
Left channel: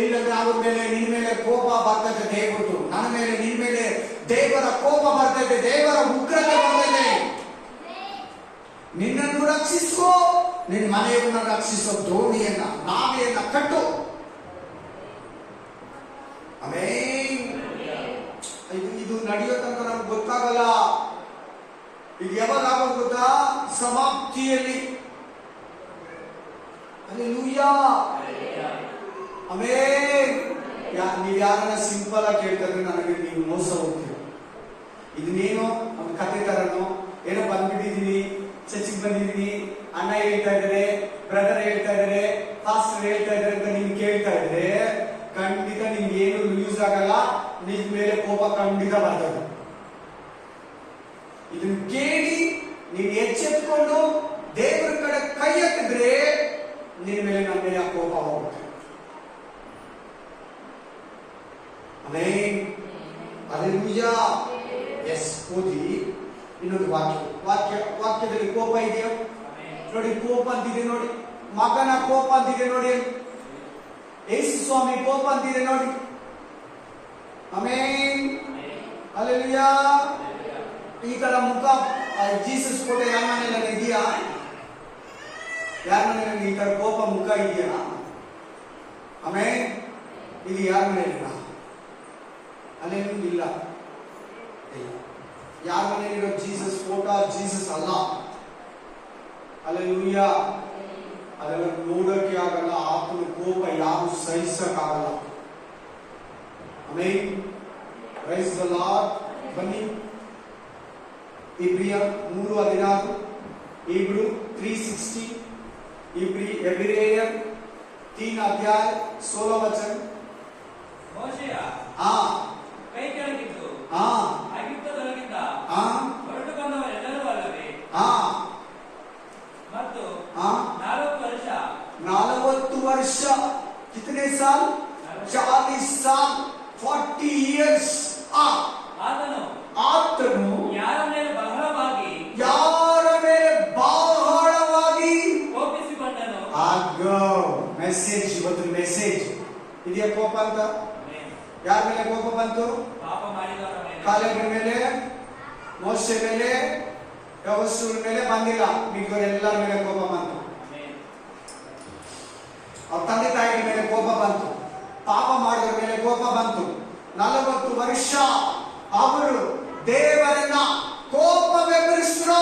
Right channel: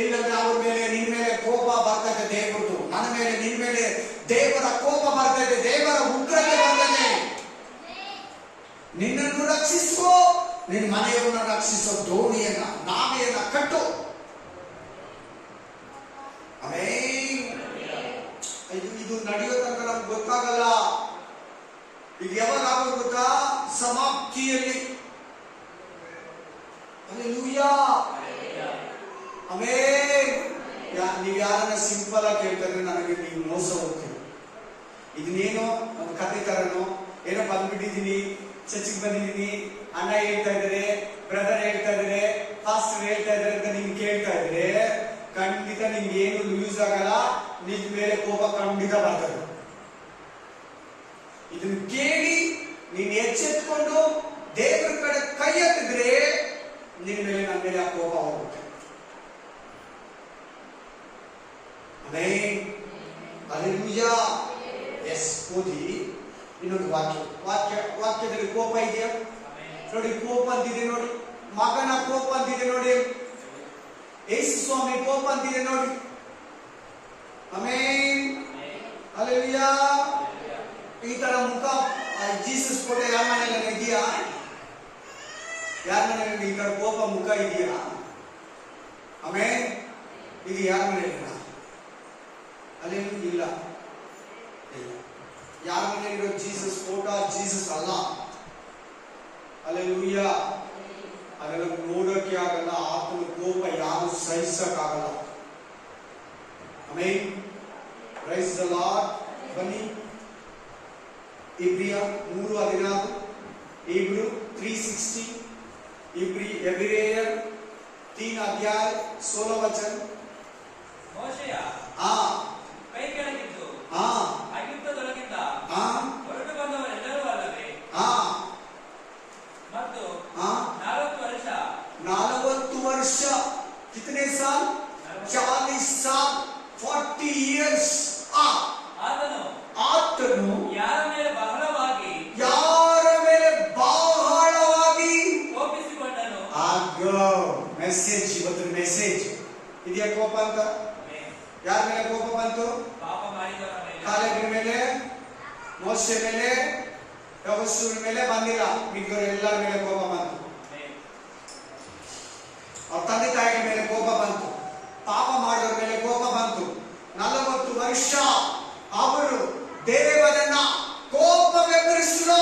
ಇಲ್ಲಂದ್ರೆ ಅವ್ರ ಮೇಲೆ ನಿನ್ ಮೇಲೆ ಕೋಪ ಬರ್ತದೆ ದೇವರದು, ನನ್ನ ಮೇಲೆ ನಿನ್ ಮೇಲೆ ದೇವರ ಕೋಪ ಬರ್ತದೆ, ದೇವರ ಉಗ್ರತೆ ಬರ್ತದೆ. ನಿನ್ನನ್ನು ರಕ್ಷಿಸೋ, ನಿನ್ನ ಮನೆಯವನ್ನ ರಕ್ಷಿಸೋ ದೋಣಿಯನ್ನ ನಾವೆಯನ್ನ ಕಟ್ಟು. ಇದು ನಡೆಯೋ ತನಕ ನಮ್ಗೆ ಗೊತ್ತಾಗಲ್ಲ. ಈಗ ಯಾವಾಗ ಆಗ ಗೊತ್ತಾ? ಸಮಾಪ್ತಿಯಲ್ಲಿ. ಹಲ್ಲೆಲೂಯಾ. ನೀವ್ ಯಾರನ್ನ ಸಿಂಪಲ್ ಆಗಿ ಕೇಳ್ತಾರೆ, ನನಗೆ ನೀವು ಮೋಸ ಹೋಗ್ತೀವಿ. ಇದನ್ನೇನೋ ಒಂದು ಕತೆ ತರನೋ ಏನೋ ಬಂದ್ಬಿಟ್ಟಿದೀನಿ, ಚರ್ಚಿಗೆ ಬಂದಿದೀನಿ, ಅಣ್ಣ ಹೇಳ್ತಾ ಇದ್ದಾರೆ, ಬ್ರದರ್ ಹೇಳ್ತಾ ಇದ್ದಾರೆ, ಫಾಸ್ಟರ್ ಹೇಳ್ತಾ ಇದ್ದಾರೆ ಅಂತ ನೀನ್ ಕೇಳ್ತಾ ಇದ್ರೆ ಖಂಡಿತ ನಿಮ್ಗೆ ಏನು ಯೂಸ್ ಆಗಲ್ಲ. ನಿನ್ ಮೇಲೆ ಕೋಪ ಖಂಡಿತ ಬರ್ತದೆ. ಇದನ್ನು ಕೇಳಿ ನೀನ್ ಎಚ್ಚೆತ್ಕೊಂಡು ದೇವರ ಕಡೆ ಕೈ ಎತ್ತಿದ್ರೆ ನಿನ್ ಮೇಲೆ ನನ್ನ ಮೇಲೆ ಆ ಕೋಪ ಹೋಗುತ್ತೆ. ಹಲ್ಲೆಲೂಯಾ. ಎಸ್, ಓದಿ ಇನ್ನೊಂದು ವಾಕ್ಯದಲ್ಲಿ ಕೋಪ ಇದೆಯಾ ನೋಡಿ? ಕೋಪ ಅಂತಿದೆ ನೋಡಿ, ಮಗನ ಕೋಪ ಅಂತಿದೆ ನೋಡಿ, ಯೇಸು ಸ್ವಾಮಿ ಕೋಪ ಅಂತಿದೆ ನೋಡಿ. ಆಮೇನ್, ಹಲ್ಲೆಲೂಯಾ. ಈ ತರ ಮುಖ ಜೀಸಸ್ ಫೋಟೋ ಯಾರ ಮನೆಯಲ್ಲಿ ಇದೆಯಾ? ಯಾರ ಮನೆಯಲ್ಲಿ ಈ ತರ ಕೋಪ ಮುಖ ಇದೆಯಾ? ಆಮೇನ್, ಇದು ಯಾರ ಮನೆಯಲ್ಲಿ ಅಲ್ಲೇನು ಇಲ್ಲ. ಯಾರ ಮನೆಯಲ್ಲಿರೋ ಜೀಸಸ್ ಫೋಟೋ ಜೀಸಸ್ ಅಲ್ಲ. ಹಲ್ಲೆಲೂಯಾ. ಅದೆಲ್ಲ ನೋಡೋಕೆ ಆಗಲ್ಲ. ಆತನ ಕೋಪ ಯಾರು ಸಹಿಸಕ್ಕಾಗಲ್ಲ. Amen, praise the Lord. ಬನ್ನಿ ಇಬ್ರಿಯ 3:16, ಇಬ್ರು 3:60, ಎಬ್ರಿಯರ್ 3:16 ಮೋಶೆಯ ಕೈ ಕೆಳಗಿದ್ದು ಐಗುಪ್ತದೊಳಗಿಂದ ಹೊರಟು ಬಂದವರೆಲ್ಲರೂ ಅಲ್ಲದೆ ಮತ್ತು 40 ವರ್ಷ कितने साल? 40 साल, 40 years. ಆತನು ಯಾರ ಮೇಲೆ ಬಹಳವಾಗಿ ಕೋಪಿಸಿಕೊಂಡನು. ಮೆಸೇಜ್, ಇವತ್ತು ಮೆಸೇಜ್ ಇದೆಯಾ? ಕೋಪ ಅಂತ ಯಾರ ಮೇಲೆ ಕೋಪ ಬಂತು? ಕಾಲೇಬಿನ ಮೇಲೆ, ಮೋಶೆ ಮೇಲೆ, ಯೆಹೋಶುವ ಮೇಲೆ ಬಂದಿಲ್ಲ, ಮಿಕ್ಕವರೆಲ್ಲರ ಮೇಲೆ ಕೋಪ ಬಂತು. ಅವ್ರ ತಂದೆ ತಾಯಿಗಳ ಮೇಲೆ ಕೋಪ ಬಂತು, ಪಾಪ ಮಾಡಿದವರ ಮೇಲೆ ಕೋಪ ಬಂತು. 40 ವರ್ಷ ಅವರು ದೇವರನ್ನ ಕೋಪ ಬೆಂಬಲಿಸಿದ್ರು.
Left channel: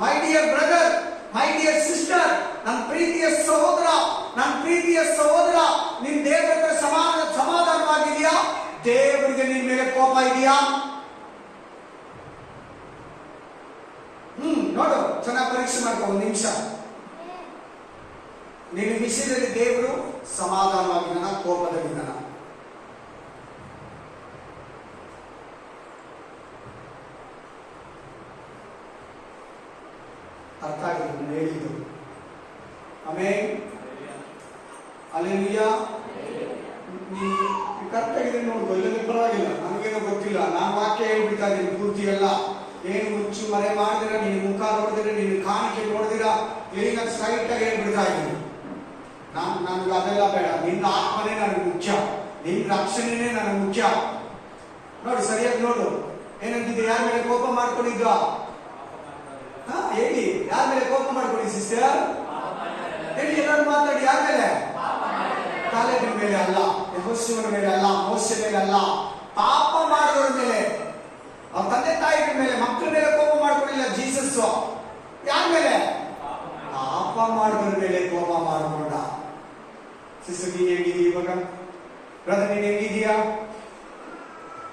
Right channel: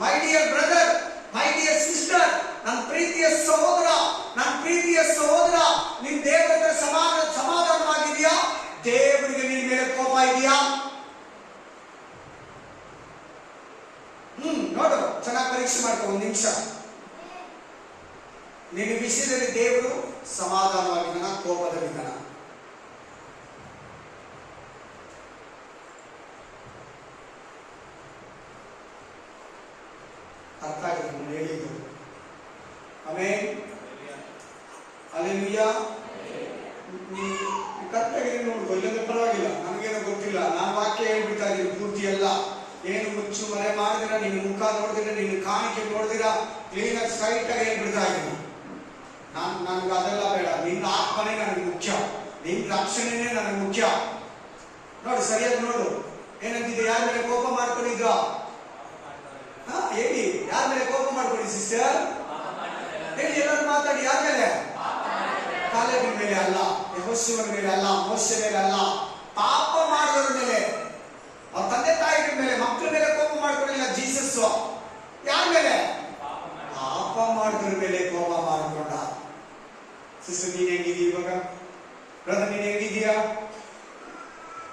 My dear brother, my dear sister, ನನ್ನ ಪ್ರೀತಿಯ ಸಹೋದರ, ನನ್ನ ಪ್ರೀತಿಯ ಸಹೋದರ, ನಿನ್ ದೇವರ ಹತ್ರ ಸಮಾಧಾನವಾಗಿದೆಯಾ? ದೇವರಿಗೆ ನಿನ್ ಮೇಲೆ ಕೋಪ ಇದೆಯಾ? ನೋಡು, ಚೆನ್ನಾಗಿ ಪರೀಕ್ಷೆ ಮಾಡ್ಕೊ ಒಂದು ನಿಮಿಷ. ನಿನ್ನ ವಿಷಯದಲ್ಲಿ ದೇವರು ಸಮಾಧಾನವಾಗಿದ್ದಾನ, ಕೋಪದಲ್ಲಿದ್ದಾನ? ಅರ್ಥ ಆಗಿದೆ ಹೇಳಿದ್ದು? ಆಮೇಲೆ ಅಲ್ಲೆಲೂಯಾ. ಕರೆಕ್ಟಾಗಿದೆ ನೋಡು, ಎಲ್ಲದೂ ಪರವಾಗಿಲ್ಲ, ನನಗೇನೋ ಗೊತ್ತಿಲ್ಲ, ನಾನು ವಾಕ್ಯ ಹೇಳ್ಬಿಡ್ತಾ ಇದ್ದೀನಿ ಪೂರ್ತಿ ಎಲ್ಲ. ಏನು ಮುಚ್ಚು ಮರೆ ಮಾಡಿದಿರ, ನಿನ್ನ ಮುಖ ನೋಡಿದಿರ, ನಿನ್ನ ಕಾಣಿಕೆ ನೋಡಿದಿರ, ಕ್ಲೀನ್ ಆಗಿ ಸ್ಟ್ರೈಟ್ ಆಗಿ ಹೇಳ್ಬಿಡ್ತಾ ಇದ್ದೀನಿ. ನನಗೆ ಅದೆಲ್ಲ ಬೇಡ, ನಿನ್ನ ಆತ್ಮನೇ ನನಗೆ ಮುಖ್ಯ, ನಿನ್ನ ರಕ್ಷಣೆನೇ ನನಗೆ ಮುಖ್ಯ. ನೋಡು, ಸರಿಯಾಗಿ ನೋಡು, ಏನಂತಿದೆ? ಯಾರ ಮೇಲೆ ಕೋಪ ಮಾಡ್ಕೊಂಡಿದ್ದ? ಹೇಳಿ, ಯಾರ ಮೇಲೆ ಕೋಪ ಮಾಡ್ಕೊಳ್ಳಿ ಸಿಸ್ಟರ್? ಹೇಳಿ, ಎಲ್ಲರೂ ಮಾತಾಡಿ. ಯಾರ ಮೇಲೆ? ಕಾಲೇಬಿನ ಮೇಲೆ ಅಲ್ಲ, ಯೆಹೋಶುವನ ಮೇಲೆ ಅಲ್ಲ, ಮೋಶೆ ಮೇಲೆ ಅಲ್ಲ, ಪಾಪ ಮಾಡಿದವರ ಮೇಲೆ, ಅವ್ರ ತಂದೆ ತಾಯಿಗಳ ಮೇಲೆ, ಮಕ್ಕಳ ಮೇಲೆ ಕೋಪ ಮಾಡ್ಕೊಂಡಿಲ್ಲ ಜೀಸಸ್. ಯಾರ ಮೇಲೆ? ಪಾಪ ಮಾಡಿದವರ ಮೇಲೆ ಕೋಪ ಮಾಡಿಕೊಂಡ. ಸಿಸ್ಟರ್, ನೀನ್ ಹೆಂಗಿದೀಯ ಇವಾಗ? ಬ್ರದರ್, ನೀನ್ ಹೆಂಗಿದೀಯಾ?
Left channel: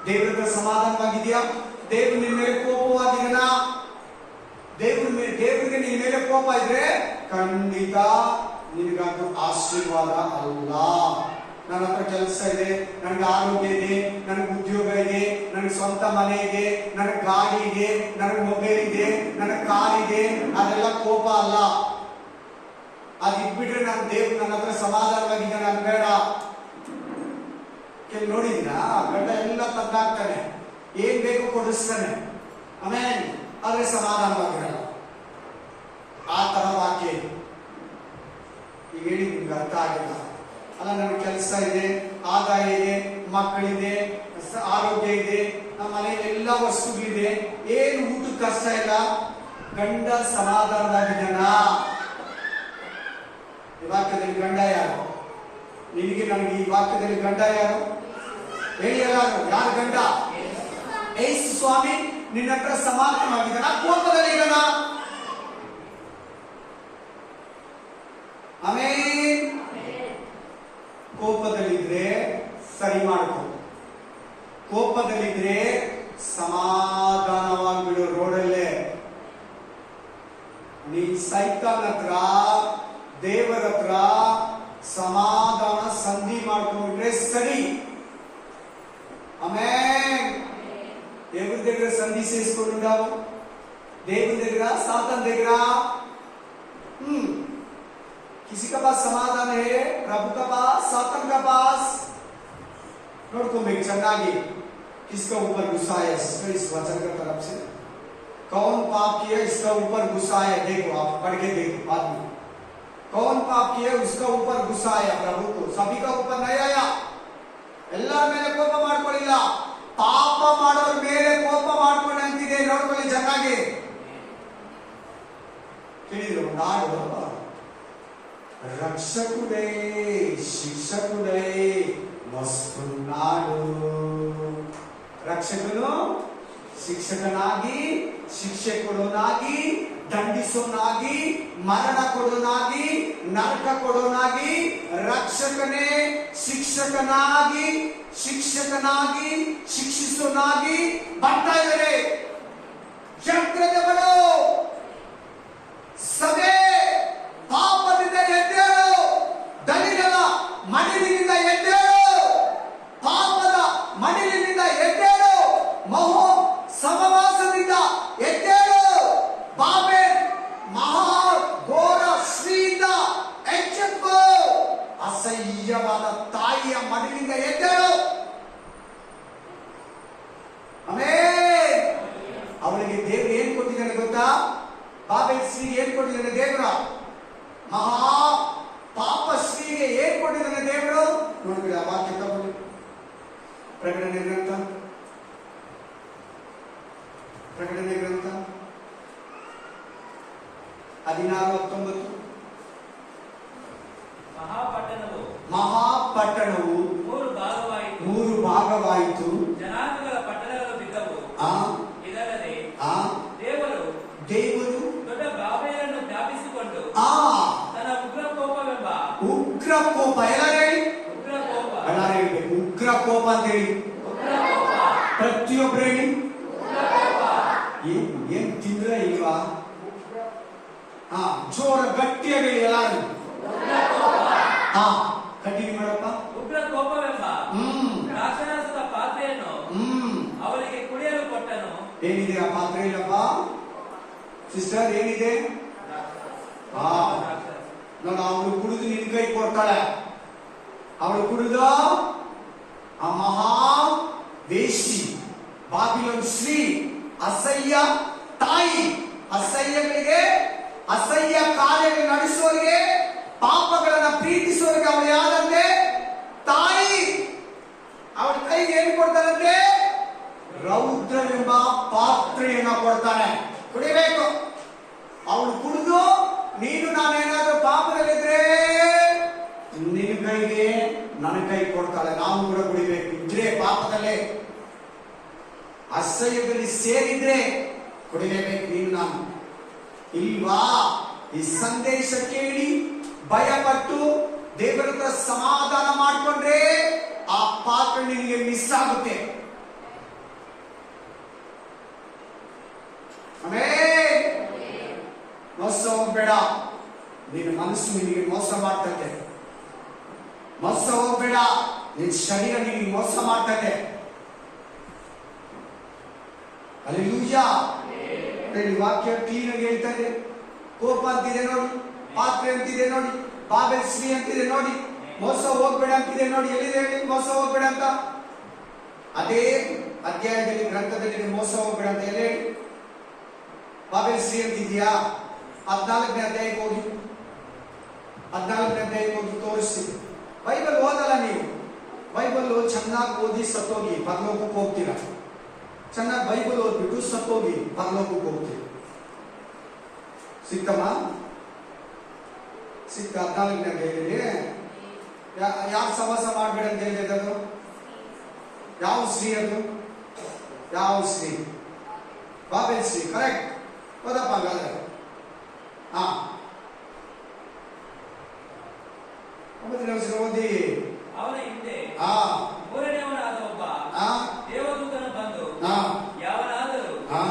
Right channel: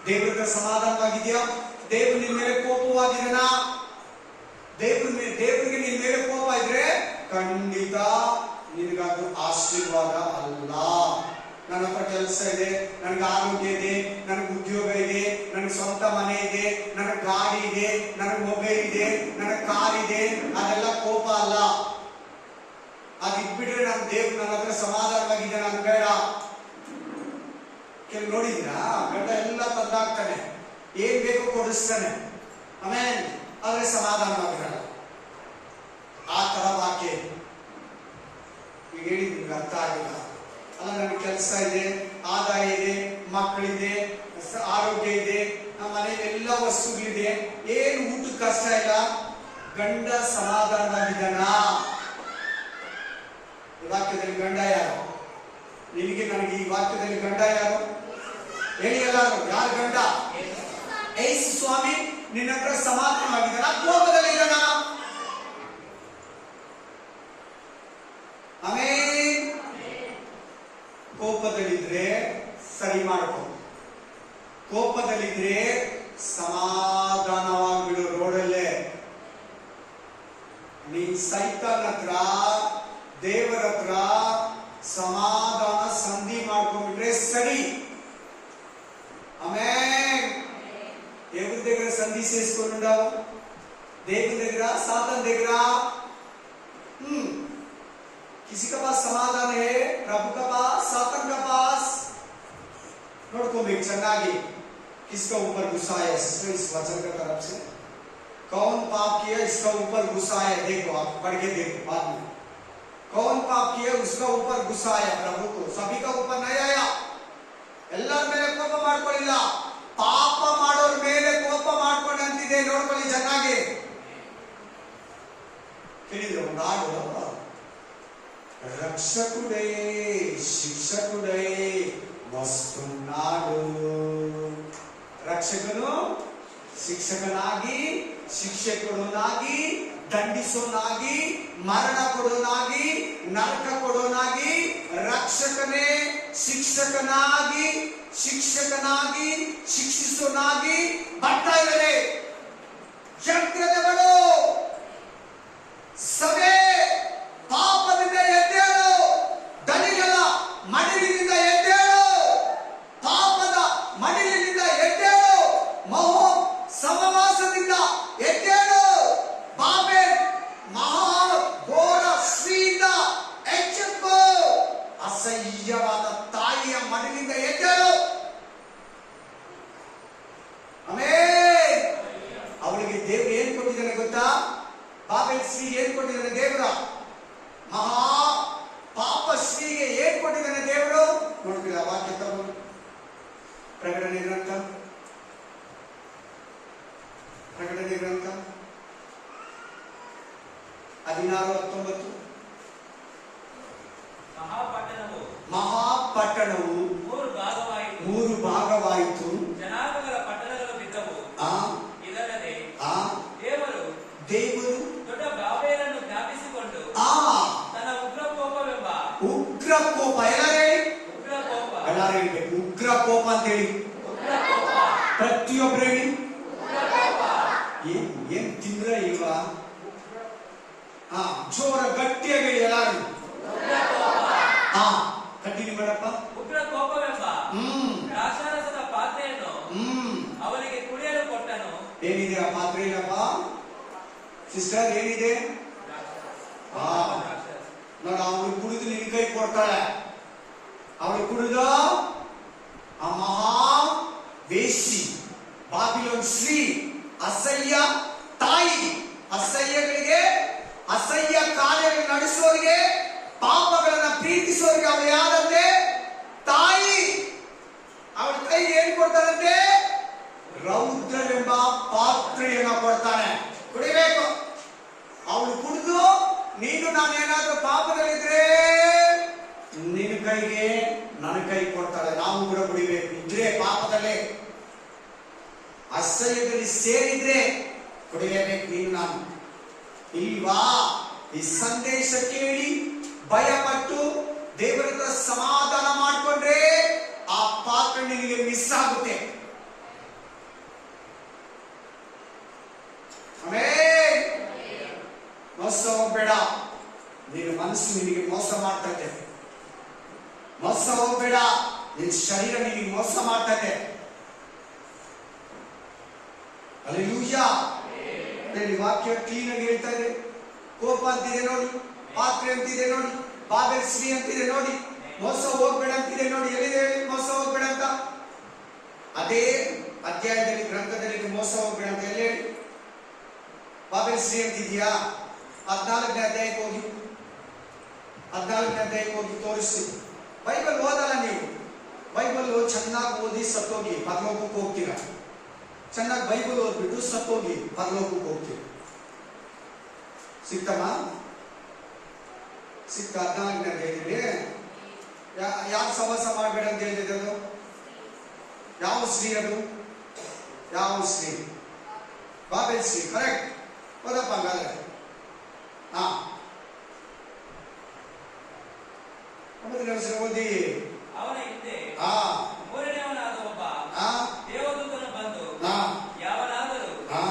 ದೇವರ ಸಮಾಧಾನವಾಗಿದೆಯಾ? ದೇವ್ರು ನಿನ್ ಮೇಲೆ ಕೋಪವಾಗಿದನಾ? ದೇವರಿಗೆ ನಿನ್ ಮೇಲೆ ಕೋಪ ಇದ್ರೆ ಖಂಡಿತ ನಿನಗದು ಆಶೀರ್ವಾದ ಅಲ್ಲ. ನನ್ನ ಹತ್ರ ಕೆಲಸ ಇದೆ, ನನಗೆ ಆರೋಗ್ಯ ಇದೆ, ನನಗೆ ಉದ್ಯೋಗ ಇದೆ, ನನಗೆ ಸ್ವಂತ ಮನೆ ಇದೆ, ನನಗೆ ಗಾಡಿ ಇದೆ, ನನಗೆ ಮೊಬೈಲ್ ಇದೆ, ನನಗೆ ಕಾರ್ ಇದೆ, ಅದೆಲ್ಲ ಕೋಪ ಅಲ್ಲ. ಅದು ಇಟ್ಬಿಟ್ರೆ ನನ್ನ ದೇವ್ರು ನನ್ನ ಹತ್ರ ಸಮಾಧಾನವಾಗಿದೆ, ನನ್ಗೆ ಬೇಡ. ಕೆಲವು ನೋಡಿದ್ರ ಗಂಡ ಎಲ್ಲ ತಂದಾಗ್ತಾನೆ, ಏನ್ ಬೇಕು ಕೊಡಿಸ್ತಾನೆ, ಆಮೇಲೆ ಆದ್ರೆ ಸಮಾಧಾನವಾಗಿರಲ್ಲ. ಆ ತರ ವಾಕ್ಯ ಈಗ ಹೇಳಿ, ನಿಮ್ಗೆ ಅರ್ಥ ಆಗಿಲ್ಲ ಅಲ್ಲ? ನನಗೆ ಕೆಲಸ ಇದೆ, ಆದಾಯ ಇದೆ, ಮಕ್ಕಳಿದೆ, ಆರೋಗ್ಯ ಇದೆ, ನಮ್ಮ ಮನೆಯಲ್ಲಿ ಎಲ್ಲ ವಸ್ತುಗಳಿದೆ, ಏನು ಊಟದ ಕಷ್ಟ ಇಲ್ಲ, ಗಂಡ ಸಮಾಧಾನವಾಗಿದ್ದಾನ? ಈ ವಾಕ್ಯದಲ್ಲಿ ಗಂಡ ಯಾರು? ನಿನಗೆ ನನಗೆ ಈ ವಾಕ್ಯದಲ್ಲಿ ಗಂಡ ಯಾರು? ಹೇಳಿ ಎಲ್ಲಾರು, ಯಾರು ಗಂಡ? ಯೇಸು ಸ್ವಾಮಿ ನಿನ್ನ ಹತ್ರ ಸಮಾಧಾನವಾಗಿದ್ದಾನ, ಕೋಪದಲ್ಲಿ ಇದ್ದಾನ? ಆಮೇನ್. ಕೋಪದಲ್ಲಿದ್ರೆ ಸರಿ ಮಾಡ್ಕೊ, ಕೋಪದಲ್ಲಿದ್ರೆ ಸಮಾಧಾನವಾಗಿಬಿಡು. ರೋಡಲ್ಲೇ ನೀನ್ ಸೈತಾನ್ ಹತ್ರ, ದೇವರ ಹತ್ರ ಸಮಾಧಾನ ಸಂಧಿ ಮಾಡ್ಕೊಂಡ್ಬಿಟ್ರೆ ಸರಿ. ಆಮೇನ್. దేవుడి దగ్గర సంధి చేసుకుంటావు, దేవుడి దగ్గర సాతాన్ దగ్గర किसी का पास समाधान है, प्रभु का पास, सातन का पास. नोड़को में चंगागी किसका ऊपर गुस्सा है? इस वचन की तरफ से कौन पाप किया, इसका ऊपर गुस्सा है? देखो, आप पढ़ के देखो बाद में. कौन पाप किया, उसका ऊपर गुस्सा आया प्रभु को, सभी का ऊपर नहीं आया. ಎಲ್ಲರ ಮೇಲೆ ಕೋಪ ಮಾಡ್ಕೊಳ್ಳಿಲ್ಲ, ಪಾಪ ಮಾಡೋರ ಮೇಲೆ ಕೋಪ ಮಾಡ್ಕೊಂಡು ಅಂತಿದೆ. ನೋಡ್ಕೊಳ್ಳಿ ಚೆನ್ನಾಗಿ. ಕೇಳಿದ್ರು, ನಾಡು రక్షకుడే శిక్షకుడే వస్తున్నాడు. ರಕ್ಷಕನು ಶಿಕ್ಷಕನಾಗಿ, ಶಿಕ್ಷಕನಾಗಿ, ದಂಡಿಸೋನಾಗಿ, ಮರಣ ಕೊಡೋನಾಗಿ, ನರಕ ಕೊಡೋನಾಗಿ, ರಕ್ಷಕನೇ ಶಿಕ್ಷಕನಾಗಿ, ಶಿಕ್ಷಕನಾಗಿ, ಶಿಕ್ಷಿಸೋನಾಗಿ ಬರ್ತಾ ಇದ್ದಾರೆ. ಜಾಗ್ರತೆಗಳು, ಸಭೆ ಪಾಪದಿಂದ ಎದ್ದೇಳು, ದಣಿಗಳ ಮಡಿಲಿನಿಂದ ಎದ್ದೇಳು, ಪಾಪದ ಮಡಿಲಿನಿಂದ ಎದ್ದೇಳು, ಮಹೋ ಸಮವಾಸದಿಂದ ಎದ್ದೇಳು, ಬಾಬೆಲ್ ಮಹಾ ಘೋರ ಶ್ರೀಯಿಂದ ಎಚ್ಚೆತ್ತುಕೋ, ಅಸಹ್ಯವಾದ ತಾಯಿಯ ಮಡಿಲಿಂದ ಎದ್ದೇಳು. ಆಮೇನ್. ಅವಳಿಗೆ ದೇವರು ಏನ್ ಕೊಟ್ಟಿದ್ದಾನೆ ಗೊತ್ತಾ? ಬಾಬೆಲ್ ಶ್ರೀ ಏನ್ ಕೊಟ್ಟಿದ್ದಾನೆ ದೇವರ? ಮಹಾ ಪಾಪ ಶ್ರೀಗೆ ಏನ್ ಕೊಟ್ಟಿದ್ದಾನೆ ದೇವರು? ನೋಡಿದ್ರೆ ಆ ವಾಕ್ಯ ತಗೊಂಡು ಪ್ರಕಟಣೆ ಗ್ರಂಥ 16:19. ಮಹಾಪಟ್ಟಣವು ಮೂರು ಭಾಗವಾಯಿತು, ಜನಾಂಗಗಳ ಪಟ್ಟಣಗಳು ಬಿದ್ದವು. ದೇವರು ದೊಡ್ಡ ಕೋಪ. ಎಲ್ಲರೂ ಹೇಳಿ, ಉಗ್ರ ಕೋಪ. ಎಲ್ಲರೂ ಹೇಳ್ಬೇಕು ಉಗ್ರ ಕೋಪ ಅಂತ ಹೇಳಿ. ಪ್ರತಿಯೊಬ್ಬರು ಹೇಳಿ. ಏನ್ ತಿಂದ್ರ ಇಲ್ವಾ? ಹಾ, ಜೋರ ಗಟ್ಟಿಯಾಗಿ ಹೇಳಿ ಎಲ್ಲಾರು. ಹಾ, ಕಂಟಿನ್ಯೂ ಮಾಡಪ್ಪ. ಉಗ್ರ ಕೋಪವೆಂಬ ಹ್ಮ್ ದ್ರಾಕ್ಷಾರಸದ ಪಾತ್ರೆಯನ್ನು ಅವರಿಗೆ ಕುಡಿಯಲು ಕೊಟ್ಟನು. ಏನಿದೆ ಆ ಪಾತ್ರೆಯಲ್ಲಪ್ಪ ಸಿಸ್ಟರ್? ಏನಿದೆ? ಹಾ, ನೋಡ, ಅವಳು ಕುಡಿದು ನಿನ್ ಕೈ ಕೊಡ್ತಾಳೆ. ಅವಳು ಕುಡಿದು ಆ ಮಹಾ ವೇಶ್ಯಿ, ಬಾಬಿಲೋನ್ ಸ್ತ್ರೀ, ಅಸಹ್ಯ ತಾಯಿ, ಅಸಹ್ಯಗಳಿಗೆ, ಅಸಹ್ಯ ಕಾರ್ಯಗಳು ನಡೆಸುವವರಿಗೆ, ಪಾಪಗಳನ್ನ ಪ್ರೀತಿಸುವವರಿಗೆ ಅವಳು ಯಾರಂತೆ? ತಾಯಿ. ಅವಳ ಕೈಗೆ ಏನ್ ಕೊಡ್ತಾರಂತೆ? ರೌದ್ರವೆಂಬ ಪಾತ್ರೆಯನ್ನ ಕೊಡ್ತಾನೆ, ಕುಡಿಬೇಕು. ಅವಳು ಕುಡಿದು ನೀನು ನಾನೇನಾದ್ರೂ ಪಾಪದಲ್ಲಿದ್ರೆ ನಿನ್ನ ಕೈಗೆ ನನ್ನ ಕೈ ಕೊಡ್ತಾಳೆ. ನಾವು ಕೂಡ ಕುಡಿಬೇಕು. ಇದ್ರೆ ಪಾಪದಲ್ಲೇ, ಅಸಹ್ಯದಲ್ಲಿ ಸೇರಿದ್ರೆ ಕುಡಿಲೇಬೇಕು ನೀನು ನಾನು. ಇಲ್ವಾ? ಈ ಸಂದೇಶ ಕೇಳಿ ಭಯಪಟ್ಟು ದೇವರ ಹತ್ರ ಸಮಾಧಾನ ಮಾಡಿಕೊಂಡ್ರೆ ಆ ಪಾತ್ರ ನಿನಗೆ ಮಿಸ್ ಆಗುತ್ತೆ. ಆಮೇಲೆ ಮೋಸ ಹೋಗ್ಬೇಡ. ನಿನ್ನ ಮನಸ್ಸು ನಿನಗೆ ಮೋಸ ಮಾಡ್ತದೆ. ಮೋಸ ಹೋಗ್ಬೇಡ. ನಿನ್ನ ಶರೀರ ನಿನಗೆ ಮೋಸ ಮಾಡ್ತದೆ. ಹಲ್ಲೆಲೂಯಾ. ವಾಕ್ಯ ಕ್ಲೀನ್ ಆಗಿ ಹೇಳ್ತಾ ಇದೆ. ಕೋಪ ಅಂತಿದೆ ನೋಡಿ, ಪಾತ್ರೆ ಅಂತಿದೆ ನೋಡಿ, ಬಾಬೆಲ್ ಸ್ತ್ರೀ ಅಂತಿದೆ ನೋಡಿ, ಮೋಸ ಹೋಗ್ಬೇಡ ಅಂತಿದೆ ನೋಡಿ. ಎಲ್ಲಿದೆ ಹೇಳಿ ಮೋಸ ಹೋಗ್ಬೇಡ ಅಂತ? ಅದೇ ಅಧ್ಯಾಯದಲ್ಲಿ, ಗ್ರಂಥದಲ್ಲಿ ಮೋಸ ಹೋಗ್ಬೇಡ ಅಂತ ಎಲ್ಲಿ ಹೇಳಿ? ಬಾಬೆಲ್ ಸ್ತ್ರೀ ಅಂತಿದ್ಯಾ? 14ನೇ ಅಧ್ಯಾಯಕ್ಕೆ ಹೋಗಿ, 14ನೇ ಅಧ್ಯಾಯಕ್ಕೆ ಹೋಗಿ ತೋರಿಸಿ. ಬೈಬಲ್ ಓದಲ್ಲ ನೀವು. ಬೈಬಲ್ ಚೆನ್ನಾಗಿ ಓದಿ ಸತ್ತೋಗಿ ಪರಲೋಕಕ್ಕೆ ಹೋಗ್ತೀರಾ. ಚೆನ್ನಾಗಿ ಬೈಬಲ್ ಓದ್ಬಿಟ್ಟು ಸತ್ತೋಗಿ ಪರಲೋಕಕ್ಕೆ ಹೋಗ್ತೀವಿ. ಸಿಕ್ಕಮ್ಮ? ಸಿಕ್ಕ 14ನೇ ಅಧ್ಯಾಯದಲ್ಲಿ ಯಾರು ಸವಾಸ ಮಾಡಬೇಡ ಅಂತ ಹೇಳಿದೆ? ಅದು ಯಾವ ಸ್ತ್ರೀ? ಅದು ಯಾವ ಸ್ತ್ರೀ? ಬಾಬೆಲ್ ಸ್ತ್ರೀ. ಕರೆಕ್ಟ್. ಓದಪ್ಪ ಹಂಗಾದ್ರೆ. ಹಾ, 9ನೇ ವರ್ಷ ಓದಿ. ಅವನ ಹಿಂದೆ ಹಾ, ಮೂರನೆಯವನಾದ ಒಬ್ಬ ಹಾ, ದೇವದೂತನು ಬಂದು ಹಾ, ಯಾವನಾದರೂ ಹಾ,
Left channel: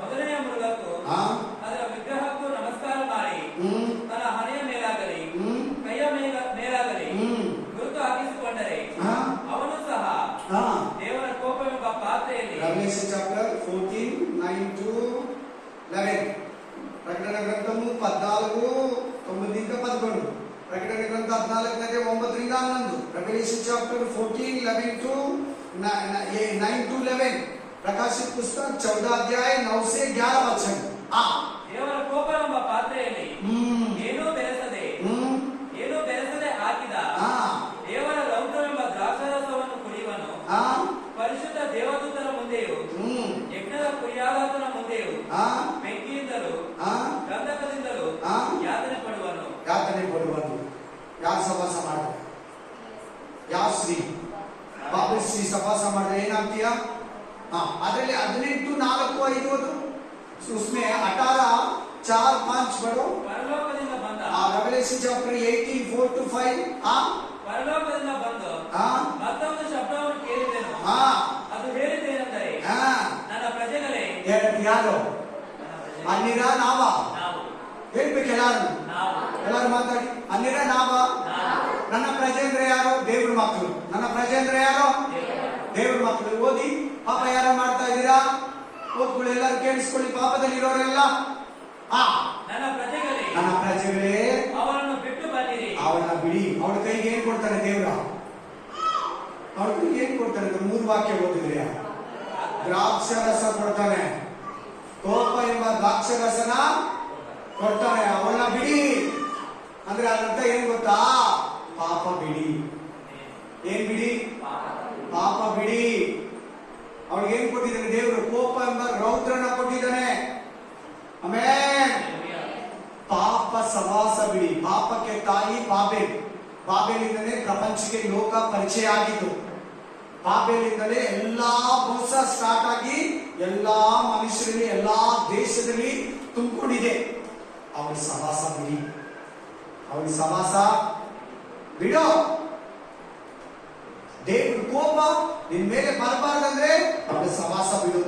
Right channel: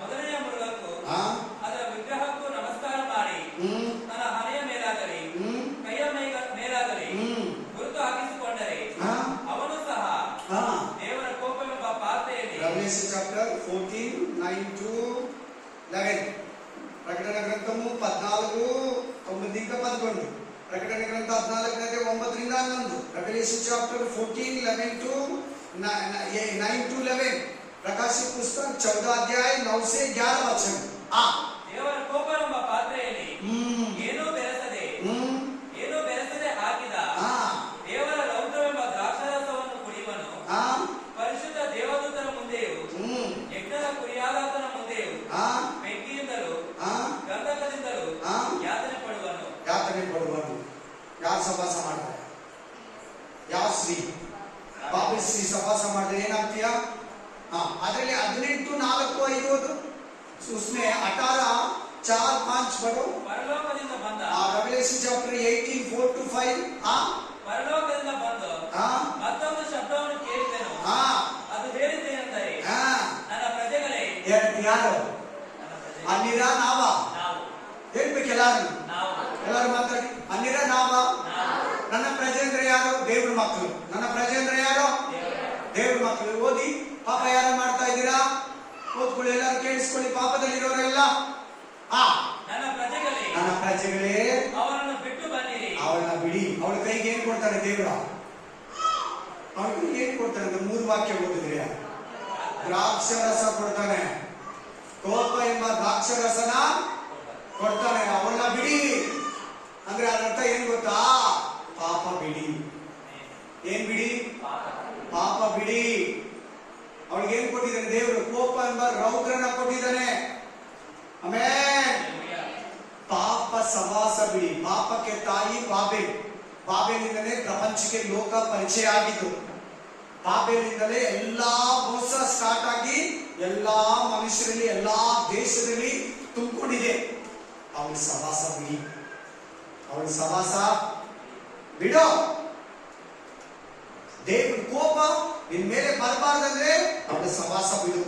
ಮೊದಲನೆಯ ಮೃಗಕ್ಕೂ ಹಾ, ಅದರ ವಿಗ್ರಹಕ್ಕೂ ನಮಸ್ಕಾರ ಮಾಡಿ ತನ್ನ ಹಣೆಯ ಮೇಲಾಗಲಿ ಕೈಯ ಮೇಲಾಗಲಿ ಗುರುತು ಹಾಕಿಸಿಕೊಂಡರೆ ಅವನು ಸಹ ದೇವರ ಕೋಪವೆಂಬ ಪಾತ್ರೆಯಲ್ಲಿ. Revelation chapter 14, 9 to 11. ప్రకటన గ్రంథము 14, 9-11. ప్రకటన గ్రంథ 14 9 11. Revelation chapter 14, 11 to 9 to 11. ಪ್ರಕಾಶಿತ ಪುಸ್ತಕ 14 ಅಧ್ಯಾಯ 9 से 11 ವಚನ. ದೇವರ ಕೋಪವೆಂಬ ಪಾತ್ರೆಯಲ್ಲಿ ಏನೂ ಬೆರೆಸದೆ ಹಾಕಿದ ದೇವರ ರೌದ್ರವೆಂಬ ದ್ರಾಕ್ಷಾರಸವನ್ನು ಕುಡಿಯುವನು. ಪರಿಶುದ್ಧ ದೇವದೂತರ ಮುಂದೆಯೂ ಯಜ್ಞದ ಕುರಿಯಾಗಾತನ ಮುಂದೆಯೂ ಬೆಂಕಿಯಿಂದಲೂ ಗಂಧಕದಿಂದಲೂ ಯಾತನೆ ಪಡುವನು. ಯಾರು ಸವಾಸ ಮಾಡ್ತಾರೆ? ಯಾವ ಸ್ತ್ರೀ? ಬಾಬೆಲ್ ಸ್ತ್ರೀ ಸವಾಸ ಮಾಡಿದ್ರೆ ಏನಾಗ್ತೀಯಾ? ಅದರಲ್ಲಿ 18, 4, 5 ಅದು उसमें 18, 4, 5 ಬಡು. ಪರಲೋಕದಿಂದ ಬಂದ Revelation chapter 18, 4 to 5. ಪರಲೋಕದಿಂದ ಬಂದು ಮತ್ತೊಂದು ಶಬ್ದವನ್ನು ಕೇಳಿದೆನು. ಅದು ಹೇಳಿದ್ದೇನೆಂದರೆ, ನನ್ನ ಪ್ರಜೆಗಳೇ. ಯಾರು? ಅನ್ನಿರ ನಾವ? ಹೇಳ್ಬೇಕು ಎಲ್ಲಾರು. ಎಲ್ಲಾರು ಮಾತಾಡಿ. ಅನ್ನಿರ ನಾವ? ನನ್ನ ಪ್ರಜೆ ಅಂದ್ರೆ ಯಾರು? ದೇವ್ರ ಮಕ್ಕಳು. ನನ್ನ ಪ್ರಜೆ ಅಂದ್ರೆ ಯಾರು? ದೇವ್ರ ಮಕ್ಕಳು. ಓದಿ. ಪಾಪ ಯಾರು ಮಾಡ್ತಾ ಇದ್ದೀರಾ? ಓದ್ಕೊಳ್ಳಿ, ಎಲ್ಲರೂ ಕೇಳಿಸ್ಕೊಳ್ಳಿ. ಪಾಪದಲ್ಲಿರೋರೆಲ್ಲ ನನ್ನ ಪ್ರಜೆಗಳೇ ಅವನನ್ನು ಬಿಟ್ಟು ಬನ್ನಿರಿ. ಅವಳನ್ನ ಬಿಡಿ. ಅವಳ ಕೈಗೆ ಏನ್ ಕೊಡ್ತಾನೆ ದೇವ್ರ? ಅವಳ ಕೈಗೆ ಏನ್ ಕೊಡ್ತಾನೆ? 3 ವಾಕ್ಯ ಓದಿದ್ರೆ ದ್ರಾಕ್ಷರಸ ಕೊಡ್ತಾನೆ. ಕೋಪ ಎಂಬ ದ್ರಾಕ್ಷರಸನ ಕೊಡ್ತಾನೆ. ಅವಳನ್ನ ಬಿಡಿ ಅಂದ್ರೆ ಅದರ್ಥ ಏನ್ ಗೊತ್ತಾ? ಪಾಪ ಬಿಡಿ. ಏನ್ ಬಿಡಿ? ಪಾಪ ಬಿಡಿ. ಅವಳಿಗೆ ಏನ್ ಕೊಟ್ಟಿದ್ದಾನೆ ದೇವರು? ಕೋಪ ಎಂಬ ರೌದ್ರನ ಕೊಟ್ಟಿದ್ದಾನೆ. ಆಮೇಲೆ ಪಾಪ ಸವಾಸ ಬಿಡಿ. ಪಾಪಕ್ಕೆ ತಾಯಿ ಬಾಬೆಲ್. ಬಾಬೆಲಿಂದಲೇ ಪ್ರಪಂಚಕ್ಕೆ ಲೋಕ ಪರಿಚಯ ಆಗಿದ್ದು. ಬಾಬೆಲಿಂದಲೇ ಎಲ್ಲಾ ಮೋಸ ಸ್ಟಾರ್ಟ್ ಆಗಿ ಎಲ್ಲಾ ಮನುಷ್ಯರಲ್ಲಿ, ಎಲ್ಲಾ ದೇಶದಲ್ಲಿ ತುಂಬಿಕೊಂಡಿದೆ. ಅವಳ ಸವಾಸ ಬಿಡಿ. ಅವಳ ಸವಾಸ ಬಿಡೋ. ದೇವ್ರ ಕೋಪ ನಿನ್ ಮೇಲೆ ಬರಬಾರ್ದಂದ್ರೆ ಅವನ ಸವಾಸ ಬಿಡು.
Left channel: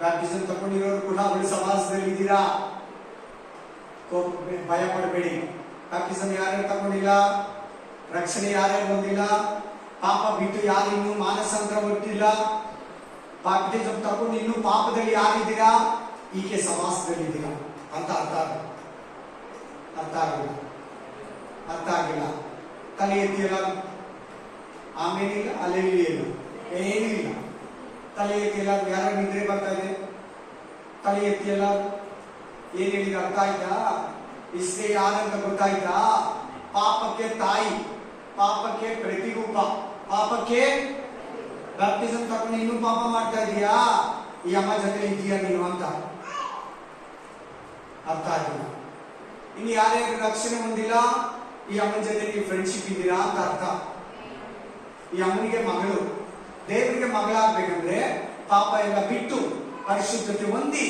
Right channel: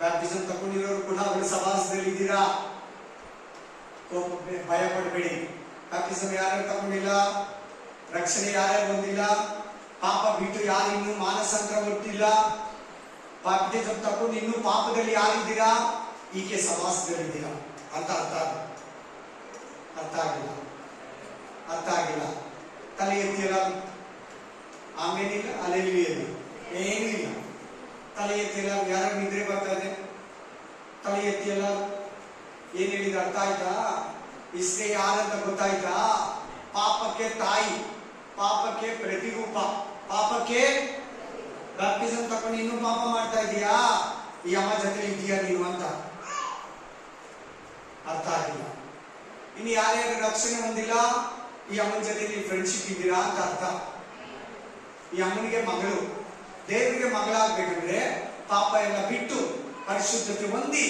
ಬ್ಯಾಪ್ಟಿಸಮ್ ತಗೊಂಡಿರೋರು ಕೂಡ ಅವಳ ಸವಾಸದಲ್ಲಿ ಇದ್ದೀರಾ. ಭಯ ಪಡಬೇಡಿ. ಬ್ಯಾಪ್ಟಿಸಮ್ ಯಾರ್ಯಾರು ತಗೊಂಡಿಲ್ಲ, ರಕ್ಷಣೆ ಯಾರ್ಯಾರು ಹೊಂದಿಲ್ಲ, ಪಾಪ ಬಿಟ್ಟು ಯಾರು ಇನ್ನೂ ಮಾನಸಾಂತರ ಹೊಟ್ಟಿಲ್ಲ, ಬ್ಯಾಪ್ಟಿಸಮ್ ತಗೊಂಡು ಇನ್ನೂ ಪಾಪದಲ್ಲಿ ಯಾರಿದ್ದೀರಾ, ಈಕೆ ಸವಾಸದಲ್ಲಿದ್ದೀರಾ ಅಂತ ಅರ್ಥ ಆಗಿಲ್ಲ. ತಲೆ ಎತ್ತಿಲ್ಲ, ಆಮೇಲಿಲ್ಲ, ಅಲೆಯಲ್ಲಿ ಇಲ್ಲ, ಏನೂ ಇಲ್ಲ. ತಲೆ ಎತ್ತಿಲ್ಲ, ಯಾರ ನಿದ್ರೆ ಬರ್ತಾ ಇದೆ, ತಲೆ ಎತ್ತಿಲ್ಲ. ಏನ್ ಹೇಳಿದ ಅರ್ಥ ಆಯ್ತಾ? ಇಷ್ಟೇ ಯಾರಂತ ಗೊತ್ತಾಯ್ತಾ? ಪಾಪಕ್ಕೆ ತಾಯಿ, ಪಾಪಕ್ಕೆ ಪ್ರತಿರೂಪ, ಪಾಪಕ್ಕೆ ಬ್ಯಾಪ್ಟಿಸಮ್ ತಗೊಂಡು ಇನ್ನೂ ಪಾಪ ಮಾಡ್ತಾ ಇದೀಯಾ, ಈ ಅಮ್ಮ ಜೊತೆ ಇದೀಯಾ ನೀನು ಅಂತ ಅರ್ಥ ಆಗಿಲ್ಲ. ಇನ್ನು ಯಾರ್ಯಾರು ರಕ್ಷಣೆ ಹೊಂದಿಲ್ಲ, ಈ ಅಮ್ಮನ ಜೊತೆ ನೀವು ಫ್ರೆಂಡ್ಶಿಪ್ ಇದ್ದೀರಾ ಅಂತ ಅರ್ಥ. ಈ ಅಮ್ಮನಿಗೆ ಮಗಳು, ದೇವರಿಗೆ ಮಗಳಾಗ್ಬೇಕಂದ್ರೆ ಪಾಪ ಎಲ್ಲ ಬಿಟ್ಟು ಪರಿಶುದ್ಧತೆ ಹೊಂದಿ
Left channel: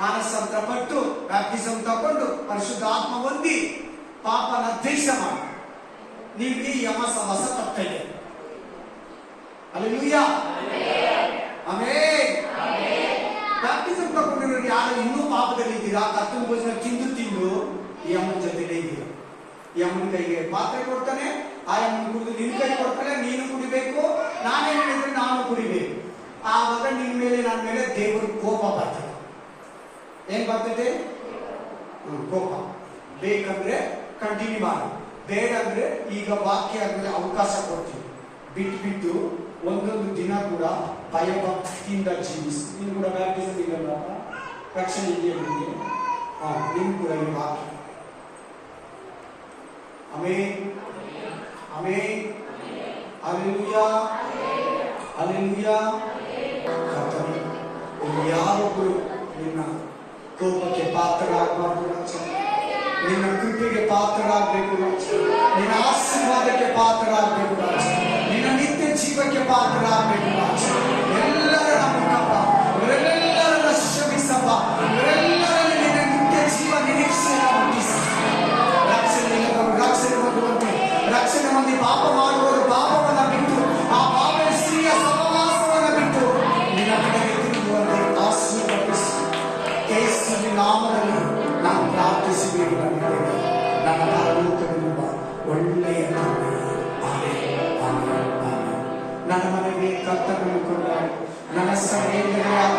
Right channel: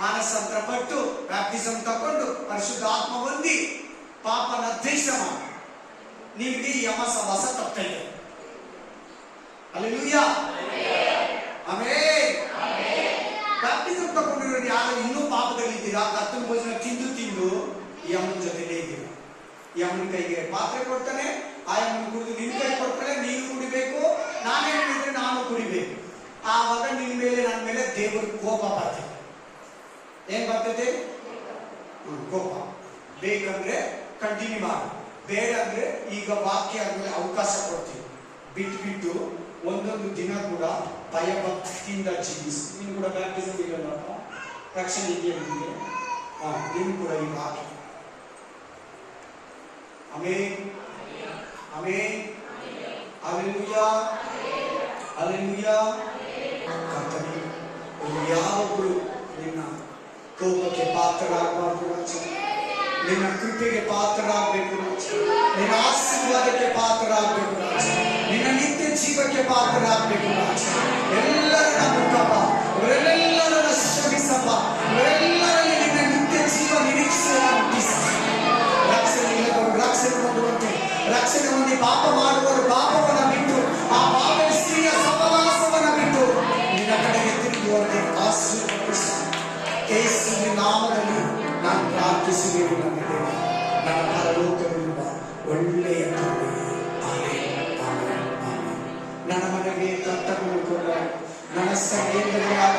ಮಾನಸಾಂತರ ಪಟ್ಟು ಬ್ಯಾಪ್ಟಿಸಮ್ ತಗೊಂಡು ಪರಿಶುದ್ಧ ಆತ್ಮ ಹೊಂದಿ ಪಾಪನ ದ್ವೇಷ ಮಾಡಿ ನಿಮ್ಗೆ ಈ ಅಮ್ಮ ಸವಾಸ ತಪ್ಪೈತೆ. Hallelujah, amen. ಬ್ಯಾಪ್ಟಿಸಮ್ ತಗೊಂಡಿರೋರು ಯಾರು ಇನ್ನೂ ಪಾಪದಲ್ಲಿ ಇದ್ದೀರಾ, ಕರ್ತನ ಭೋಜನ ತಿಂದು ಈ ಅಮ್ಮನ ಜೊತೆಲೇ ಇದ್ದೀರಾ. ಈ ಅಮ್ಮನ ಕೈಗೆ ಪಾತ್ರೆ ಕೊಡ್ತಾನೆ, ಆ ಅಮ್ಮನ ಕುಡಿದು ನಿನ್ ಕೈ ಕೊಡ್ತಾನೆ, ನೀನು ಕುಡಿಬೇಕು, ನಾನೇ ಹೇಳಿದ್ರೆ ನಾನು ಕುಡಿಬೇಕು. ಆವಾಗ ನಿನ್ ಮೇಲೆ ನನ್ನ ಮೇಲೆ ದೇವರ ಕೋಪ ಬರ್ತದೆ. ಏನ್ ಬರ್ತದೆ? ಕೋಪ. ಬೇಕಂದ್ರೆ ಕಂಟಿನ್ಯೂ ಮಾಡಿ, ಬೇಡ ಅಂದ್ರೆ ಈಗ ವಾಕ್ಯ ಆದ್ಮೇಲೆ ಅವಕಾಶ ಕೊಡ್ತೀವಿ. ಬಿಟ್ಟು ಒಂದೊಂದು ದಿನ ಕೂಡ ಭಯಭಕ್ತಿಯಿಂದ ಜೀವಿಸಿ. ನೀನು ಕೂಡ ಬ್ಯಾಪ್ಟಿಸಮ್ ಇರಲ್ಲ, ರಕ್ಷಣೆ ಇದೆಯಾ ನಿಮಗೆ? ನೀನು ಕೂಡ ಈ ವಾಕ್ಯ. Amen, amen, hallelujah, hallelujah. ಕರ್ತನೇ, ಯಾವೊಬ್ಬರು ನಿನ್ನ ಕೋಪಕ್ಕೆ ಪಾತ್ರರಾಗಬಾರ್ದು ರಾಜ. ನಿನ್ನ ಕೃಪೆಗೆ ಪಾತ್ರರಾಗಬೇಕು ರಾಜ. ನಿನ್ನ ಆಶೀರ್ವಾದಕ್ಕೆ ಪಾತ್ರರಾಗಬೇಕು ರಾಜ. ನಿನ್ನ ನಿತ್ಯ ಜೀವಕ್ಕೆ ಪಾತ್ರರಾಗಬೇಕು ರಾಜ. ಎಲ್ಲರನ್ನ ಮುಖಪ್ಪ, ಇವರೆಲ್ಲರನ್ನ ಶ್ರಮಿಸಪ್ಪ, ಇವರೆಲ್ಲರಲ್ಲಿ ನಿನ್ನ ನಿತ್ಯ ಜೀವ ನಿರೀಕ್ಷೆಯನ್ನು ಹುಟ್ಟಿಸಿ ರಕ್ಷಣೆ ಇಲ್ಲದವರು ರಕ್ಷಣೆ ಹೊಂದುವಂತೆ, ರಕ್ಷಣೆ ಹೊಂದಿ ಪಾಪ ಮಾಡುವವರು ಪಾಪವನ್ನು ಬಿಟ್ಟು, ಆ ಪಾಪ ಸ್ತ್ರೀಯ ಸಹವಾಸವನ್ನು ಬಿಟ್ಟು ನಿನ್ನ ಕಡೆಗೆ ತಿರುಗುವಂತೆ ಆಶೀರ್ವದಿಸಿ ಯೇಸುವಿನ ನಾಮದಲ್ಲಿ ನಾನು ಪ್ರಾರ್ಥಿಸಿದ್ದೇನೆ. ನನ್ನ ಪರಲೋಕವಿರುವ ಒಳ್ಳೆಯ ತಂದೆ, ಆಮೆನ್, ಆಮೆನ್, ಆಮೆನ್. ನನ್ನ ಮನೆಗೆ ಕರ್ತನನ್ನು ಕೊಡ, ನನ್ನ ಸಹೋದರರಾದ